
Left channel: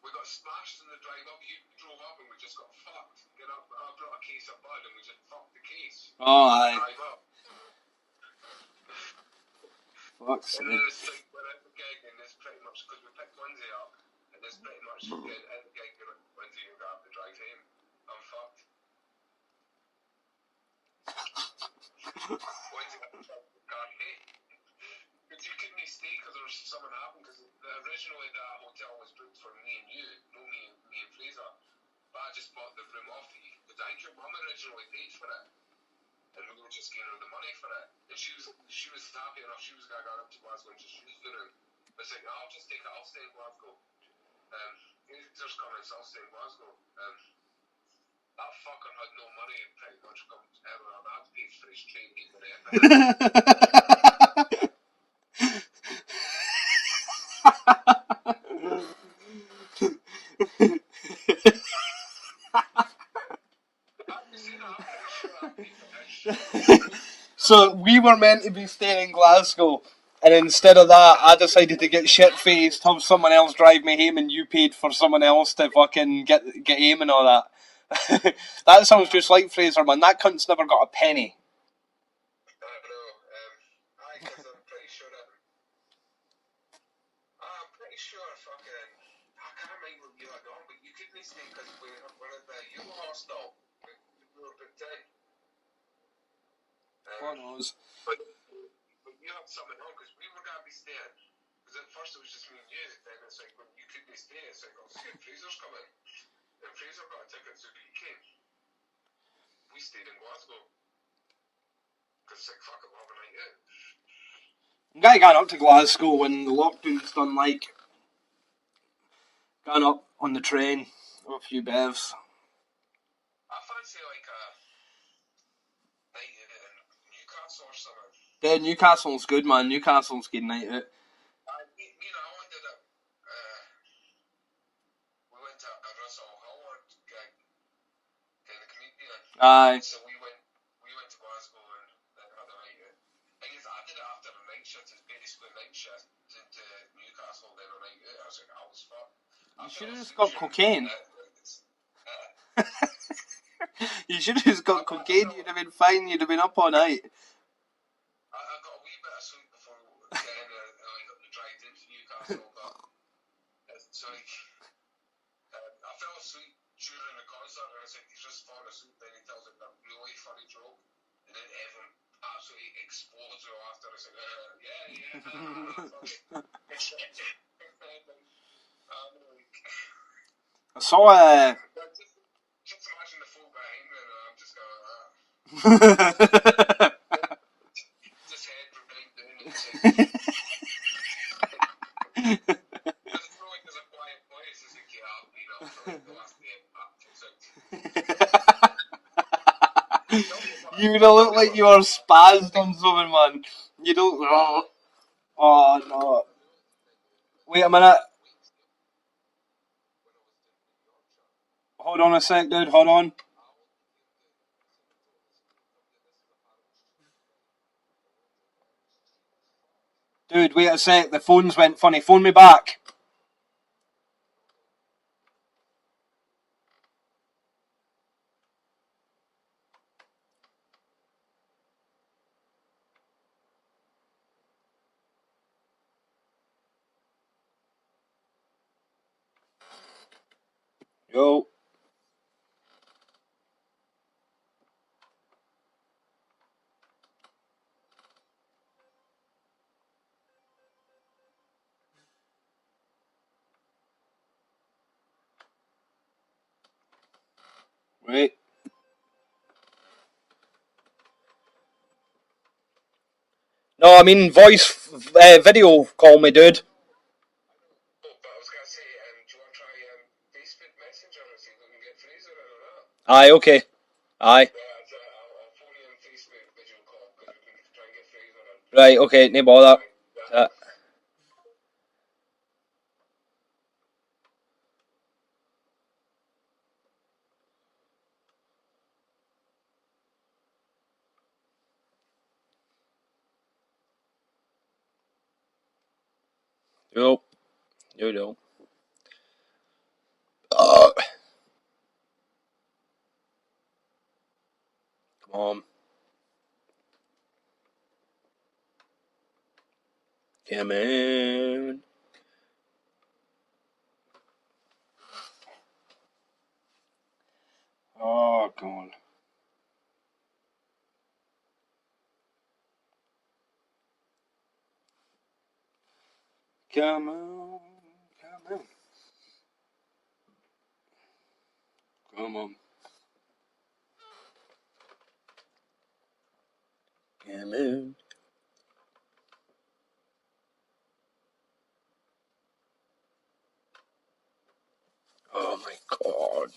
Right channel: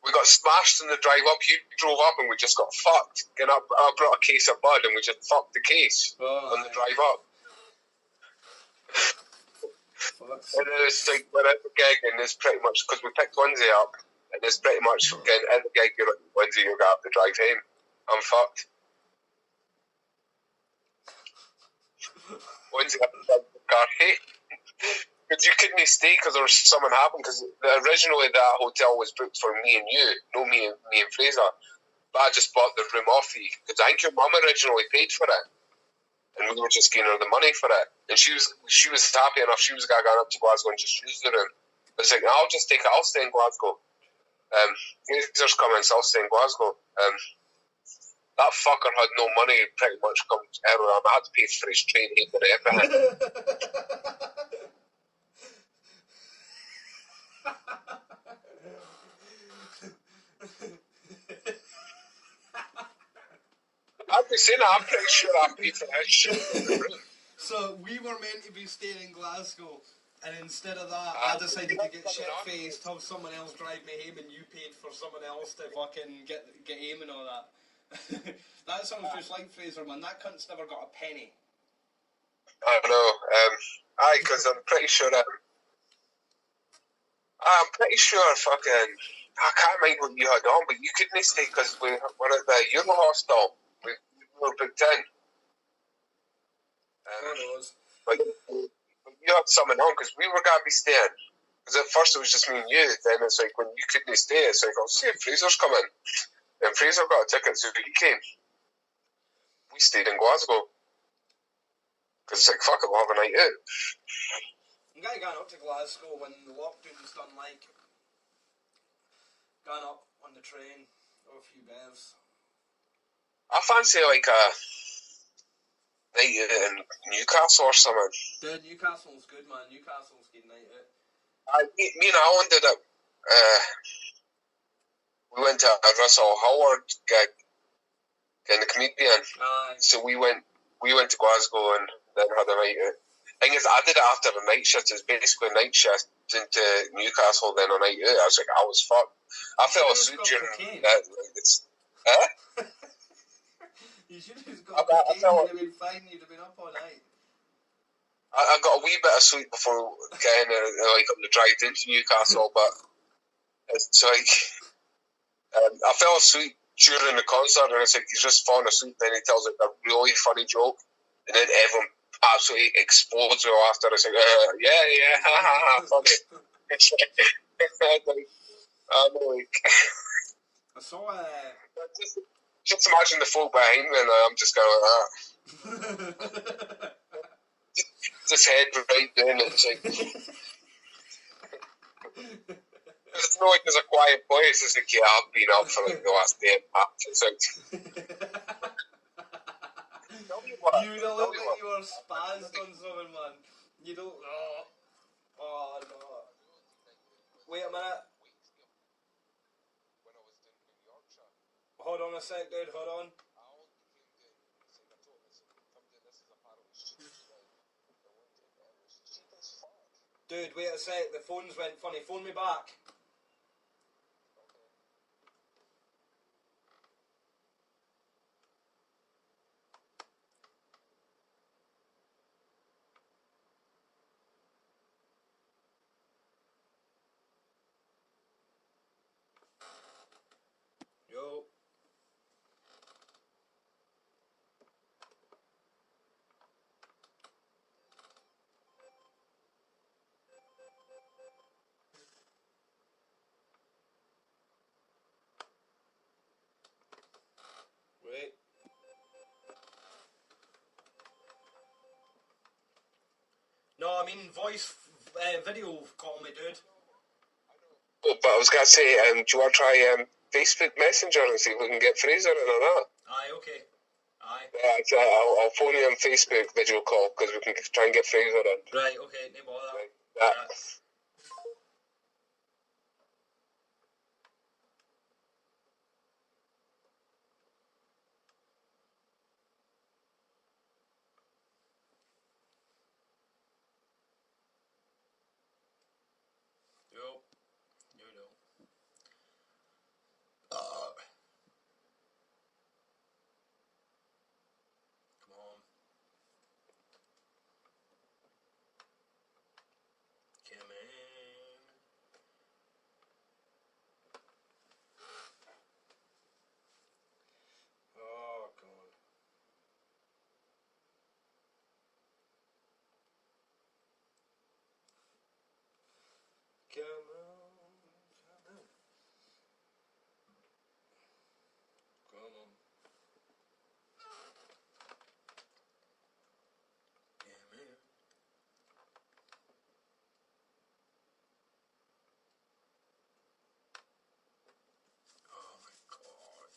We got smashed on the drive up, you drove up, and we just got fucked. And I brought a case of bud, and we just fucked the case on the drive up. Fuck's And then it's like, we're at the gig, and it's pretty much, because we picked Wednesday up, and it's pretty much, again, at the gig, you're like, Wednesday, you're going to have to drive home. I'm fucked. Wednesday, I have to drive the car home. Because you couldn't stay because there was something happened, because originally that hotel was booked for me and you, no me and Fraser. But I just bought the room off you, because I think your mum originally paid for it. And we were just giving her the money for it. And she was happy enough, she was going up to Glasgow and just use the room. But it's like, I'll just take it, I'll stay in Glasgow. Fraser's coming, so I'll stay in Glasgow. That fucker had no money pretty much come everywhere. I had to pay for his train and everything. I'd be saying that, I'm pretty sure I paid for that shit. So we were meant to be staying in Glasgow, and instead of that, I decided to get shit-faced, have someone else drive me home, and you paid for someone else to fucking get home and all that. That sounds just like Fraser, man. That cunt's never got a penny. I know. Because I'm pretty sure fucking, I can't mind what you had on, but you couldn't stay because we were at the Euro hostel. We were booked in. But you had something on because we were going to be staying. Because at first it was just me and you. Then it's like when you couldn't stay, it's like, I'll see if Fraser's coming. And Fraser got a ticket, so he came. We stayed in Glasgow. Because it's like, fuck it, we'll have a night out. Guy got up to Glasgow when the lockdown's done, like, got up on the train with a few bevs. I fancy like a night out in Newcastle or something. Yeah, Newcastle's good, man. Newcastle's good night out. Me and Alan did it. We went to a Russell Howard gig in the comedian. Aye. So we went to Glasgow and then had a night out. Thing is, I did it after a night shift. It's basically a night shift into Newcastle, then a night out. I was like, I was fucked. I fell asleep during cocaine. that. You should have just got cocaine. You'd have been fine. You'd have been up all night. I got a wee bit of sleep before getting like on the drive into Newcastle, but it's like I fell asleep during the concert, and it's like he's just falling asleep. Then he tells like a really funny joke, and then everyone absolutely explodes after. It's like, yeah, funny. I'm like, I saw just imagine the folk behind me, and I'm just going like that. Just head right down, and it's like, it's not like there's a quiet place. It's like, yeah, I've been up for like the last day and a half. It's like, you don't look like you are spazzed on something, man. You don't. Oh no. Wait a minute. Hold on a sec, dude. Hold on. Dude, wait a sec. The phone's went funny. Phone me back. Yo. Wait. No, I mean voice video call me, dude. but I was going to say, do you want to try Facebook Messenger and see if we can get Fraser in or not? Aye, okay. Aye. Yeah, I'll phone you on Facebook video call because we can try and get Fraser in. Right, okay, no bother. Yeah. Yo. Yo. Come on. Come on. Oh, God. Come on. Come on. Come on. Come on. Oh, my God.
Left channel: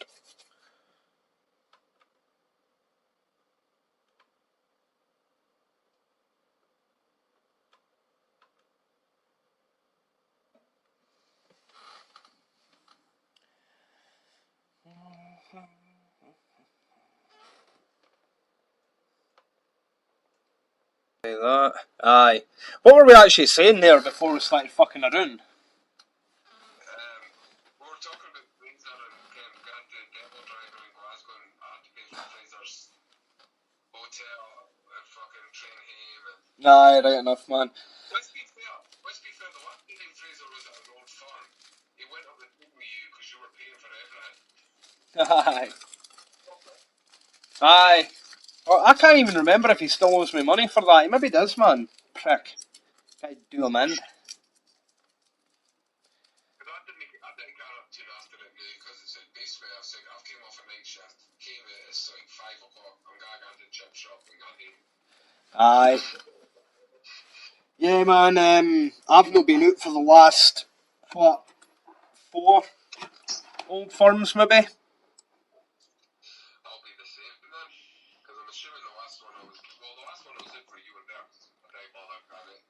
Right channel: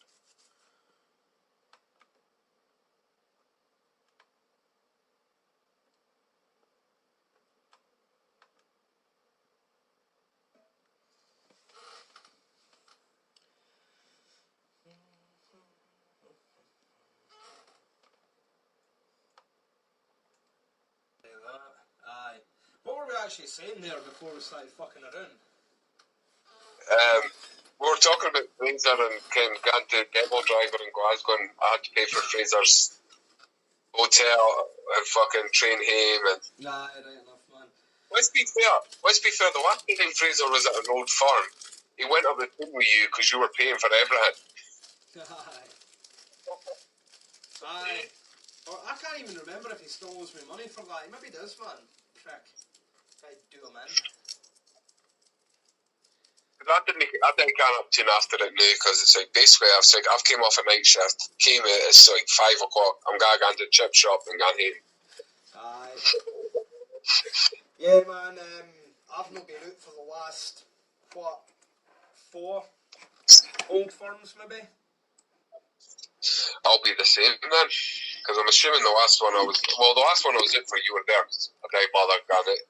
Like that. Aye. What were we actually saying there before we started fucking around? We were talking about Fraser and going to demo driver in Glasgow, and I had to pay for Fraser's hotel and fucking train home. And Aye, right enough, man. let's be fair. The last time Fraser was at an old farm, he went up the thing with you because you were paying for everything. Aye. Aye. Well, I can't even remember if he still owes me money for that. He maybe does, man. Prick. Gotta do him in. I didn't get up to after it now because it's like basically I've came off a night shift, came out, it's like 5 o'clock. I'm going to go to the chip shop and gone home. Aye. Yeah, man. I've not been out for the last, what, 4 old firms, maybe? I'll be the same then, because I'm assuming the last one I was out for, you were there. I don't bother got it.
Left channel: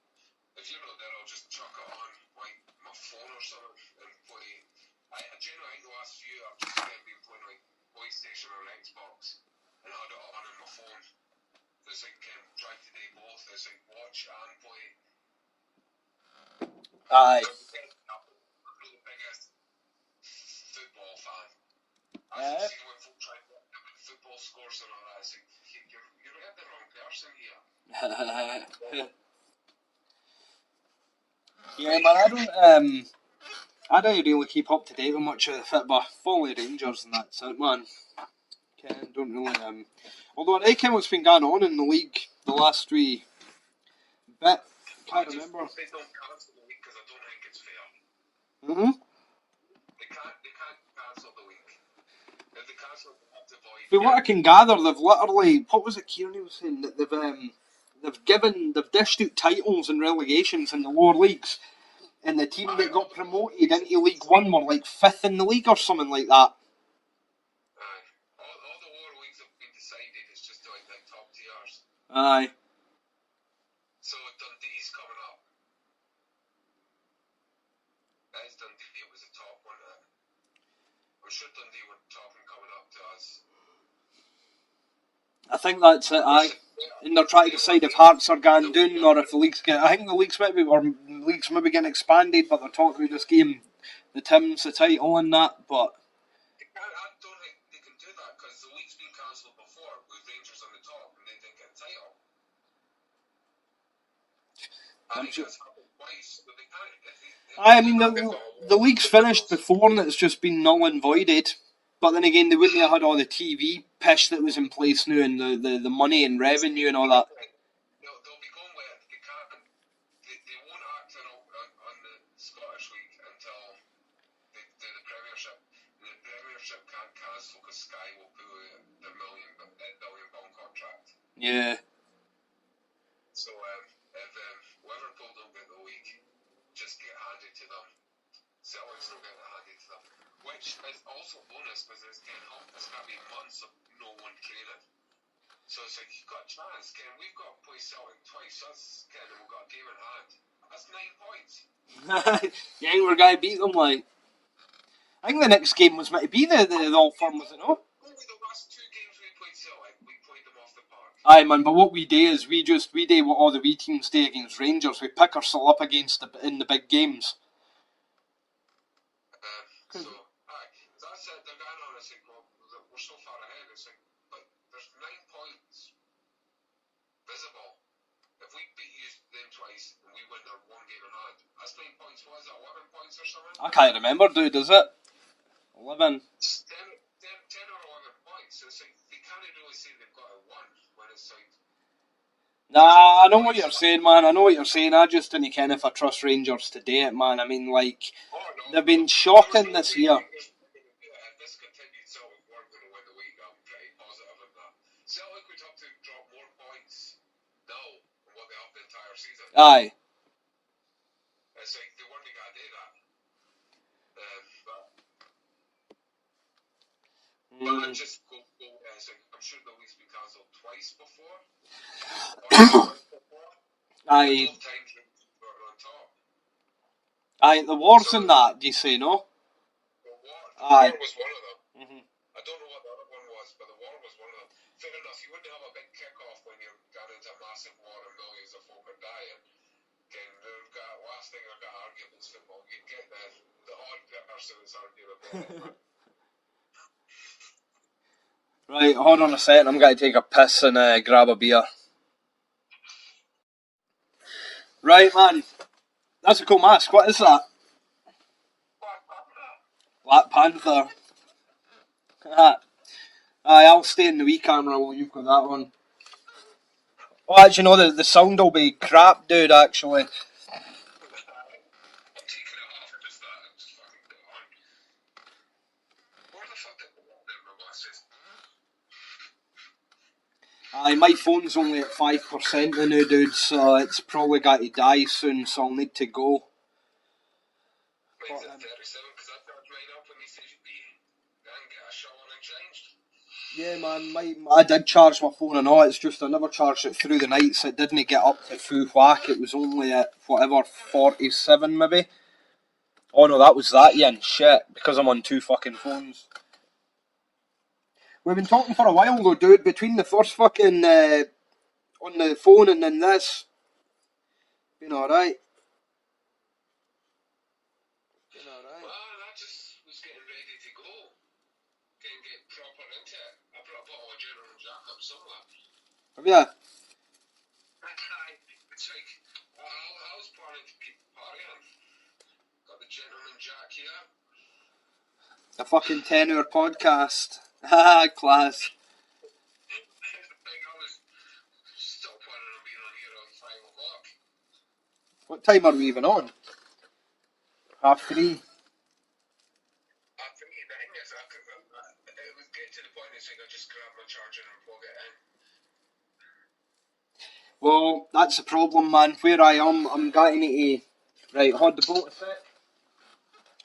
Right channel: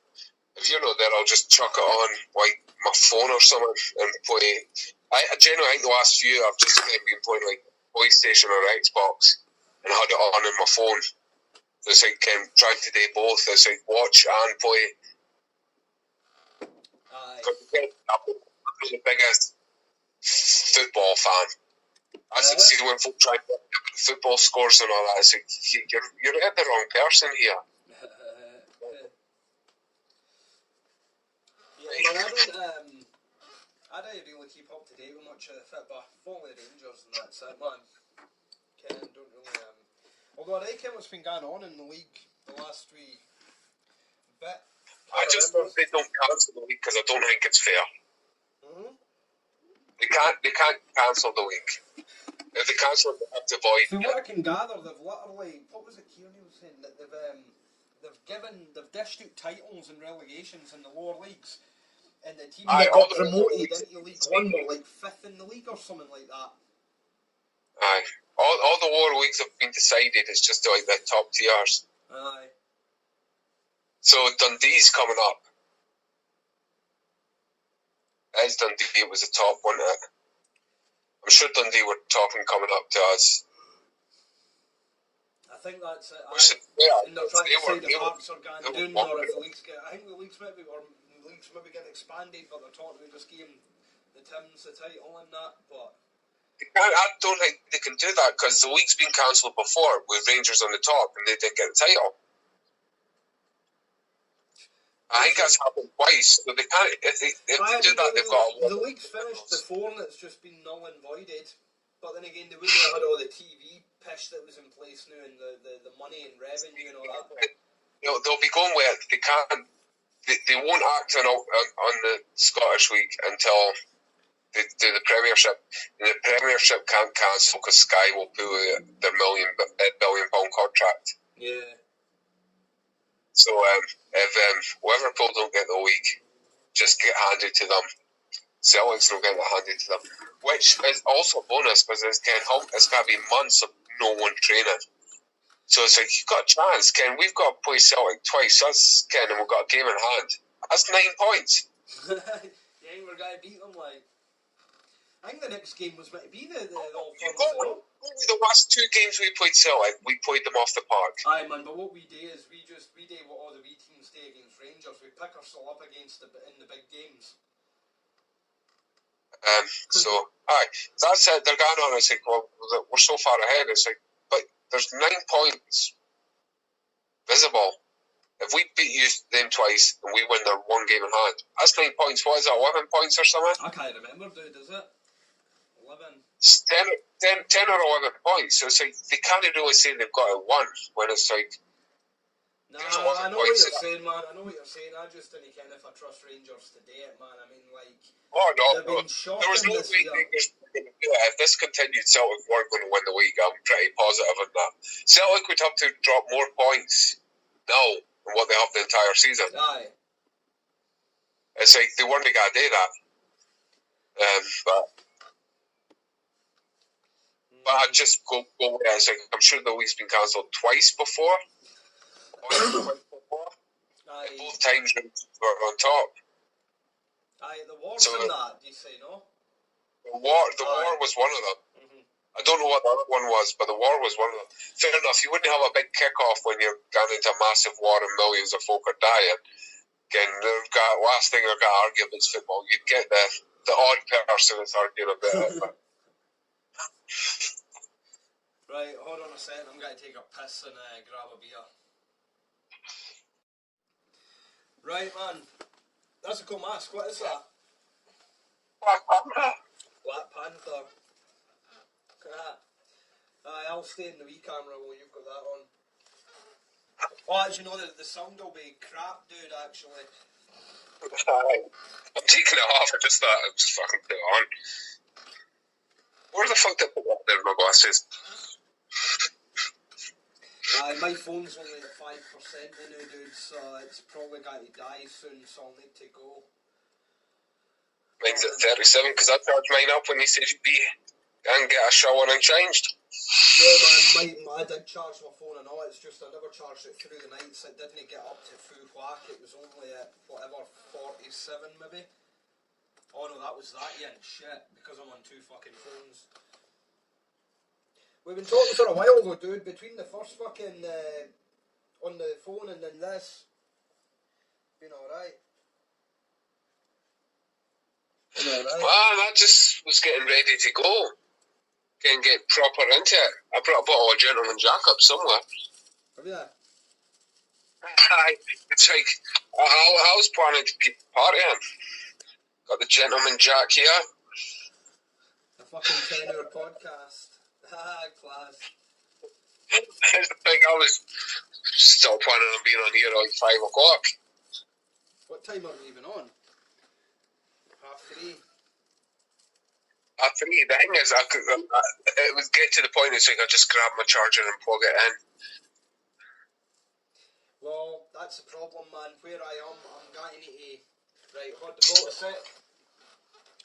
If you're not there, I'll just chuck it on like my phone or something and play. I generally think the last few I've just been playing like PlayStation or Xbox and had it on my phone. It's like trying to do both. It's like watch and play. Aye. I'm the biggest football fan. I see when folk try to get football scores and all that. It's like you're at the wrong person here. Yeah, man. I don't really keep up to date with much of the football. Follow Rangers and that's it, man. Don't really Although I reckon what's been going on in the league the last wee bit. I just hope they don't cancel the league because I don't think it's fair. They can't cancel the league. If they cancel it, they have to void. From what I can gather, they've literally, what was it Kearney was saying, that they've dished out titles and relegations in the lower leagues, and the team that got promoted into League One were like 5th in the league or something like that. Aye. All the lower leagues have been decided. It's just like the top tiers. Aye. So Dundee's coming up. As Dundee, it was the top, wasn't it? I'm sure Dundee were talking coming up to us. I think that's it, aye. And they're trying to decide if Hearts are going down or if the leagues get. I think the leagues maybe getting expanded, but they're talking about just giving the Tims the title and that. But I don't think they can do that because the league's been cancelled before with Rangers on the top and they didn't get the title. I think that's happened twice. So they can't. If they do that, they've got the league's finished before and it's just been null and voided. But then again, they wouldn't have had all the TV pish that was in place now and the money and revenue and all that. They'll be going with it. They can't. They won't act on the Scottish League until they do the Premiership. And the Premiership can't cancel because Sky will pull their £1 billion contract. Yeah. So if Liverpool don't get the league, just get handed to them. Celtics don't get it handed to them, which is also a bonus because it's going to be months of no one training. So it's like you've got a chance, Ken. We've got to play Celtic twice. That's Ken, and we've got a game in hand. That's 9 points. Yeah, we're going to beat them. Like, I think the next game was meant to be the all firms. The last 2 games we played Celtic, we played them off the park. Aye, man. But what we do is we do what all the wee teams do against Rangers. We pick ourselves up in the big games. So, aye, that's it. They're going on. It's like, well, we're so far ahead. It's like, but there's 9 points visible If we beat you them twice and we win their one game in hand, that's 9 points. What is that, 11 points or something? I can't remember, dude, is it? 11? It's 10 or 11 points. So it's like, they can't really say they've got it won when it's like. Nah, I know what you're saying, man. I know what you're saying. I just didn't care if I trust Rangers to do it, man. I mean, like, they've been shocking this year. If this continued, Celtic weren't going to win the league. I'm pretty positive on that. Celtic would have to drop more points now than what they have the entire season. Aye. It's like they weren't going to do that. But I just go with it. It's like, I'm sure the league's been cancelled twice before. Aye. Both times were on top. Aye, the wars in that, do you say, no? The war was one of them. Mm-hmm. I don't know what the other one was, but the war was one of them. Fair enough, you wouldn't have a big kick-off when you're going into a massive war and millions of folk are dying. Again, last thing they're going to argue about football. You'd get the odd person that's arguing about it. Right, hold on a second. I'm going to take a piss and grab a beer. Right, man. That's a cool mask. What is that? Black Panther. Aye, I'll stay in the wee camera while you've got that on. Oh, actually, no, the sound will be crap, dude, actually. I'm taking it off. I just thought I'd just fucking put it on. Where the fuck did I put that there in my glasses? Aye, my phone's only at 5% now, dude, so it's probably got to die soon, so I'll need to go. Mine's at 37 because I charged mine up when he said you'd be and get a shower and changed. Yeah, man, I did charge my phone and all, it's just I never charged it through the night, so it didn't get up to full whack. It was only at, whatever, 47 maybe. Oh no, that was that, Ian. Shit, because I'm on two fucking phones. We've been talking for a while though, dude, between the first fucking, on the phone and then this. Been alright. Well, I just was getting ready to go. Get proper into it. I brought a bottle of Gentleman Jack up somewhere. Have you? It's like, I was planning to keep partying. Got the Gentleman Jack here. A fucking 10-hour podcast. Haha, class. I was still planning on being on here at 5 o'clock. What time are we even on? 3:30. For me, the thing is, it would get to the point it's like I just grab my charger and plug it in. Well, that's the problem, man. Where I am, I'm getting to... Right, hold the boat a sec.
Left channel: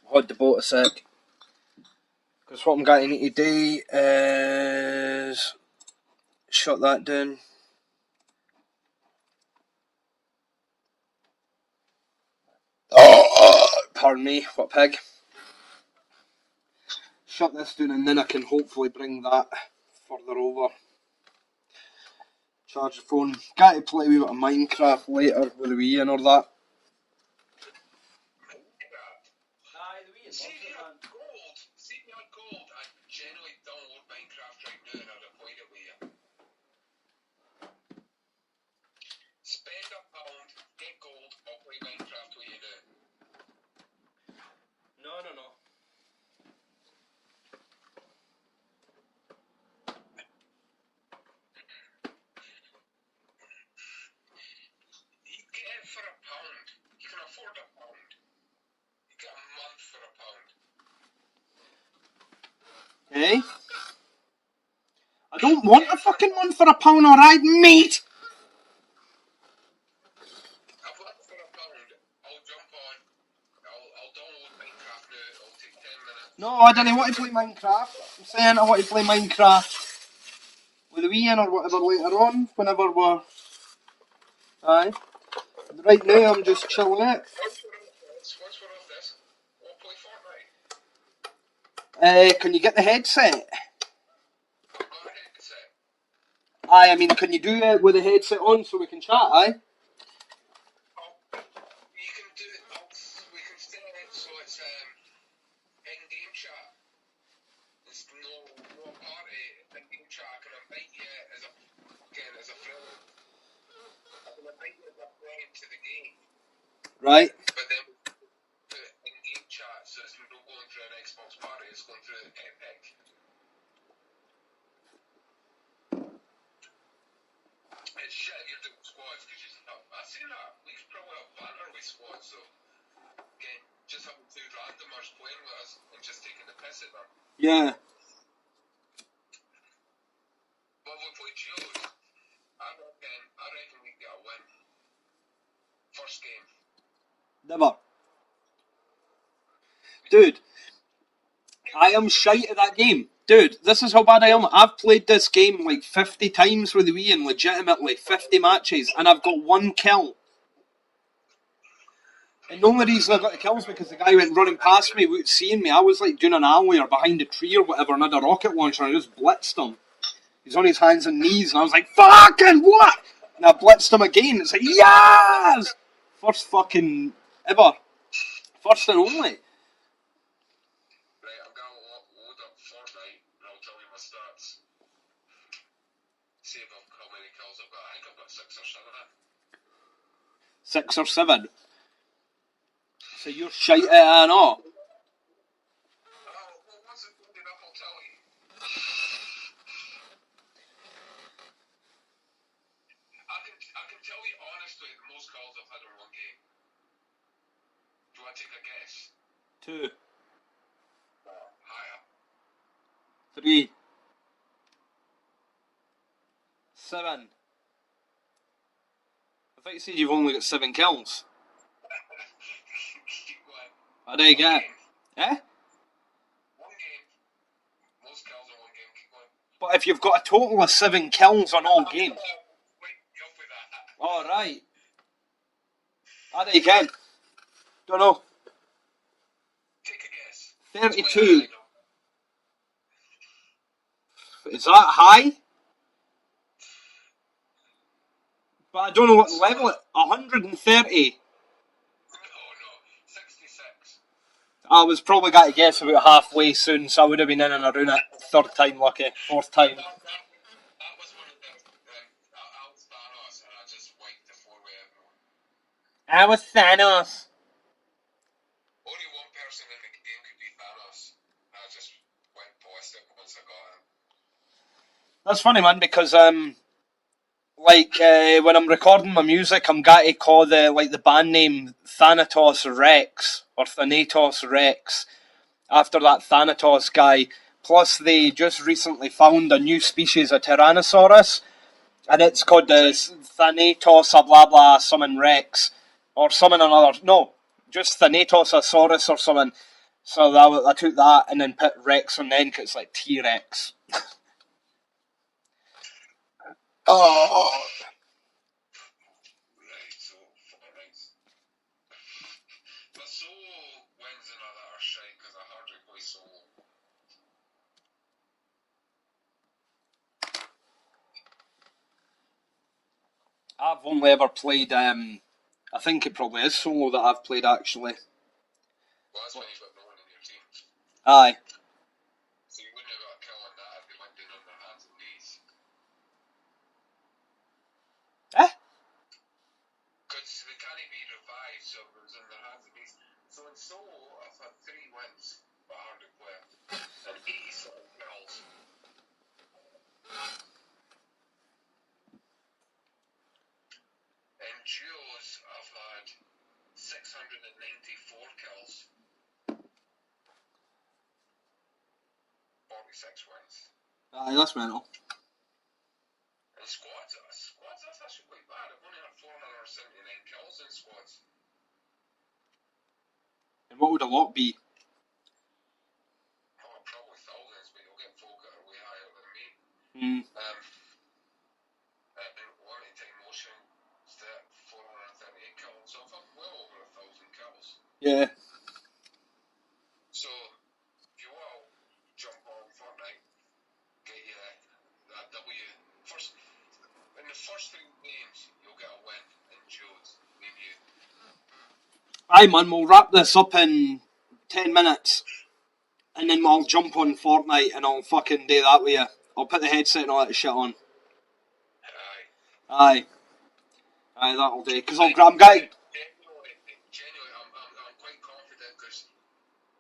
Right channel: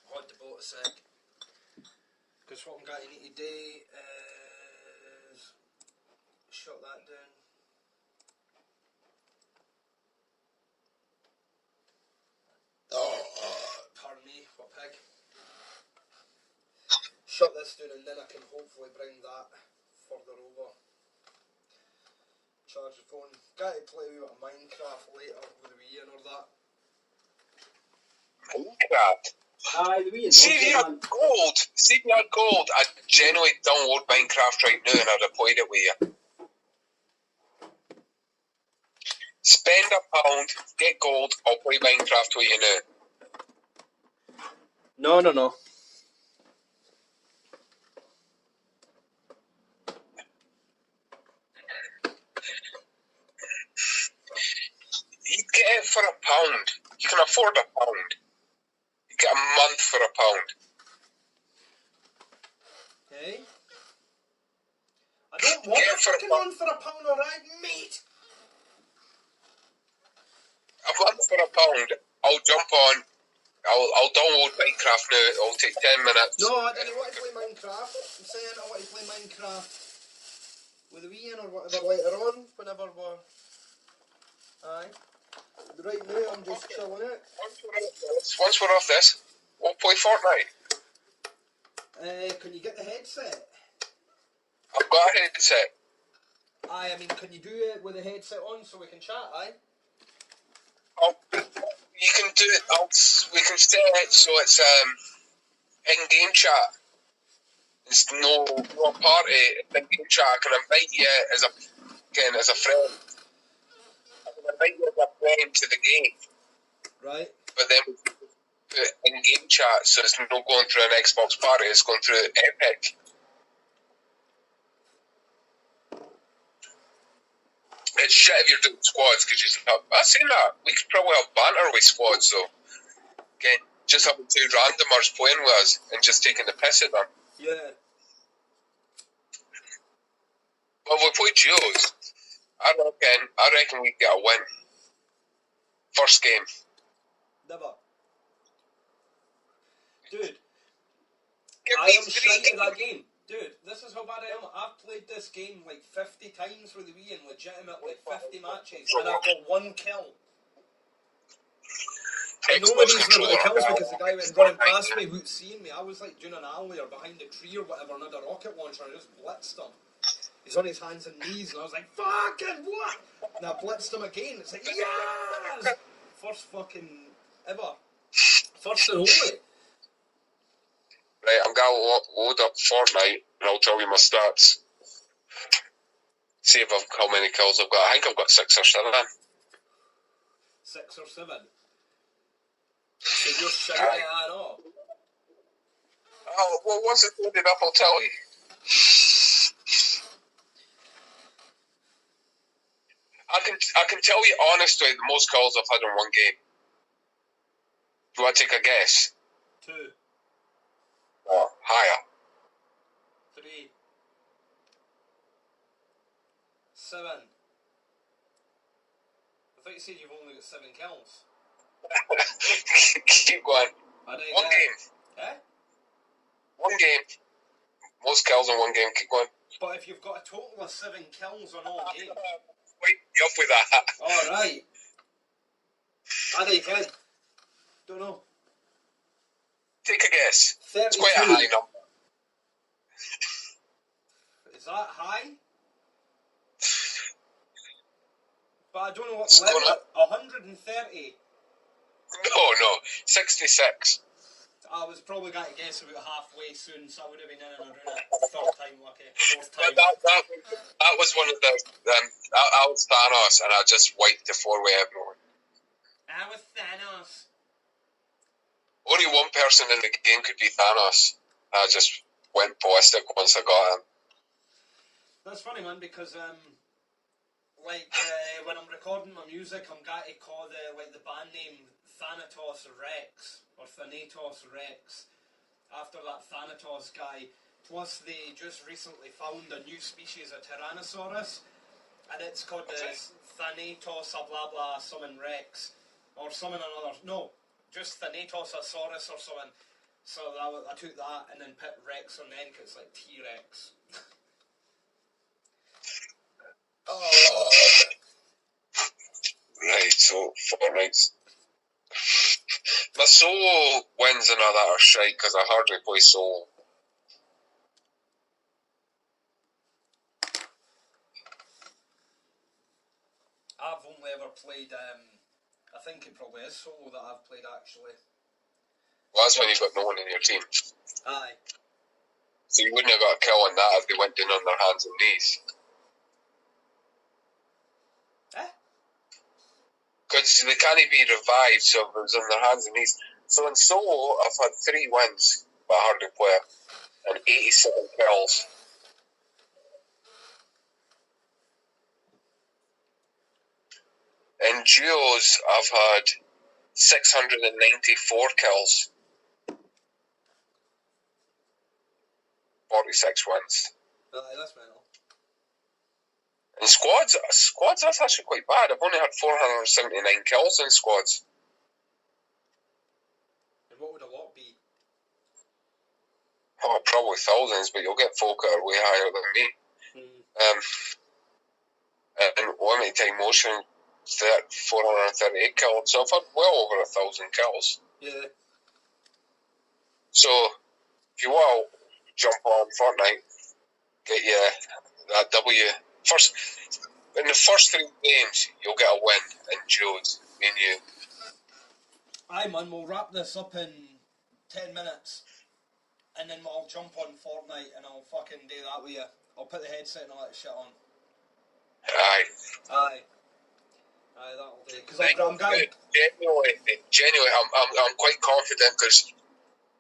Hold the boat a sec. Because what I'm getting to do is... Shut that down. Pardon me, what pig. Shut this down and then I can hopefully bring that further over. Charge the phone. Got to play a wee bit of Minecraft later with the Wii and all that. Minecraft? Aye, the Wii. See if you had gold, I'd genuinely download Minecraft right now and I'd have played it with you. Spend £1, get gold, I'll play Minecraft with you now. No. You get it for £1. You can afford £1. You get a month for £1. Eh? I don't want a fucking one for £1, alright, mate? A month for £1. I'll jump on. I'll download Minecraft now. It'll take 10 minutes. No, I don't want to play Minecraft. I'm saying I want to play Minecraft with the Wii in or whatever later on, whenever we're... Aye. Right now I'm just chilling out. Once we're off this, we'll play Fortnite. Can you get the headset? I've got a headset. Aye, I mean, can you do it with the headset on so we can chat, aye? You can do it. We can set it so it's in-game chat. It's no party. In-game chat. I can invite you as a friend. I can invite you as a friend to the game. Right. But then we put in-game chat, so it's not going through an Xbox party, it's going through Epic. It's shit if you're doing squads, because you have, I've seen that. We could probably have banter with squads, though. Okay, just having two randomers playing with us and just taking the piss at them. Yeah. Well, if we play duos, I reckon we get a win. First game. Never. Dude, I am shite at that game. Dude, this is how bad I am. I've played this game like 50 times with we in legitimately 50 matches, and I've got 1 kill. And the only reason I got the kills because the guy went running past me without seeing me. I was like doing an alley or behind a tree or whatever, and I had a rocket launcher and I just blitzed him. He's on his hands and knees, and I was like, fucking what? And I blitzed him again. It's like, yes! First fucking ever. First and only. Right, I'm going to load up Fortnite and I'll tell you my stats. See if how many kills I've got. I think I've got 6 or 7. 6 or 7? So you're shite at it and all. Oh, well, once it's loaded up, I'll tell you. I can tell you honestly the most kills I've had in one game. Do I take a guess? 2. Oh, higher. 3. 7. I thought you said you've only got 7 kills. Keep going. I do you One get game. it. Eh? One game. Most kills in one game. Keep going. But if you've got a total of 7 kills on all games. Wait, you up with that? Alright. I think you can. Don't know. Take a guess. 32. It's quite a high number. Is that high? But I don't know what level it. 130. No. 66. I was probably got to guess about halfway soon, so I would have been in and around it. 3rd time lucky. 4th time. That was one of the. I was Thanos, and I just wiped the 4-way everyone. I was Thanos. Only one person in the game could be Thanos. I just went ballistic once I got him. That's funny, man, because when I'm recording my music, I'm going to call the band name Thanatos Rex or Thanatos Rex after that Thanatos guy. Plus, they just recently found a new species of Tyrannosaurus, and it's called the Thanatos blah blah summon Rex or summon another. No, just Thanatosaurus or something. So I took that and then put Rex on the end because it's like T-Rex. Oh. Right, so Fortnite. My solo wins and all that are shite because I hardly play solo. I've only ever played, I think it probably is solo that I've played actually. Well, that's when you've got no one in your team. Aye. So you wouldn't have got a kill on that if they went down on their hands and knees. Eh? Because they can't be revived, so it was on their hands and knees. So in solo, I've had 3 wins, but I hardly play it, and 87 kills. In duos, I've had 694 kills. 46 wins. Aye, that's mental. In squads, that's actually quite bad. I've only had 479 kills in squads. And what would a lot be? Oh, probably thousands, but you'll get folk that are way higher than me. And limited time motion, 438 kills. So I've had well over 1,000 kills. Yeah. So if you want to jump on Fortnite, get you that W. In the first 3 games, you'll get a win in duos, me and you. Aye, man, we'll wrap this up in 10 minutes. And then I'll jump on Fortnite and I'll fucking do that with you. I'll put the headset and all that shit on. Aye. Aye. Aye, that'll do. Because Like, I'm getting... Genuinely, I'm quite confident because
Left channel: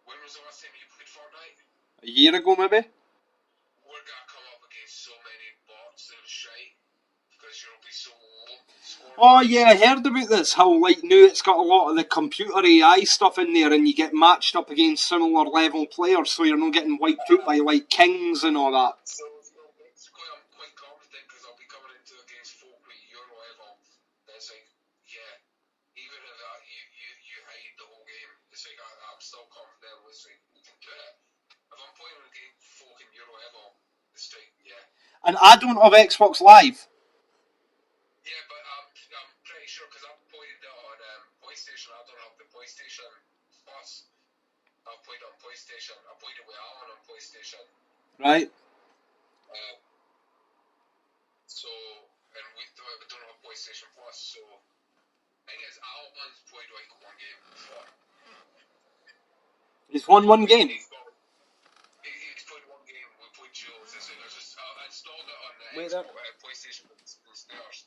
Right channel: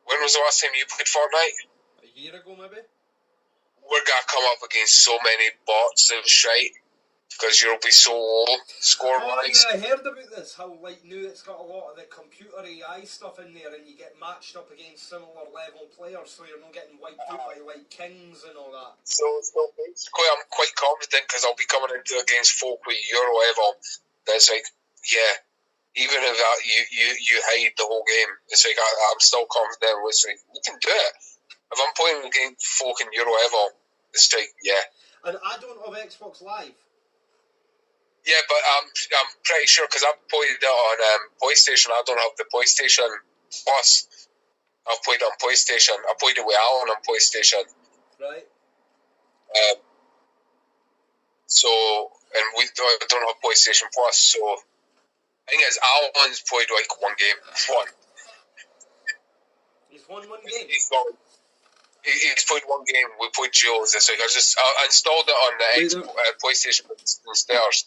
when was the last time you played Fortnite? A year ago, maybe? We're gonna come up against so many bots and shite because you'll be so low score. Oh yeah, I heard about this. How like now it's got a lot of the computer AI stuff in there, and you get matched up against similar level players, so you're not getting wiped out by like kings and all that. So basically, I'm quite confident because I'll be coming into against folk with your level. That's like, yeah. Even if you hide the whole game, it's like I'm still confident. It's like we can do it. If I'm playing against folk in your level, it's like yeah. And I don't have Xbox Live. Yeah, but I'm pretty sure because I've played it on PlayStation. I don't have the PlayStation Plus. I've played on PlayStation. I played it with Alan on PlayStation. Right. So, and we don't have PlayStation Plus. So, the thing is, Alan's played like one game. One. He's won one game. He's played one game. We played Duos this week. I installed it on the PlayStation downstairs.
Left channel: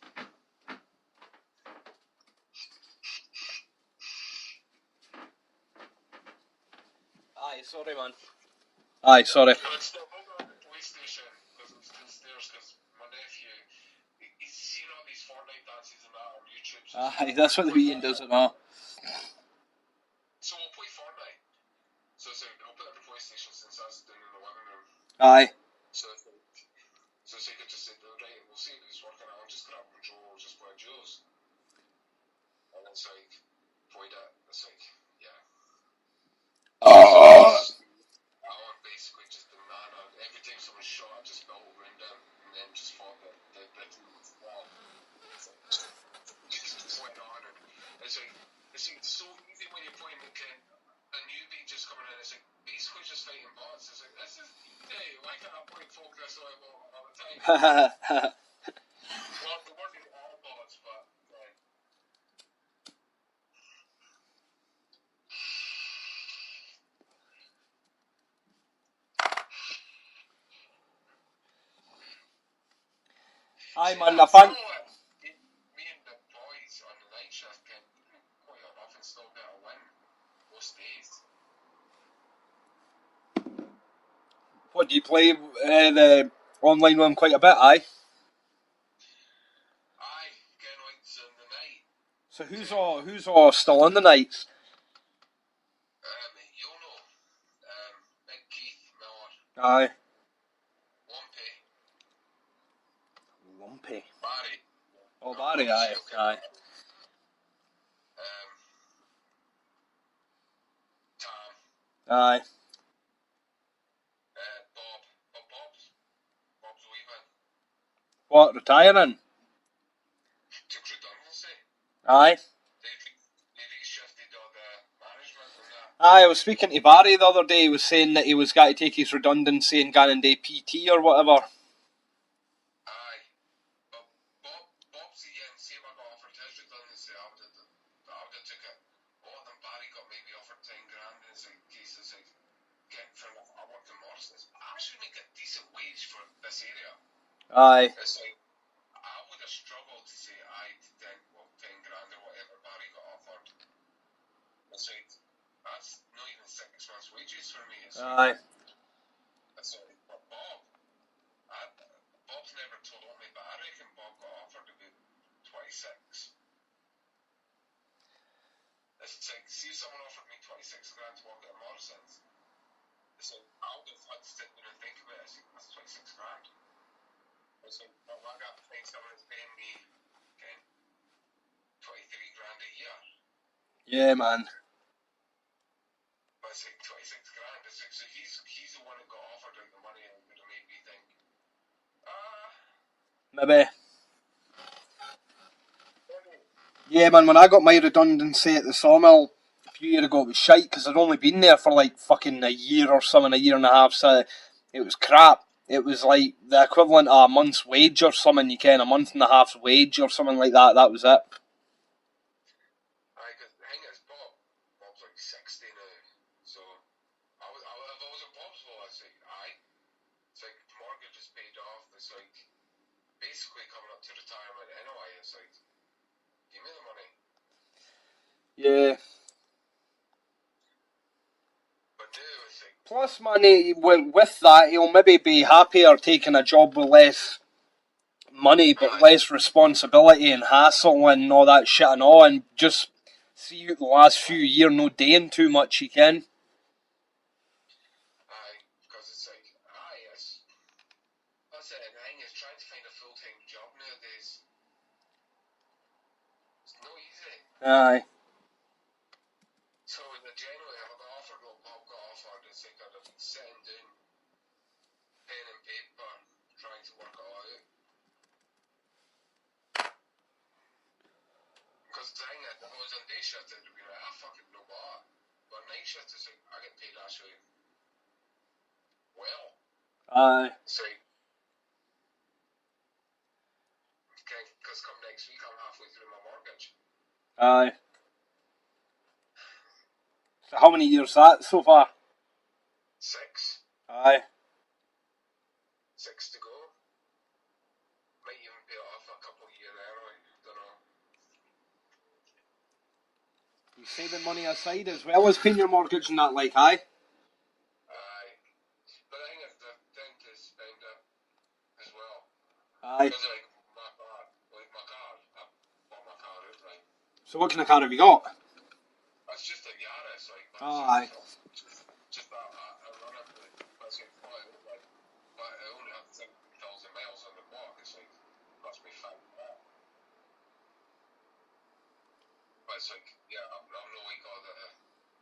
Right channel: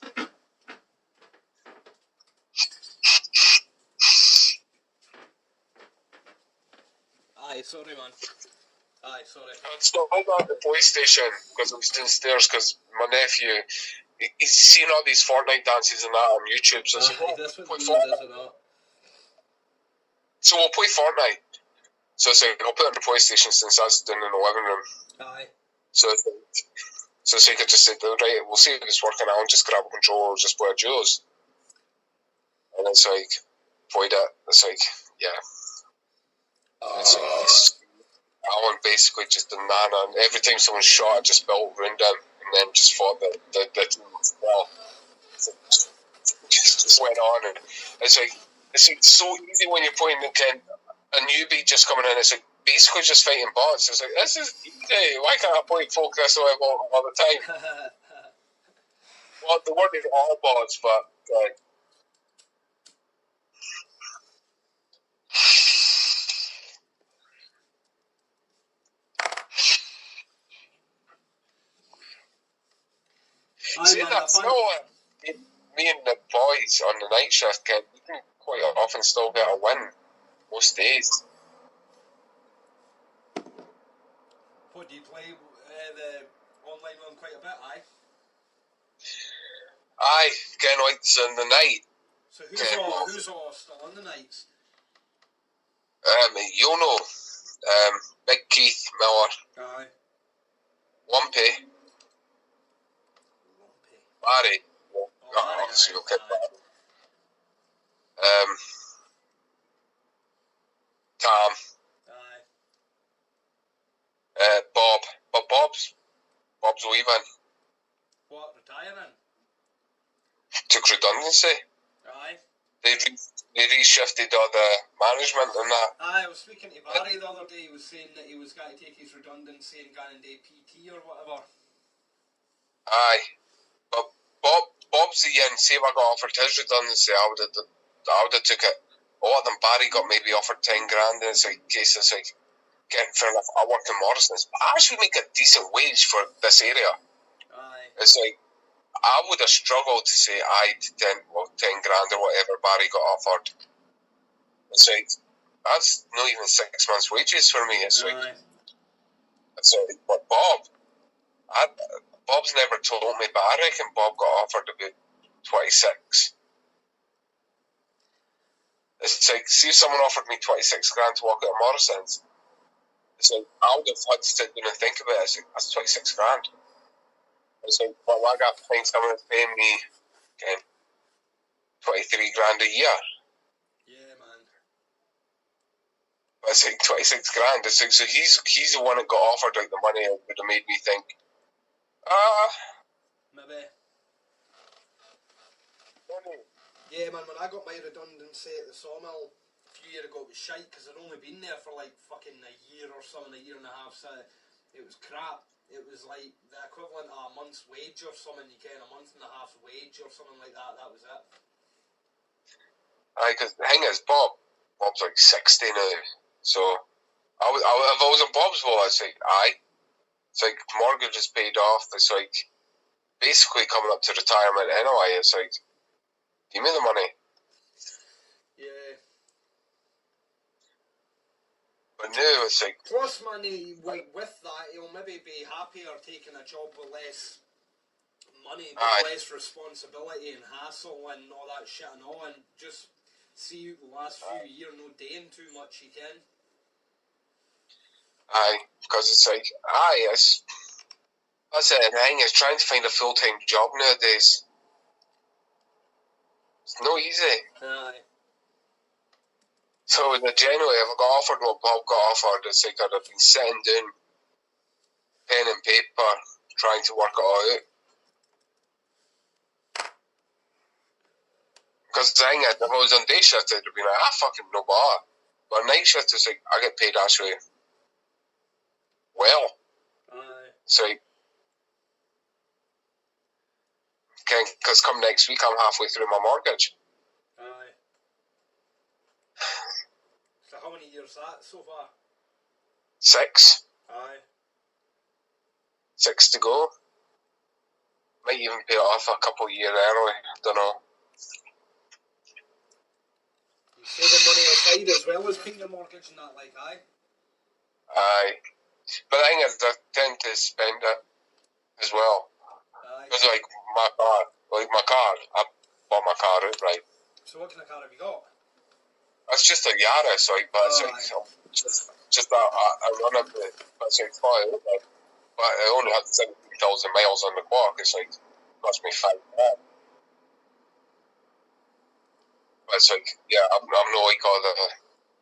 Aye, sorry, man. Aye, sorry. I installed it on the PlayStation because it was downstairs because my nephew, he's seen all these Fortnite dances and that on YouTube. So that's what the media does it all. So we'll play Fortnite. So it's like, I'll put it on the PlayStation since that's down in the living room. Aye. So I could just say, right, we'll see if it's working out and just grab a controller or just play a duos. And it's like, played it. It's like, yeah. So Alan basically just did nana, and every time someone shot, I just built around him and then just fought the team as well. So just went on, and it's like so easy when you're playing a newbie just coming in. It's like basically just fighting bots. It's like this is easy. Why can't I play folk this way all the time? Well, the word is all bots, but. Me and the boys on the night shift we can quite often still get a win most days. What, do you play the online one quite a bit, aye? Aye, getting lights in the night. So who's all still on the nights? Yono, Big Keith Miller. Aye. Lumpy. Barry. Oh, Barry, aye. Tom. Aye. Bob. But Bob's leaving. What, retiring? Took redundancy. Aye. They reshifted all the management and that. Aye, I was speaking to Barry the other day. He was saying that he was going to take his redundancy and go and do PT or whatever. Aye. But Bob's the end. See if I got offered his redundancy, I would have took it. A lot of them, Barry got maybe offered 10 grand, and it's like, getting fair enough. I work in Morrison's. I actually make a decent wage for this area. Aye. It's like, I would have struggled to say aye to 10 grand or whatever Barry got offered. It's like, that's not even 6 months' wages for me. It's like, aye. It's like, but Bob's never told me, but I reckon Bob got offered about 26. It's like, see if someone offered me 26 grand to walk out of Morrison's. It's like, I would have had to sit down and think about it. It's like, that's 26 grand. It's like, well, I got paying someone that's paying me 23 grand a year. Yeah, man. It's like 26 grand. It's like, so he's the one that got offered like the money that would have made me think, maybe. Yeah, man, when I got my redundancy at the sawmill a few years ago, it was shite because I'd only been there for like fucking a year or something, a year and a half, so it was crap. It was like the equivalent of a month's wage or something, you can, a month and a half's wage or something like that. That was it. Aye, because the thing is, Bob's like 60 now, so if I was in Bob's role, I'd say, aye. It's like mortgage is paid off. It's like basically coming up to retirement anyway. It's like Give me the money. Yeah. But now it's like, Plus money, with that, he'll maybe be happier taking a job with less money, but aye, less responsibility and hassle and all that shit and all, and just see you the last few years no doing too much he can. aye, because it's like, aye, that's it. And the thing is, trying to find a full-time job nowadays, it's no easy. Aye. So in the January, if I got offered what Bob got offered, it's like I'd have been sitting down, pen and paper, trying to work it all out. Because the thing is, if I was on day shift, I'd have been like, fucking no bother. But night shift is like, I get paid actually well. Aye. It's like, because come next week, I'm halfway through my mortgage. Aye. So how many years that so far? 6. Aye. 6 to go. Might even pay it off a couple of years early. Don't know. You saving money aside as well as paying your mortgage and that, like, aye? Aye. But the thing is, I tend to spend it as well. Aye. It's like my car. I bought my car outright. So what kind of car have you got? It's just a Yaris, like, but it's like, just that I run up the, it's like, but I only had 70,000 miles on the clock. It's like, cost me $5 grand. But it's like, yeah, I'm not like all the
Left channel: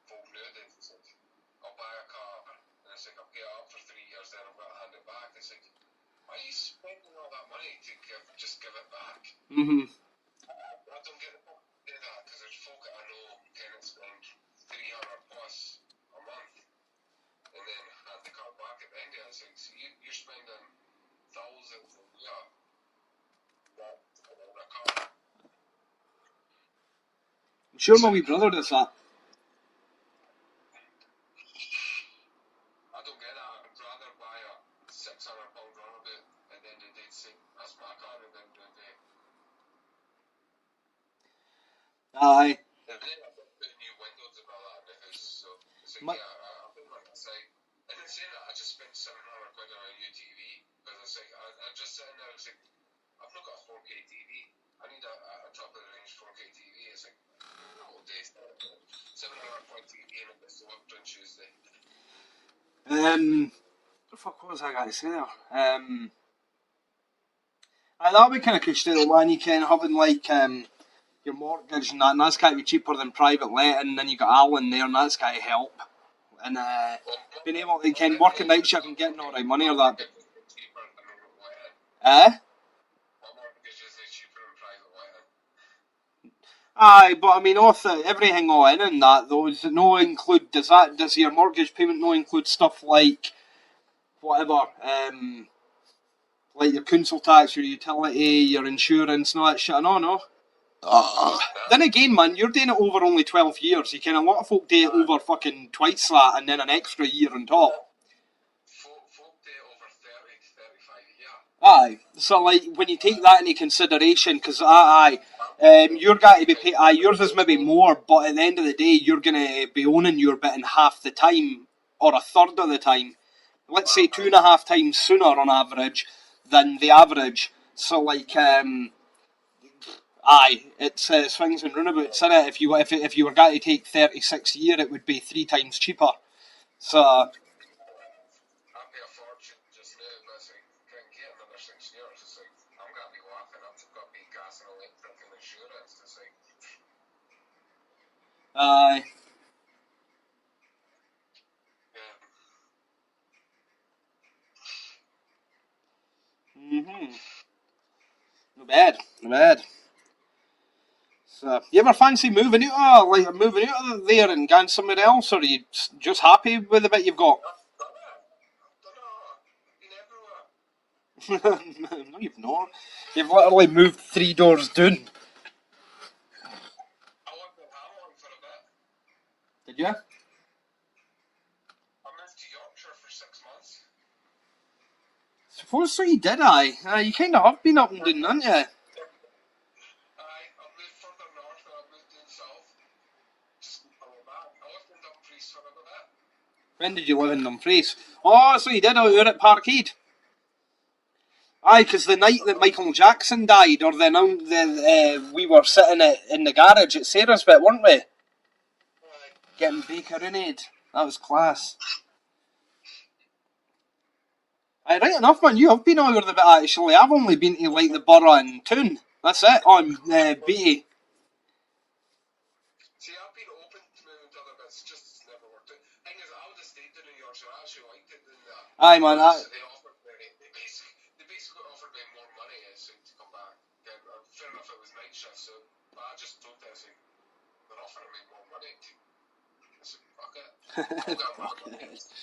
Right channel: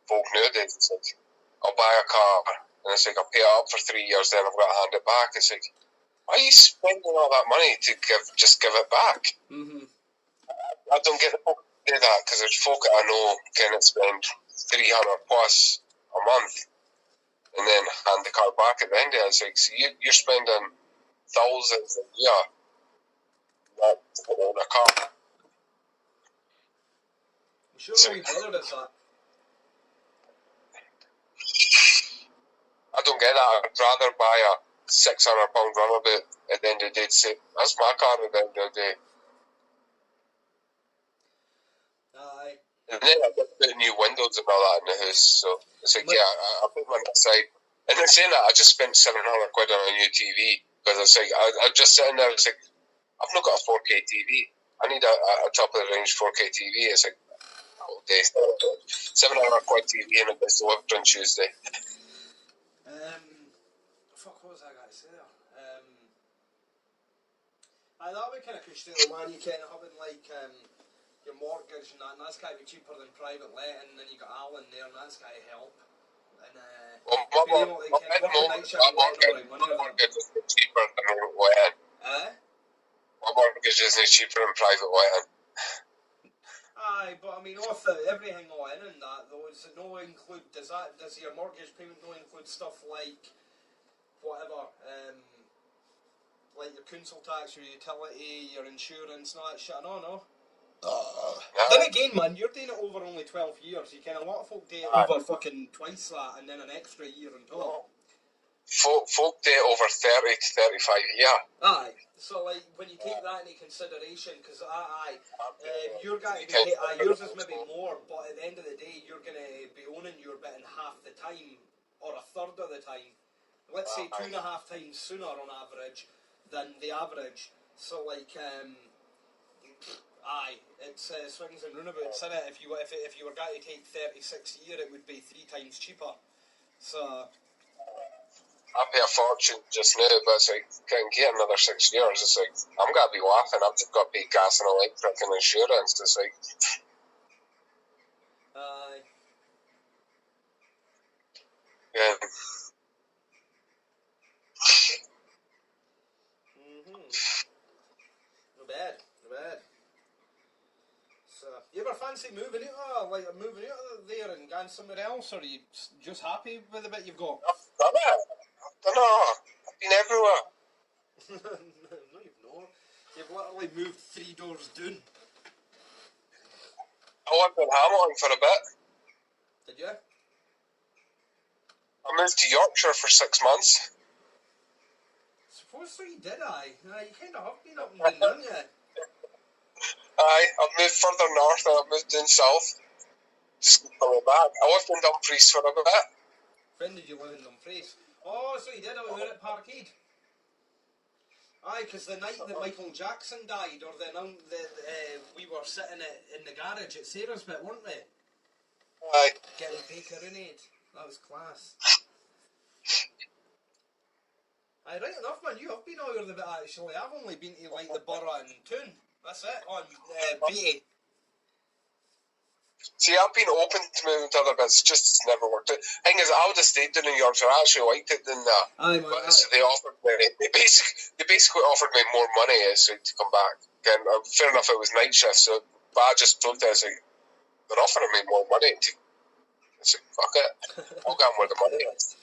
folk nowadays. It's like, I'll buy a car, and it's like, I'll pay it up for 3 years, then I've got to hand it back. It's like, why are you spending all that money to just give it back? Mm-hmm. I don't get the folk do that, because there's folk that I know can spend 300 plus a month and then hand the car back at the end of it. It's like, so you're spending thousands a year to own a car. Sure, my wee brother does that. I don't get that. I'd rather buy a £600 runabout at the end of the day to say, that's my car at the end of the day. Aye. And then I get put new windows and all that in the house, so it's like, yeah, I put money aside. And then saying that, I just spent £700 on a new TV, because it's like, I just sitting there, it's like, I've not got a 4K TV. I need a top of the range 4K TV. It's like, oh, day, £700 TV and it gets delivered on Tuesday. What the fuck was I going to say there? That'll be kind of cushy, man. You can having like your mortgage and that's got to be cheaper than private letting, and then you got Alan there, and that's got to help. And being able to can work a night shift and getting all right money or that. It's cheaper than letting. My mortgage isn't cheaper than private letting. Aye, but I mean, everything all in and that though, does it no include? Does your mortgage payment no include stuff like whatever, like your council tax, your utility, your insurance, and all that shit? No. Then again, man, you're doing it over only 12 years. You can a lot of folk do it over fucking twice that, and then an extra year on top. Folk do it over 30 to 35 years. Aye, so like when you take that into consideration, because you're going to be paid. Yours is maybe more, but at the end of the day, you're going to be owning your bit in half the time or a third of the time. Let's say 2.5 times sooner on average than the average. So like, it's swings and roundabouts, isn't it? If you were going to take 36 years, it would be 3 times cheaper. So I pay a fortune just now, but it's like, can't get another 6 years. It's like, I'm going to be laughing. I've just got to pay gas and electric and insurance. It's like, aye. yeah. No bad. So, you ever fancy moving out of there and going somewhere else, or are you just happy with the bit you've got? I don't know. I've been everywhere. No, you've not. You've literally moved 3 doors down. I lived in Hamilton for a bit. Did you? I moved to Yorkshire for 6 months. Suppose so you did, aye. You kind of have been up and down, haven't you? Aye, I've moved further north and I've moved down south. Just coming back. I lived in Dumfries for a bit. When did you live in Dumfries? Oh, so you did out here at Parkhead. Aye, because the night that Michael Jackson died, or we were sitting in the garage at Sarah's bit, weren't we? Aye. Getting bakerooned. That was class. Aye, right enough, man. You have been all over the bit, actually. I've only been to, like, the borough and Toon. That's it, on Beatty. See, I've been open to moving to other bits, just it's never worked out. Thing is, I would have stayed in New York, so I actually liked it than that. Aye, man. So they offered me, they basically offered me more money so to come back. Again, fair enough, it was night shift, so, but I just looked at it, like, they're offering me more money. I said, fuck it, I'll get where the money is.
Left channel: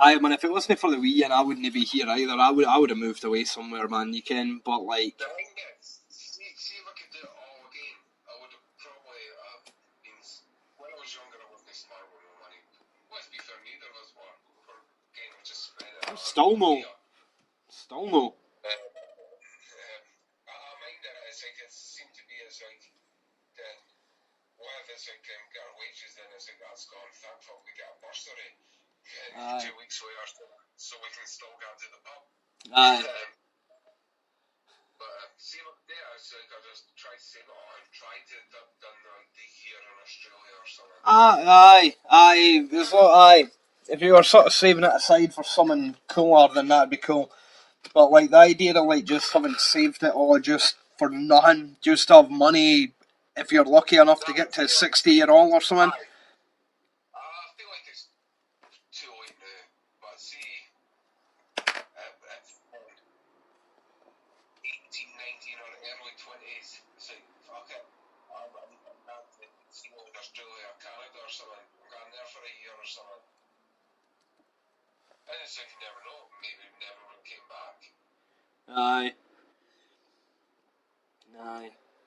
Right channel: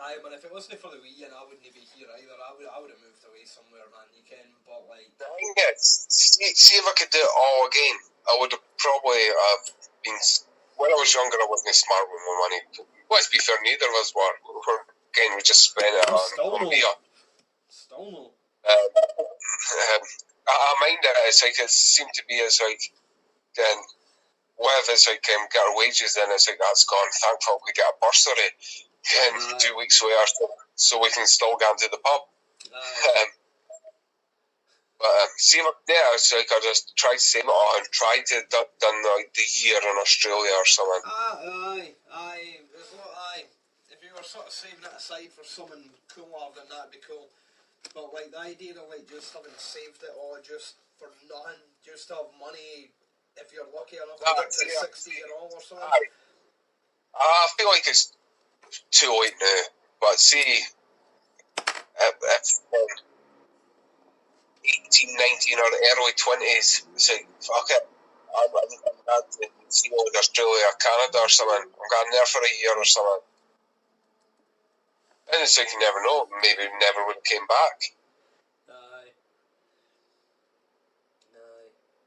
Aye, man, if it wasn't for the Wii and I wouldn't be here either, I would have moved away somewhere, man, you can, but like... The thing is, see if I could do it all again, I would have probably been... When I was younger, I wasn't smart with my money. Let's be fair, neither of us were. Again, we just spent it on beer. Still no. I mind it, it's like, it seemed to be as like, then, what if it's like, get our wages, then it's like, that's gone, thankful we get a bursary. 2 weeks later, so we can still go into the pub. But see, it's like I just tried to save it all and tried to done like the year in Australia or something. Aye. There's aye. If you were sort of saving it aside for something cooler, then that'd be cool. But like the idea of like just having saved it all just for nothing, just to have money if you're lucky enough to get to 60-year-old or something. I feel like it's too late now, but see, if 18, 19 or early 20s, it's like, fuck it, I'm going to see like Australia or Canada or something, I'm going there for a year or something. And it's like, you never know, maybe never would have came back. Aye.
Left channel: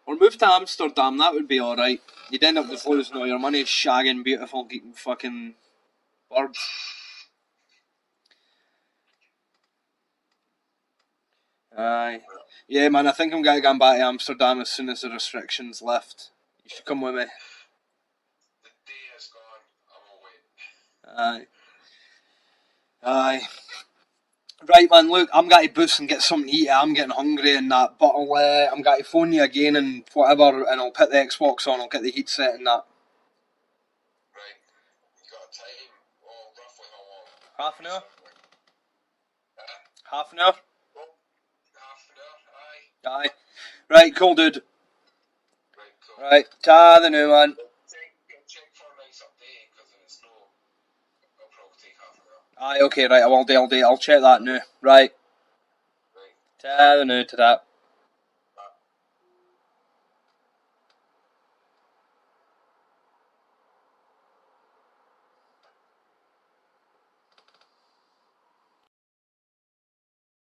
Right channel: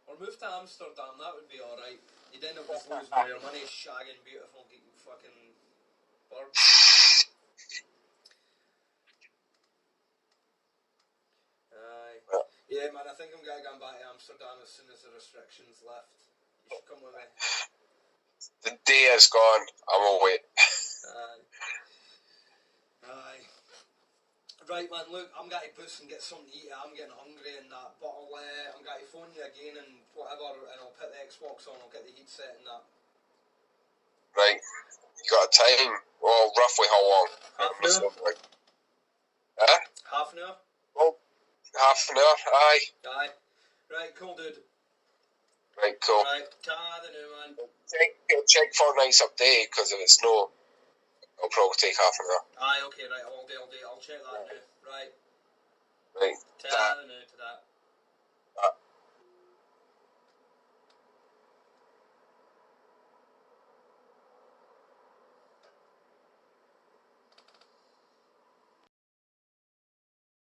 Or move to Amsterdam, that would be alright. You'd end up with losing all your money shagging beautiful fucking birds. Aye. Yeah, man, I think I'm going to go back to Amsterdam as soon as the restrictions lift. You should come with me. The day is gone, I will wait. Aye. Right, man, look, I'm going to boost and get something to eat. I'm getting hungry and that, but I'm going to phone you again and whatever, and I'll put the Xbox on, I'll get the heat set and that. Right. You got a time? Well, roughly how long? Half an hour. Huh? Half an hour? Well, half an hour, Aye. Right, cool, dude. Right, cool. Right, ta the new man. Check Fortnite's update, because if it's no, it'll probably take half an hour. Aye, okay, right, I will do. I'll check that now. Right. Right. Ta the new, to that.